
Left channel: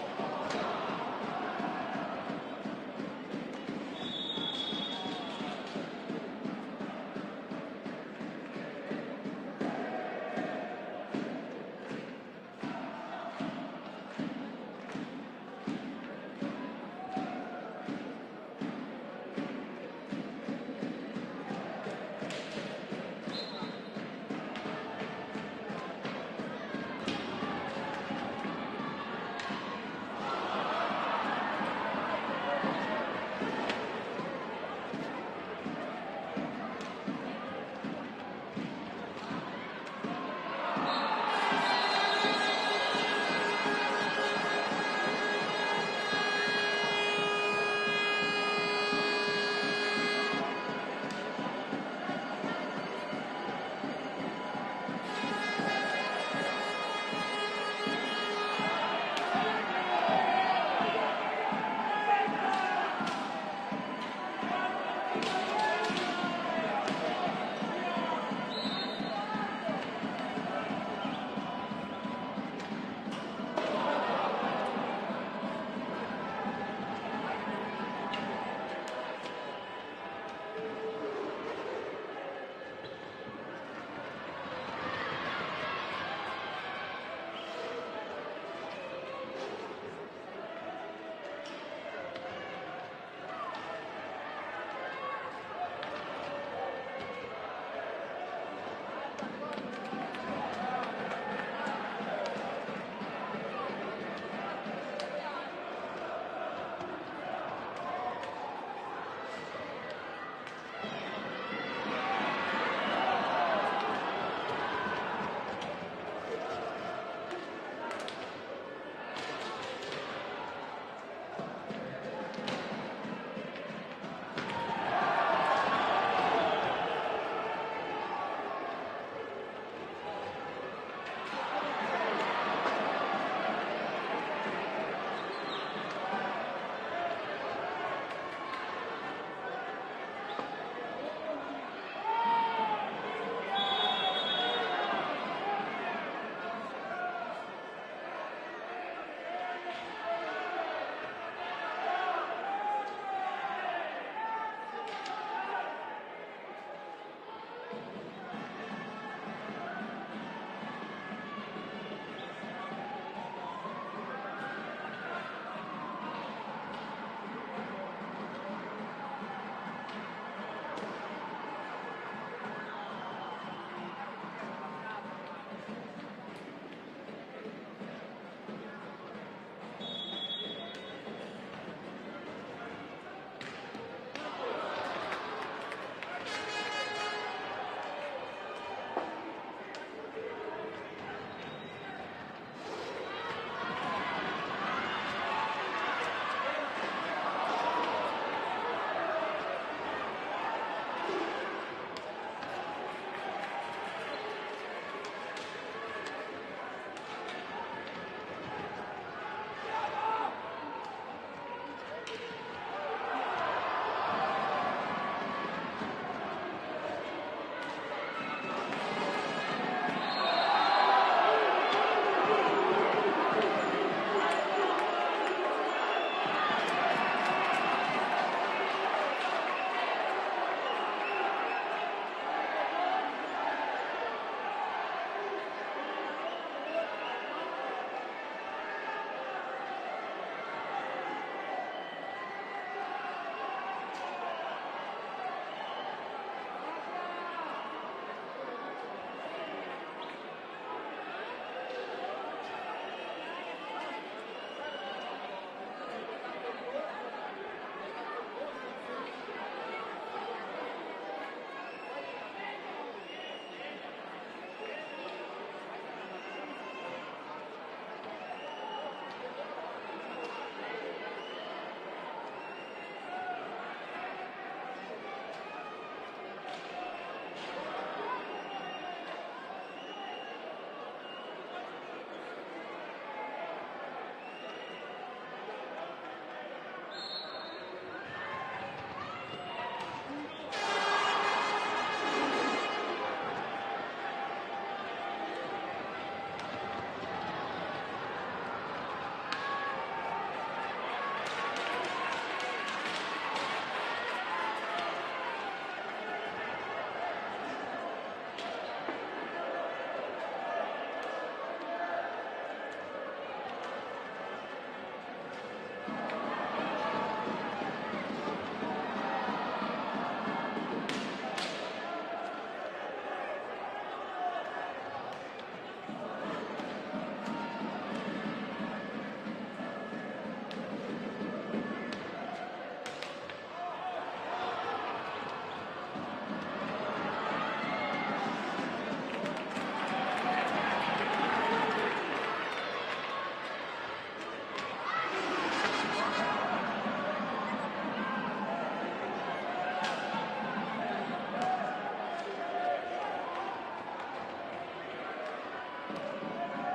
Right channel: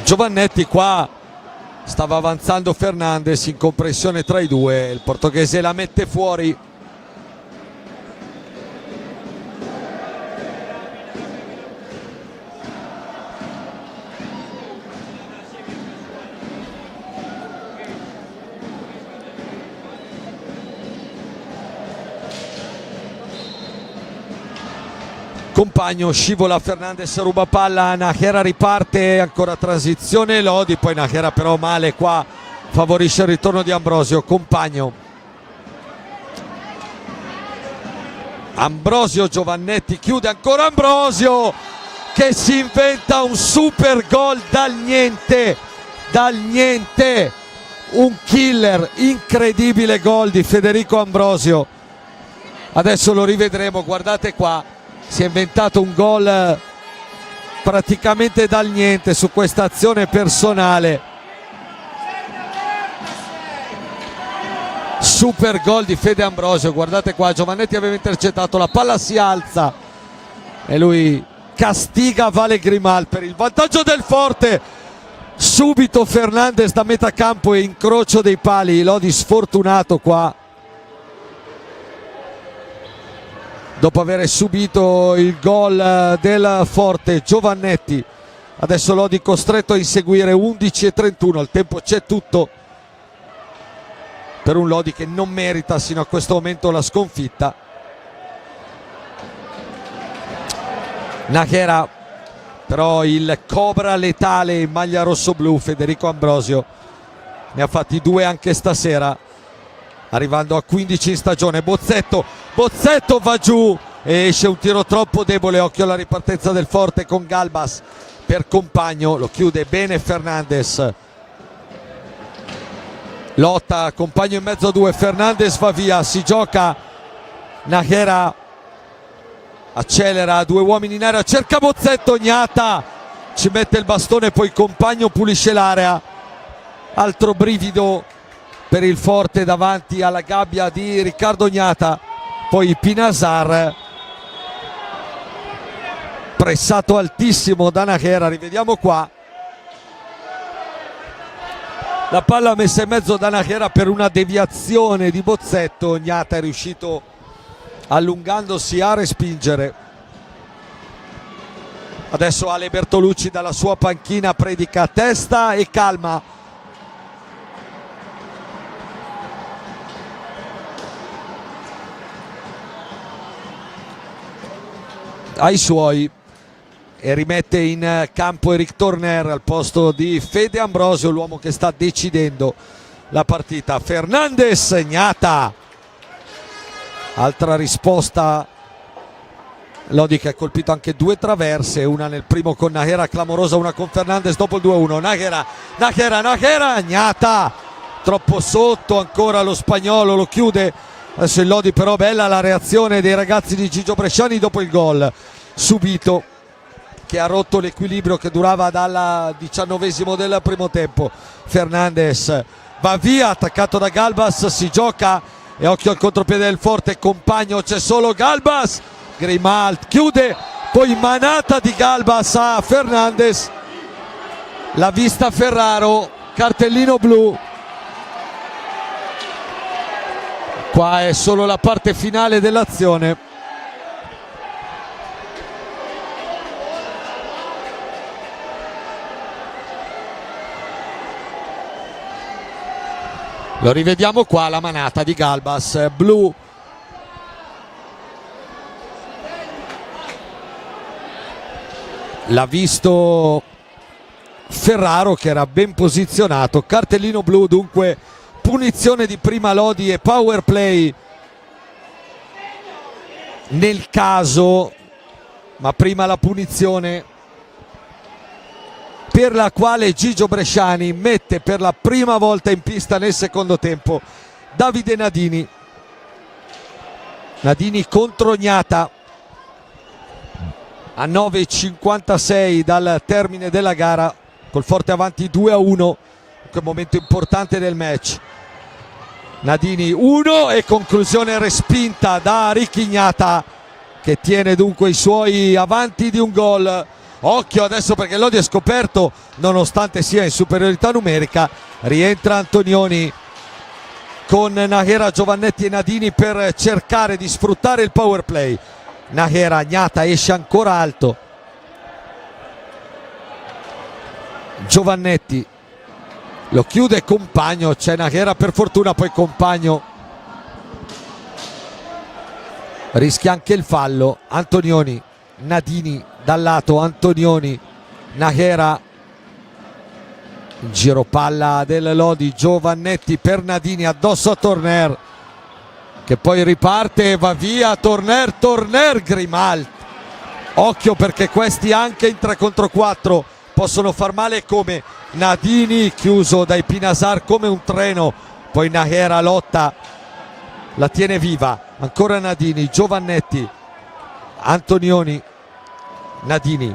Giovannetti qua stava avanzando Fernandez in compressione tra i due, il portoghese la mette fuori. Compagno scivola, Fernandez ruba palla, Najera riparte, ancora transizione Lodi, poi Najera però male qua, favorisce il ritorno di Ambrosio. Compagno, Ambrosio, Giovannetti chiude, ancora Ambrosio che si inventa un super gol dal niente, un killer, incredibile gol di Federico Ambrosio. Adesso lo rivedremo, guardate qua, si è inventato un gol praticamente dal niente su questa azione personale. Super gol di Fede Ambrosio, guardate qua, Giovannetti aveva intercettato, la palla si alza e lui castiga Vale Grimal per il vantaggio del Forte. Subito Fernandez da metà campo e incrocio dei pali, Lodi sfortunato qua dopo aver subito il gol del Forte. Giovannetti, adesso Lodi costretto a inseguire. 11:31, il tempo c'è tutto per un Lodi che non merita sino a questo momento la sconfitta. Najera però il cobra letale in maglia rossoblu, Federico Ambrosio, ne ha fatti 2 anche stasera, arrivando a 15 in stagione. Bozzetto va giù e esce un tiro troppo debole. Occhio alla ripartenza del Forte con Galbas per Compagno, lo chiude bene Fernandez, lotta Compagno in mezzo a 2, Fernandez va via, si gioca, Najera accelera, 2 uomini in area, cerca Bozzetto, Gnata ci mette il bastone, poi Compagno pulisce l'area. Altro brivido per il Forte davanti alla gabbia di Riccardo Gnata, poi Pinasar pressato altissimo da Najera. Rivediamo qua la palla messa in mezzo da Najera per una deviazione di Bozzetto. Gnata è riuscito, allungandosi, a respingere. Adesso Ale Bertolucci dalla sua panchina predica testa e calma. Ai suoi, e rimette in campo Eric Torner al posto di Fede Ambrosio, l'uomo che sta decidendo la partita. Fernandez, Gnata, altra risposta. Lodi che ha colpito anche due traverse, una nel primo con Nájera clamorosa, una con Fernandez dopo il 2-1. Nájera, Gnata troppo sotto, ancora lo spagnolo, lo chiude adesso il Lodi, però bella la reazione dei ragazzi di Gigio Bresciani dopo il gol subito, che ha rotto l'equilibrio che durava dal 19esimo del primo tempo. Fernandez va via, attaccato da Galbas, si gioca e occhio al contropiede del Forte, compagno, c'è solo Galbas, Grimalt chiude, poi manata di Galbas a Fernandez, l'ha vista Ferraro, cartellino blu. Qua è solo la parte finale dell'azione. Lo rivediamo qua, la manata di Galbas, blu. L'ha visto Ferraro che era ben posizionato, cartellino blu, dunque punizione di prima Lodi e power play nel caso, ma prima la punizione per la quale Gigio Bresciani mette per la prima volta in pista nel secondo tempo Davide Nadini. Nadini contro Gnata a 9:56 dal termine della gara, col Forte avanti 2-1, che momento importante del match. Nadini 1 e conclusione respinta da Ricky Gnata, che tiene dunque i suoi avanti di un gol. Occhio adesso perché Lodi è scoperto, nonostante sia in superiorità numerica. Rientra Antonioni con Nájera, Giovannetti e Nadini per cercare di sfruttare il power play. Nájera, Gnata esce ancora alto, Giovannetti lo chiude Compagno, c'è Nájera per fortuna, poi Compagno rischia anche il fallo. Antonioni, Nadini dal lato, Antonioni, Nájera, giro palla del Lodi, Giovannetti per Nadini addosso a Torner, che poi riparte e va via. Torner, Grimalt, occhio perché questi anche in 3 contro 4 possono far male, come Nadini chiuso dai Pinasar come un treno, poi Nájera lotta, la tiene viva, ancora Nadini, Giovannetti, Antonioni, Nadini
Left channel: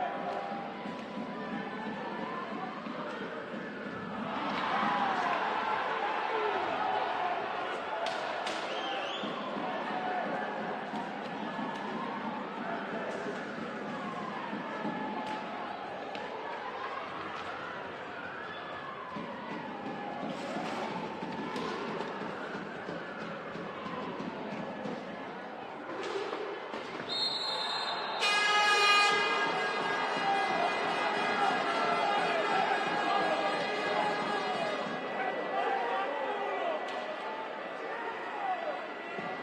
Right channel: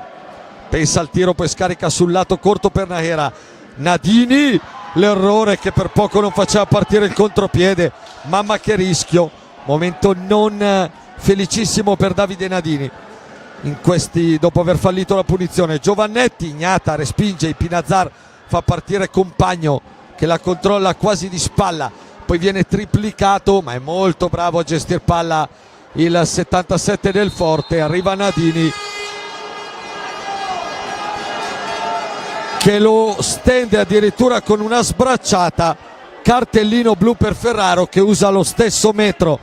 pensa al tiro, poi scarica sul lato corto per Nájera. Nadini, l'errore che per poco non faceva partire il contropiede, mamma che rischio, momento non felicissimo per Davide Nadini in questi, dopo aver fallito la punizione. Giovannetti, Gnata respinge, Pinazar fa partire Compagno che la controlla quasi di spalla, poi viene triplicato, ma è molto bravo a gestire palla il 77 del Forte. Arriva Nadini che lo stende addirittura con una sbracciata, cartellino blu per Ferraro, che usa lo stesso metro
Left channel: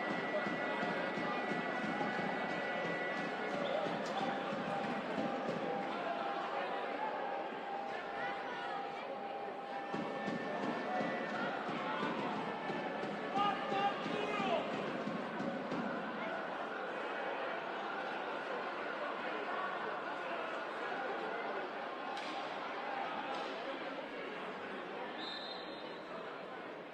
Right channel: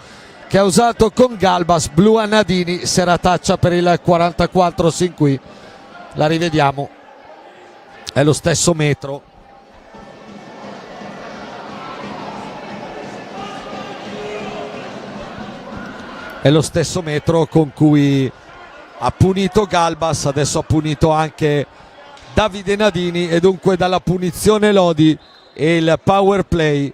che ha usato con Galbas, blu a Nadini, serataccia per il 44 sin qui, la rivediamo, è lo stesso metro. È lo stesso metro con cui ha punito Galbas, adesso ha punito anche Davide Nadini, e dunque dalla punizione Lodi e il power play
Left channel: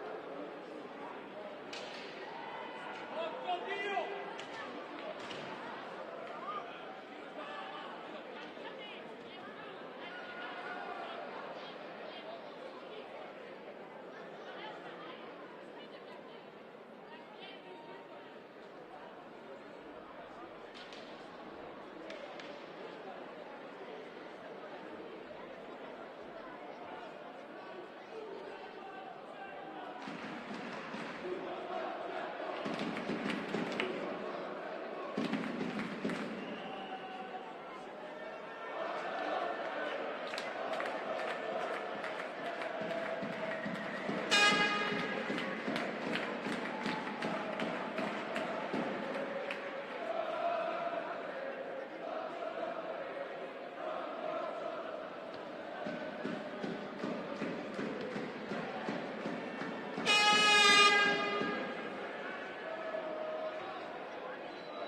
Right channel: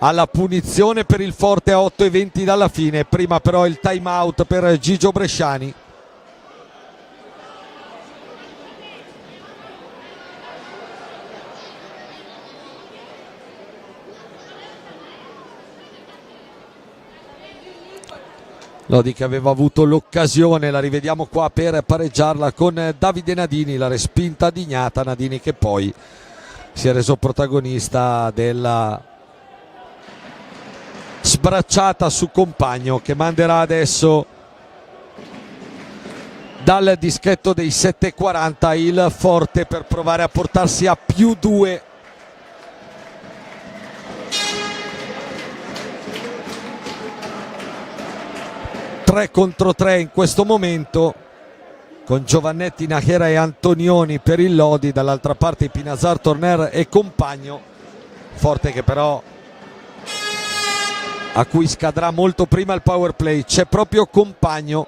alla punizione per il Forte a 8:20 dalla fine. Prima però il time out per Gigio Bresciani. Lodi che aveva avuto l'occasione, la rivediamo qua, per pareggiarla con Davide Nadini, la respinta di Gnata. Nadini che poi si è reso protagonista della sbracciata su Compagno, che manderà adesso dal dischetto dei 7:40 il Forte per provare a portarsi a +2. Tre contro 3 in questo momento, con Giovannetti, Nájera e Antonioni per il Lodi, dall'altra parte Pinazar, Torner e Compagno. Forte che però a cui scadrà molto prima il power play. C'è proprio Compagno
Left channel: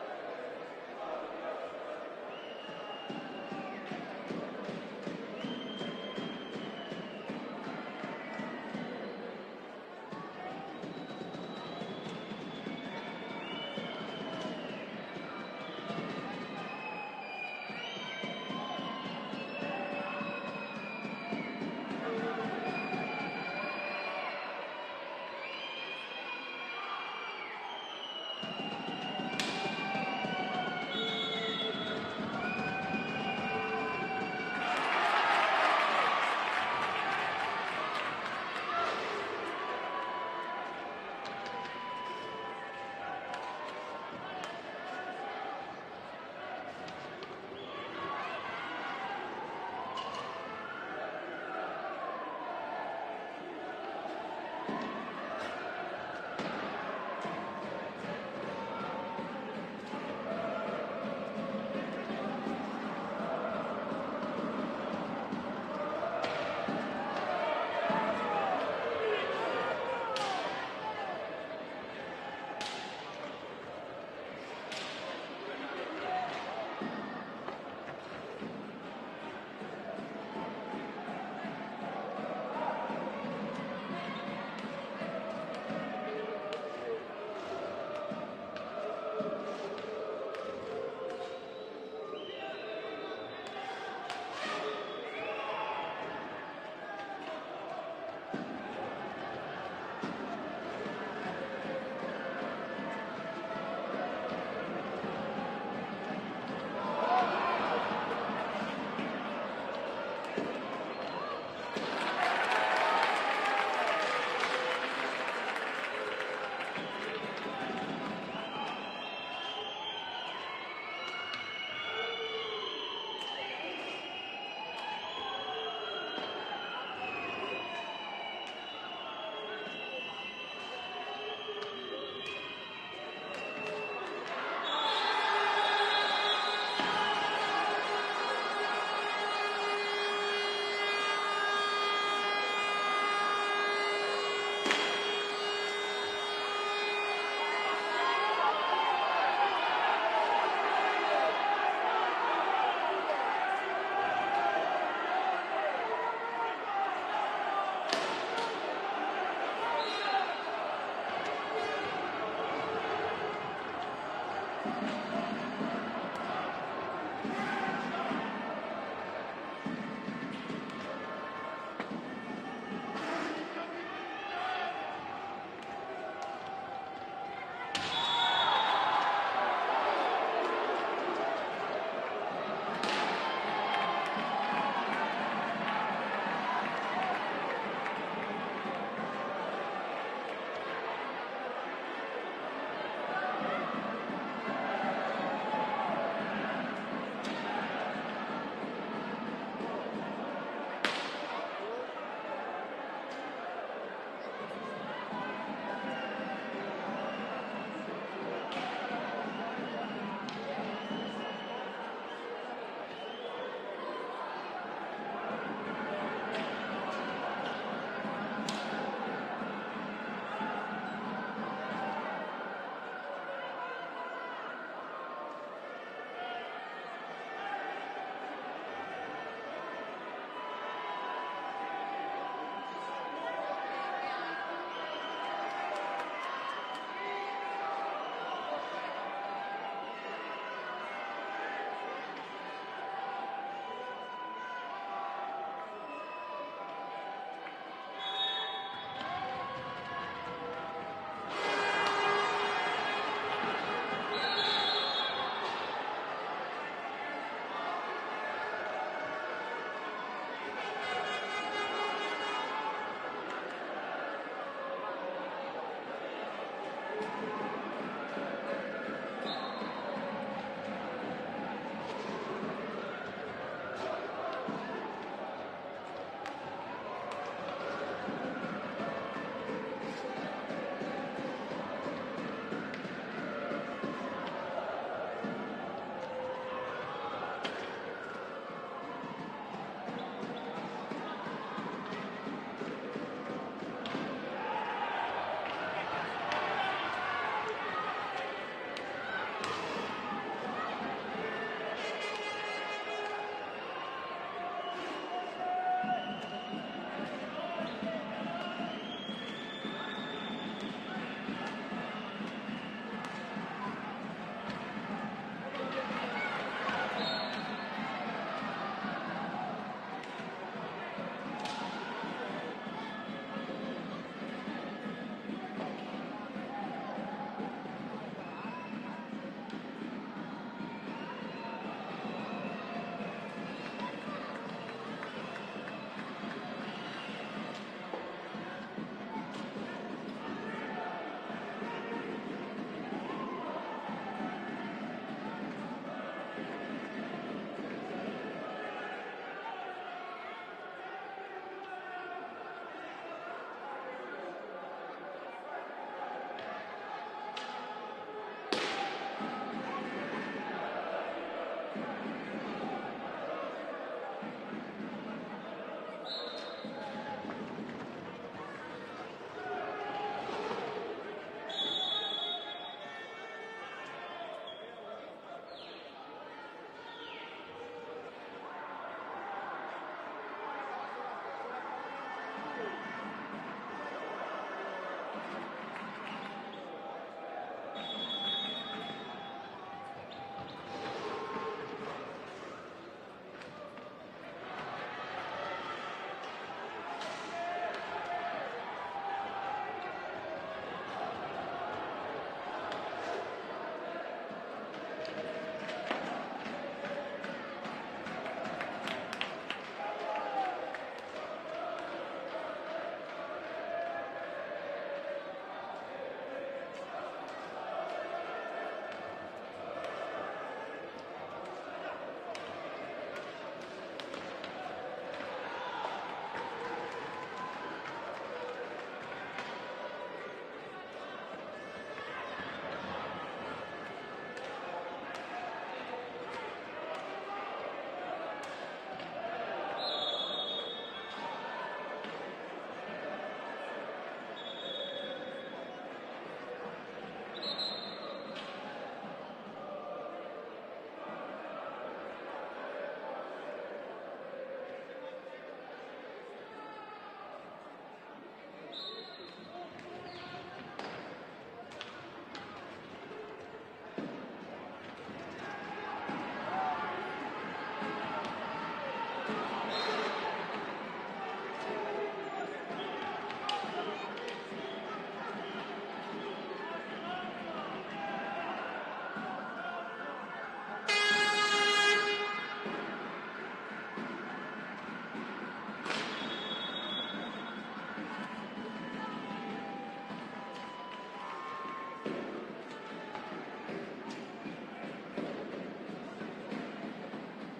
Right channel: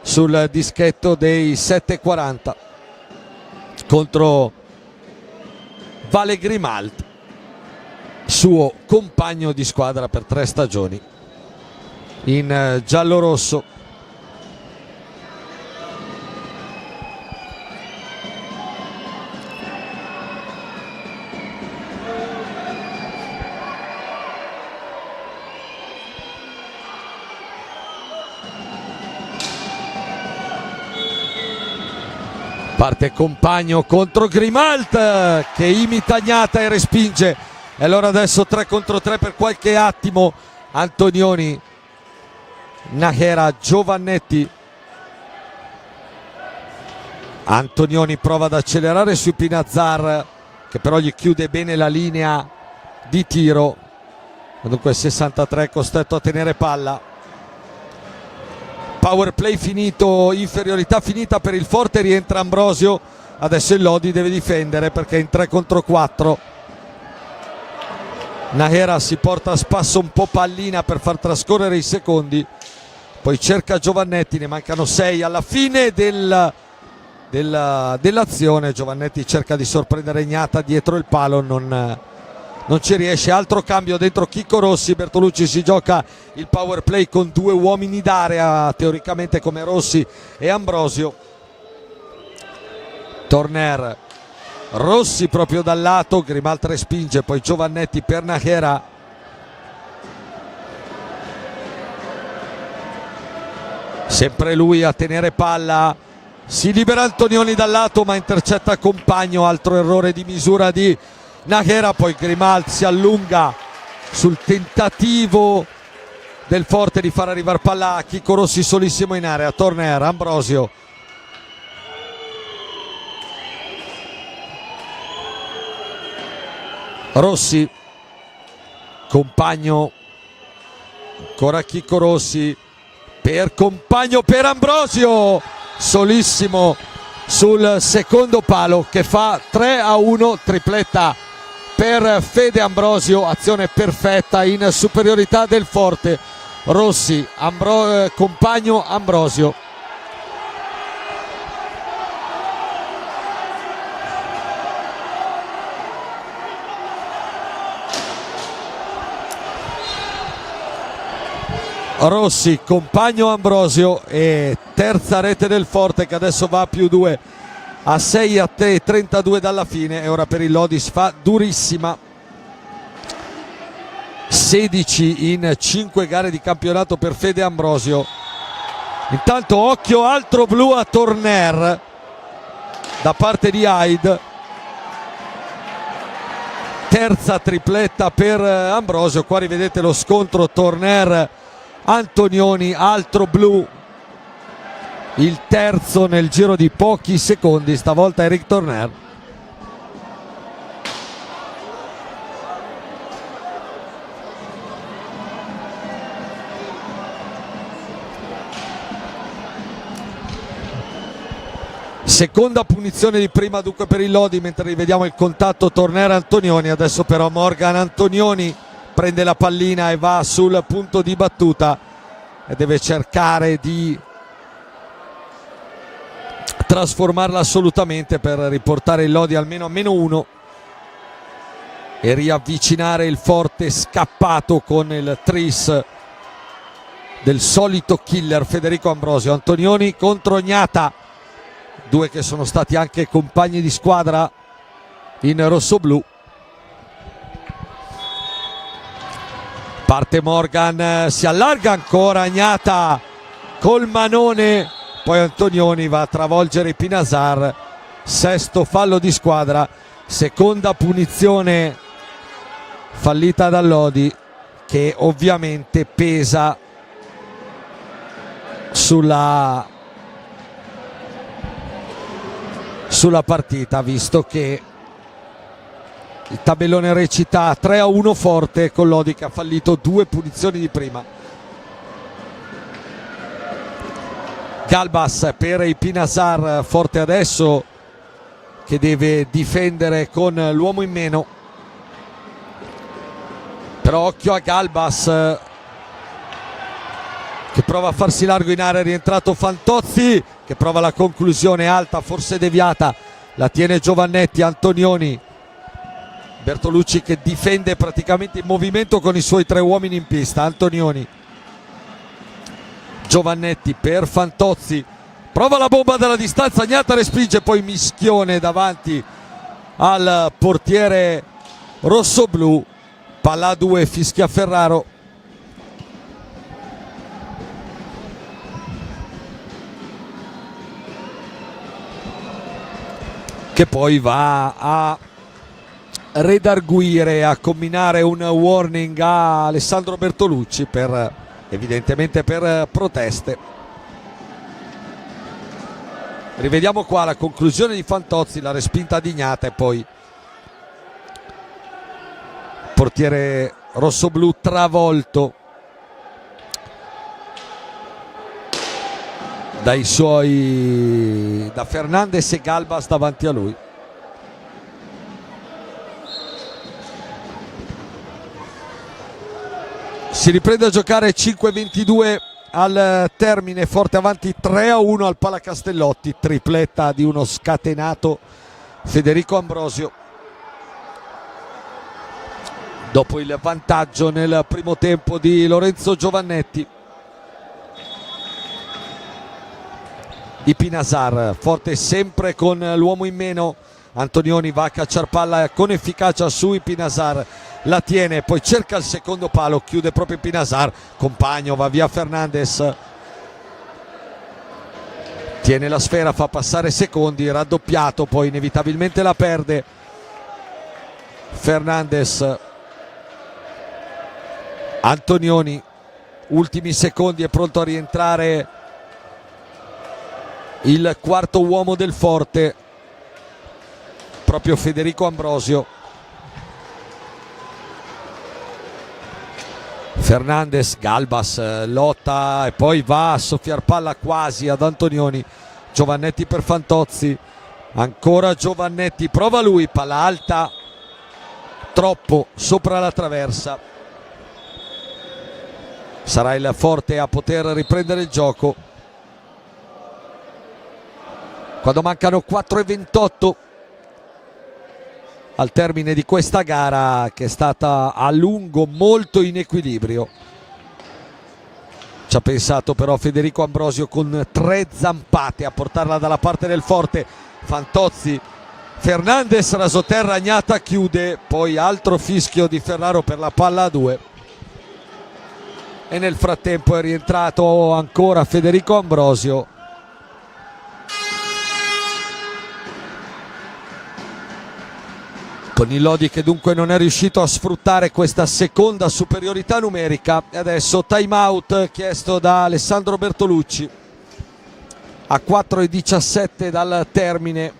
sul dischetto dei 7:40 contro Vale Grimalt, suo compagno di squadra per 3 stagioni in giallorosso. Parte Compagno contro Grimalt che imita Gnata e respinge. E allora adesso 3 contro 3 per qualche attimo. Antonioni, Nahera, Giovannetti. Antonioni prova ad accelerare su Pinazar, che però gli chiude bene la linea di tiro. Dunque 63 costretto a tenere palla. Power play finito, inferiorità finita per il Forte, rientra Ambrosio. Adesso il Lodi deve difendere perché è in 3 contro 4. Nahera si porta a spasso un po' pallina per far trascorrere i secondi, poi cerca Giovannetti, ne mancano 6 alla fine dell'azione. Giovannetti cerca di sorprendere Gnata dietro il palo, non ci riesce. Altro cambio dentro Chicco Rossi. Bertolucci si gioca il power play con 2 uomini d'area teoricamente come Rossi e Ambrosio. Torner, Rossi proprio dal lato, Grimalt respinge, poi Giovannetti per Nahera. Sempre lui a tenere palla, si libera Antonioni dal lato ma intercetta Compagno. Altro errore di misura di Nahera, poi Grimalt si allunga sul tentativo del Forte di far arrivare palla a Chicco Rossi solissimo in area. Torner, Ambrosio, Rossi, Compagno, ancora Chicco Rossi per Compagno, per Ambrosio, solissimo sul secondo palo che fa 3-1, tripletta per Fede Ambrosio, azione perfetta in superiorità del Forte. Rossi, Compagno, Ambrosio. Rossi, Compagno, Ambrosio e terza rete del Forte che adesso va a +2 a 6-32 dalla fine. E ora per il Lodi si fa durissima. 16 in 5 gare di campionato per Fede Ambrosio. Intanto occhio, altro blu a Torner da parte di Hyde. Terza tripletta per Ambrosio. Qua rivedete lo scontro Torner Antonioni, altro blu, il terzo nel giro di pochi secondi, stavolta Eric Torner. Seconda punizione di prima dunque per il Lodi, mentre rivediamo il contatto Torner-Antonioni. Adesso però Morgan Antonioni prende la pallina e va sul punto di battuta e deve cercare di trasformarla assolutamente per riportare il Lodi almeno a -1 e riavvicinare il Forte scappato con il tris del solito killer Federico Ambrosio. Antonioni contro Gnata, due che sono stati anche compagni di squadra in rossoblù. Parte Morgan, si allarga ancora Gnata col manone, poi Antonioni va a travolgere Pinazar. Sesto fallo di squadra, seconda punizione fallita da Lodi, che ovviamente pesa sulla partita, visto che il tabellone recita 3-1 Forte, con Lodi che ha fallito 2 punizioni di prima. Galbas per i Pinazar, Forte adesso che deve difendere con l'uomo in meno. però occhio a Galbas che prova a farsi largo in area. È rientrato Fantozzi che prova la conclusione alta, forse deviata, la tiene Giovannetti. Antonioni, Bertolucci che difende praticamente in movimento con i suoi 3 uomini in pista. Antonioni, Giovannetti per Fantozzi, prova la bomba dalla distanza, Gnata respinge, poi mischione davanti al portiere rossoblu. Palla a 2, fischia Ferraro. Che poi va a redarguire, a combinare un warning a Alessandro Bertolucci evidentemente per proteste. Rivediamo qua la conclusione di Fantozzi, la respinta di Gnata e poi portiere rossoblu travolto da Fernandes e Galbas davanti a lui. Si riprende a giocare, 5:22 al termine, Forte avanti 3-1 al Palacastellotti, tripletta di uno scatenato Federico Ambrosio dopo il vantaggio nel primo tempo di Lorenzo Giovannetti. Ipinasar, Forte sempre con l'uomo in meno. Antonioni va a cacciar palla con efficacia su Ipinasar, la tiene, poi cerca il secondo palo, chiude proprio Ipinasar, compagno, va via Fernandes, tiene la sfera, fa passare secondi, raddoppiato, poi inevitabilmente la perde Fernandes. Antonioni, ultimi secondi, è pronto a rientrare il quarto uomo del Forte, proprio Federico Ambrosio. Fernandes, Galbas lotta e poi va a soffiar palla quasi ad Antonioni. Giovannetti per Fantozzi, ancora Giovannetti, prova lui, palla alta, troppo sopra la traversa. Sarà il Forte a poter riprendere il gioco quando mancano 4:28 al termine di questa gara, che è stata a lungo molto in equilibrio. Ci ha pensato però Federico Ambrosio con 3 zampate a portarla dalla parte del Forte. Fantozzi, Fernandes, rasoterra, Gnata chiude, poi altro fischio di Ferraro per la palla a 2 e nel frattempo è rientrato ancora Federico Ambrosio. Con il Lodi che dunque non è riuscito a sfruttare questa seconda superiorità numerica. E adesso time out chiesto da Alessandro Bertolucci a 4:17 dal termine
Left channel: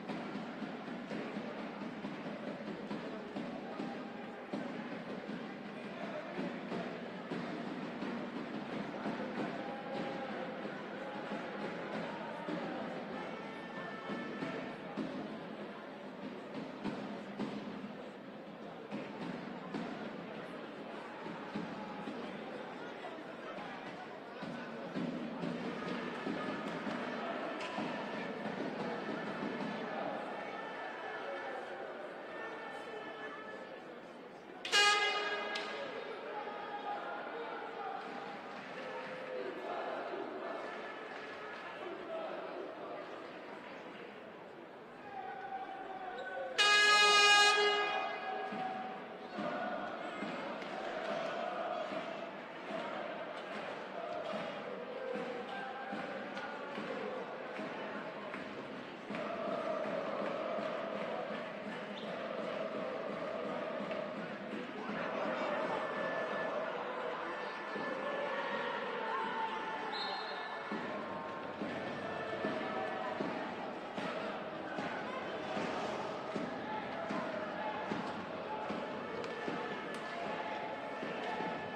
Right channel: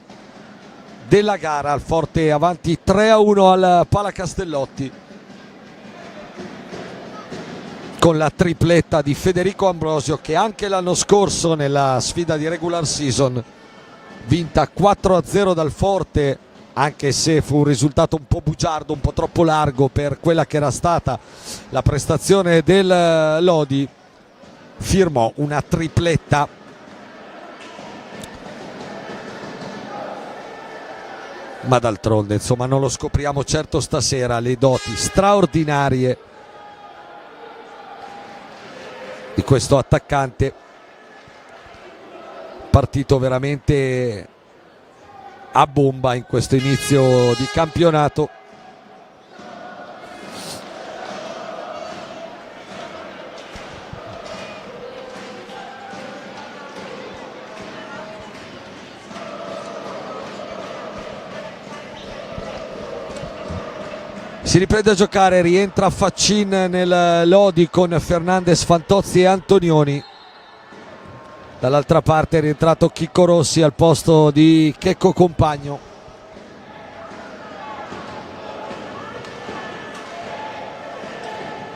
della gara. Il Forte avanti 3-1 al Palacastellotti con la tripletta di Federico Ambrosio, che anche l'anno scorso nella sfida di regular season, vinta 4-0 dal Forte, anche se fu un risultato un po' bugiardo, un po' troppo largo per quella che era stata la prestazione del Lodi, firmò una tripletta. Ma d'altronde, insomma, non lo scopriamo certo stasera, le doti straordinarie di questo attaccante, partito veramente a bomba in questo inizio di campionato. Si riprende a giocare, rientra Faccin nel Lodi con Fernandes, Fantozzi e Antonioni. Dall'altra parte è rientrato Chicco Rossi al posto di Checco Compagno.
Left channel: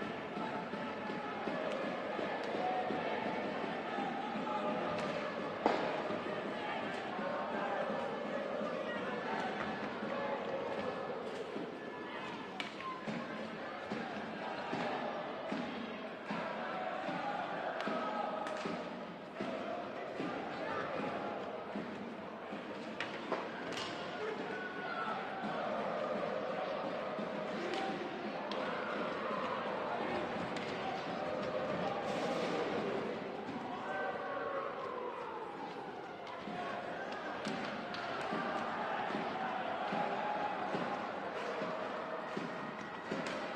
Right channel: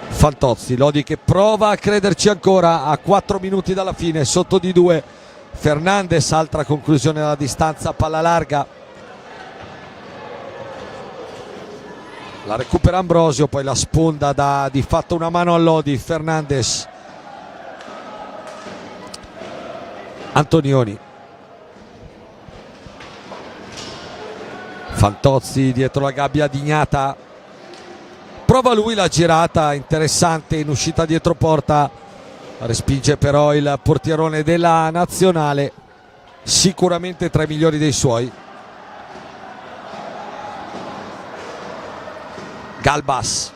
Fantozzi, Lodi che prova a crederci ancora a 4 minuti dalla fine, sotto di 2. Fernandes, altra conclusione dalla distanza, palla larga. La recupera Ambrosio, poi la sponda dà di fatto una mano a Lodi. Fernandes, Antonioni, Fantozzi dietro la gabbia di Gnata, prova lui la girata interessante in uscita dietro porta, respinge però il portierone della nazionale, sicuramente tra i migliori dei suoi. Galbas,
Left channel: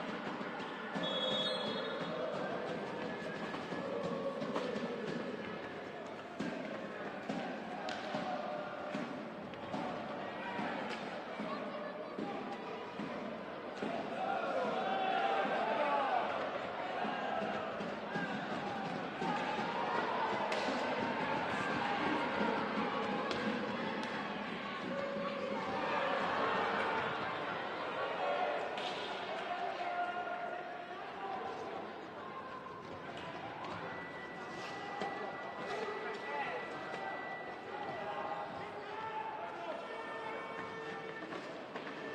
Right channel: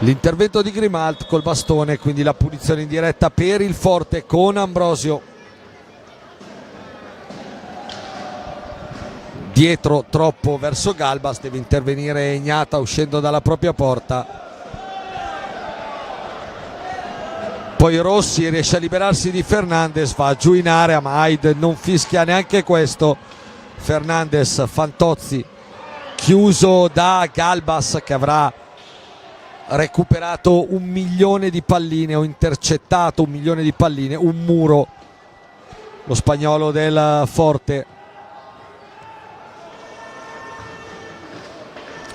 l'intervento di Grimalt col bastone, quindi la punizione in diretta per il Forte con Ambrosio. Dietro troppo verso Galbas, deve intervenire Gnata uscendo dalla propria porta. Poi Rossi riesce a liberarsi di Fernandes, va giù in area ma Haid non fischia neanche questo. Fernandes, Fantozzi, chiuso da Galbas che avrà recuperato 1 milione di palline o intercettato 1 milione di palline, un muro lo spagnolo del Forte,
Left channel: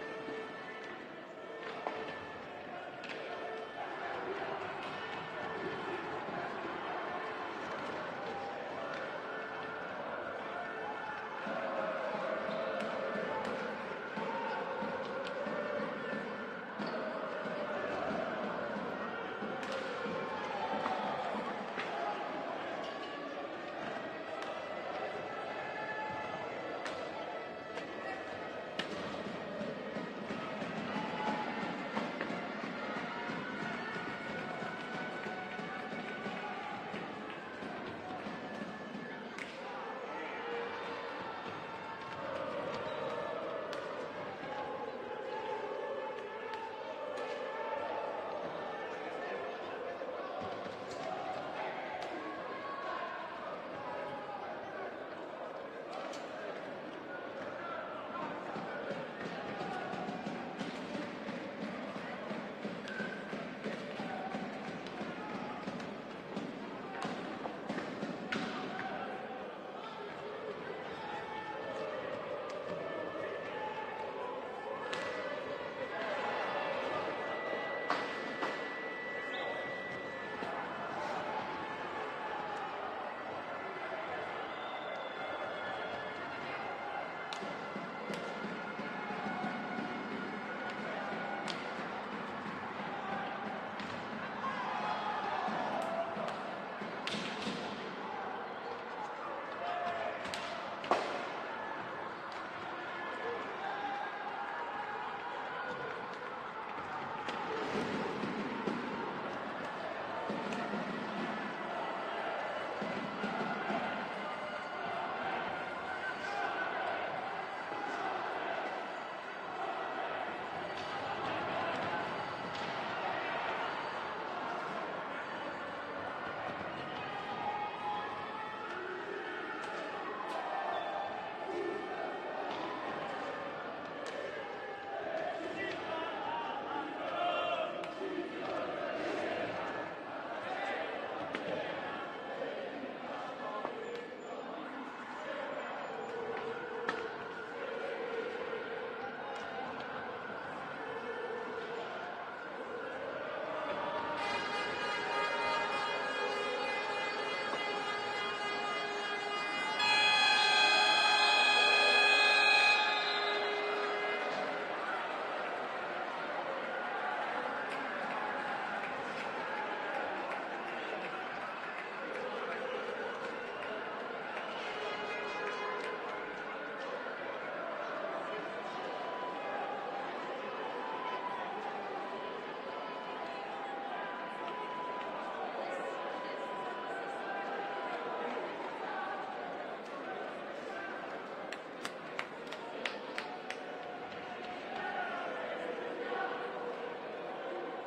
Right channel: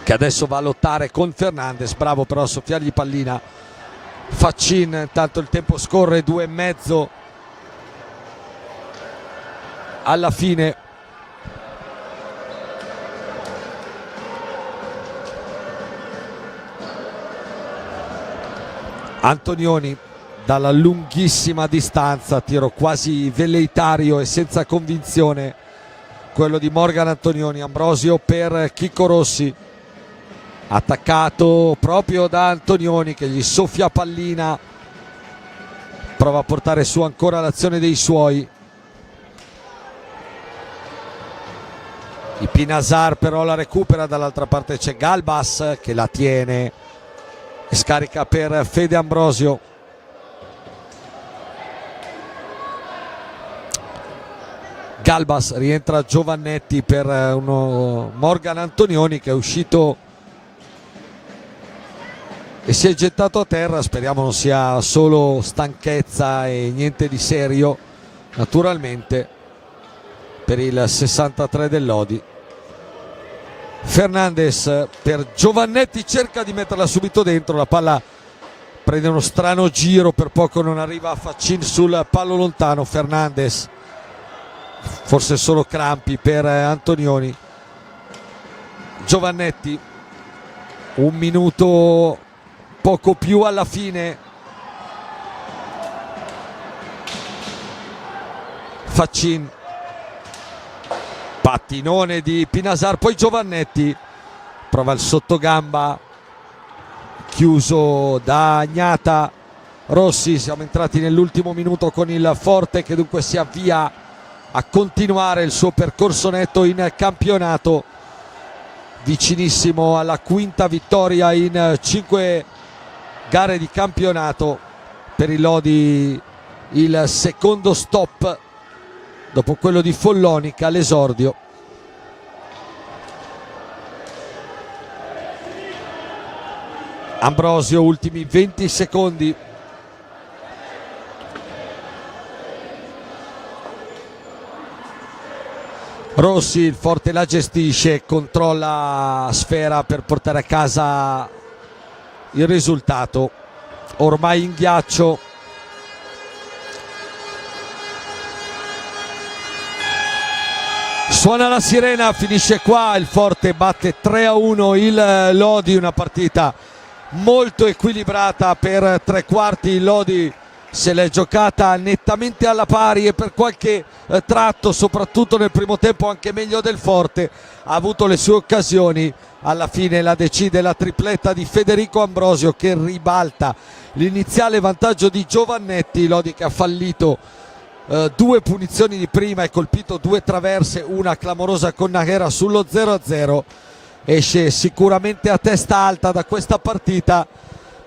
che adesso va a lottare con Fernandes, bravo però a soffiargli pallina. Faccin, intanto il tempo scorre, 2,5 alla fine. Antonioni dalla lunghissima distanza, tiro quasi velleitario e senza convinzione quello di Morgan Antonioni. Ambrosio per Chicco Rossi, attaccato proprio da Antonioni che gli soffia pallina, prova a portare su ancora l'azione dei suoi. Il Pinasar però la recupera, dall'altra parte c'è Galbas che la tiene e scarica per Fede Ambrosio. Galbas, rientra Giovannetti per uno Morgan Antonioni che è uscito e si è gettato a terra, speriamo non sia solo stanchezza e niente di serio, naturalmente, per il 63 del Lodi. Fernandes per Giovannetti, cerca di metterla subito dentro, la palla prende uno strano giro, per poco non arriva a Faccin sul palo lontano. Fernandes, forse solo crampi per Antonioni. Giovannetti, 1 minuto poco più alla fine. Faccin, pattinone di Pinasar, poi Giovannetti prova il sottogamba chiuso da Gnata. Rossi, siamo entrati nell'ultimo minuto con il Forte che dunque si avvia a continuare il suo percorso netto in campionato, vicinissimo alla 5ª vittoria in 5 gare di campionato per il Lodi, il secondo stop dopo quello di Follonica all'esordio. Ambrosio, ultimi 20 secondi. Rossi, il Forte la gestisce, controlla sfera per portare a casa il risultato, ormai in ghiaccio. Suona la sirena, finisce qua, il Forte batte 3-1 il Lodi, una partita molto equilibrata per 3/4. Il Lodi se l'è giocata nettamente alla pari e per qualche tratto, soprattutto nel primo tempo, anche meglio del Forte, ha avuto le sue occasioni. Alla fine la decide la tripletta di Federico Ambrosio che ribalta l'iniziale vantaggio di Giovannetti. Lodi che ha fallito 2 punizioni di prima e colpito 2 traverse, una clamorosa con Naghera sullo 0-0. Esce sicuramente a testa alta da questa partita,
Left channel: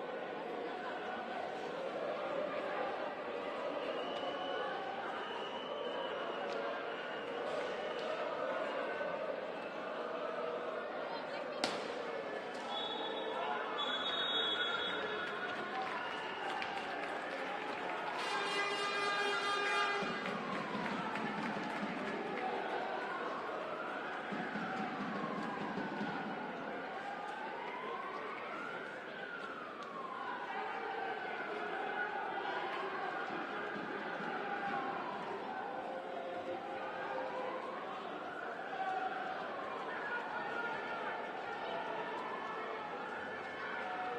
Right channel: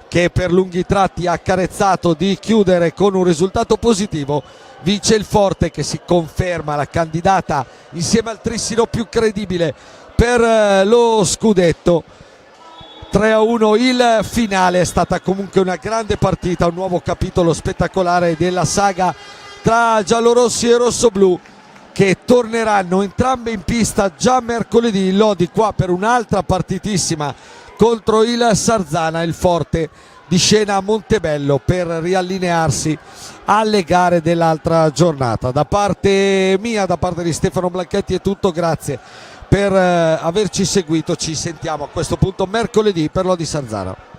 che per lunghi tratti ha accarezzato di chiudere con un risultato positivo. Vince il Forte che si conferma la candidata insieme al Trissino più credibile per lo scudetto. 3-1 il finale. È stata comunque una grande partita, un nuovo capitolo spettacolare della saga tra giallorossi e rossoblù, che torneranno entrambe in pista già mercoledì. Il Lodi qua per un'altra partitissima contro il Sarzana, il forte di Scena a Montebello, per riallinearsi alle gare dell'altra giornata. Da parte mia, da parte di Stefano Blanchetti è tutto, grazie per averci seguito. Ci sentiamo a questo punto mercoledì per Lodi Sarzana.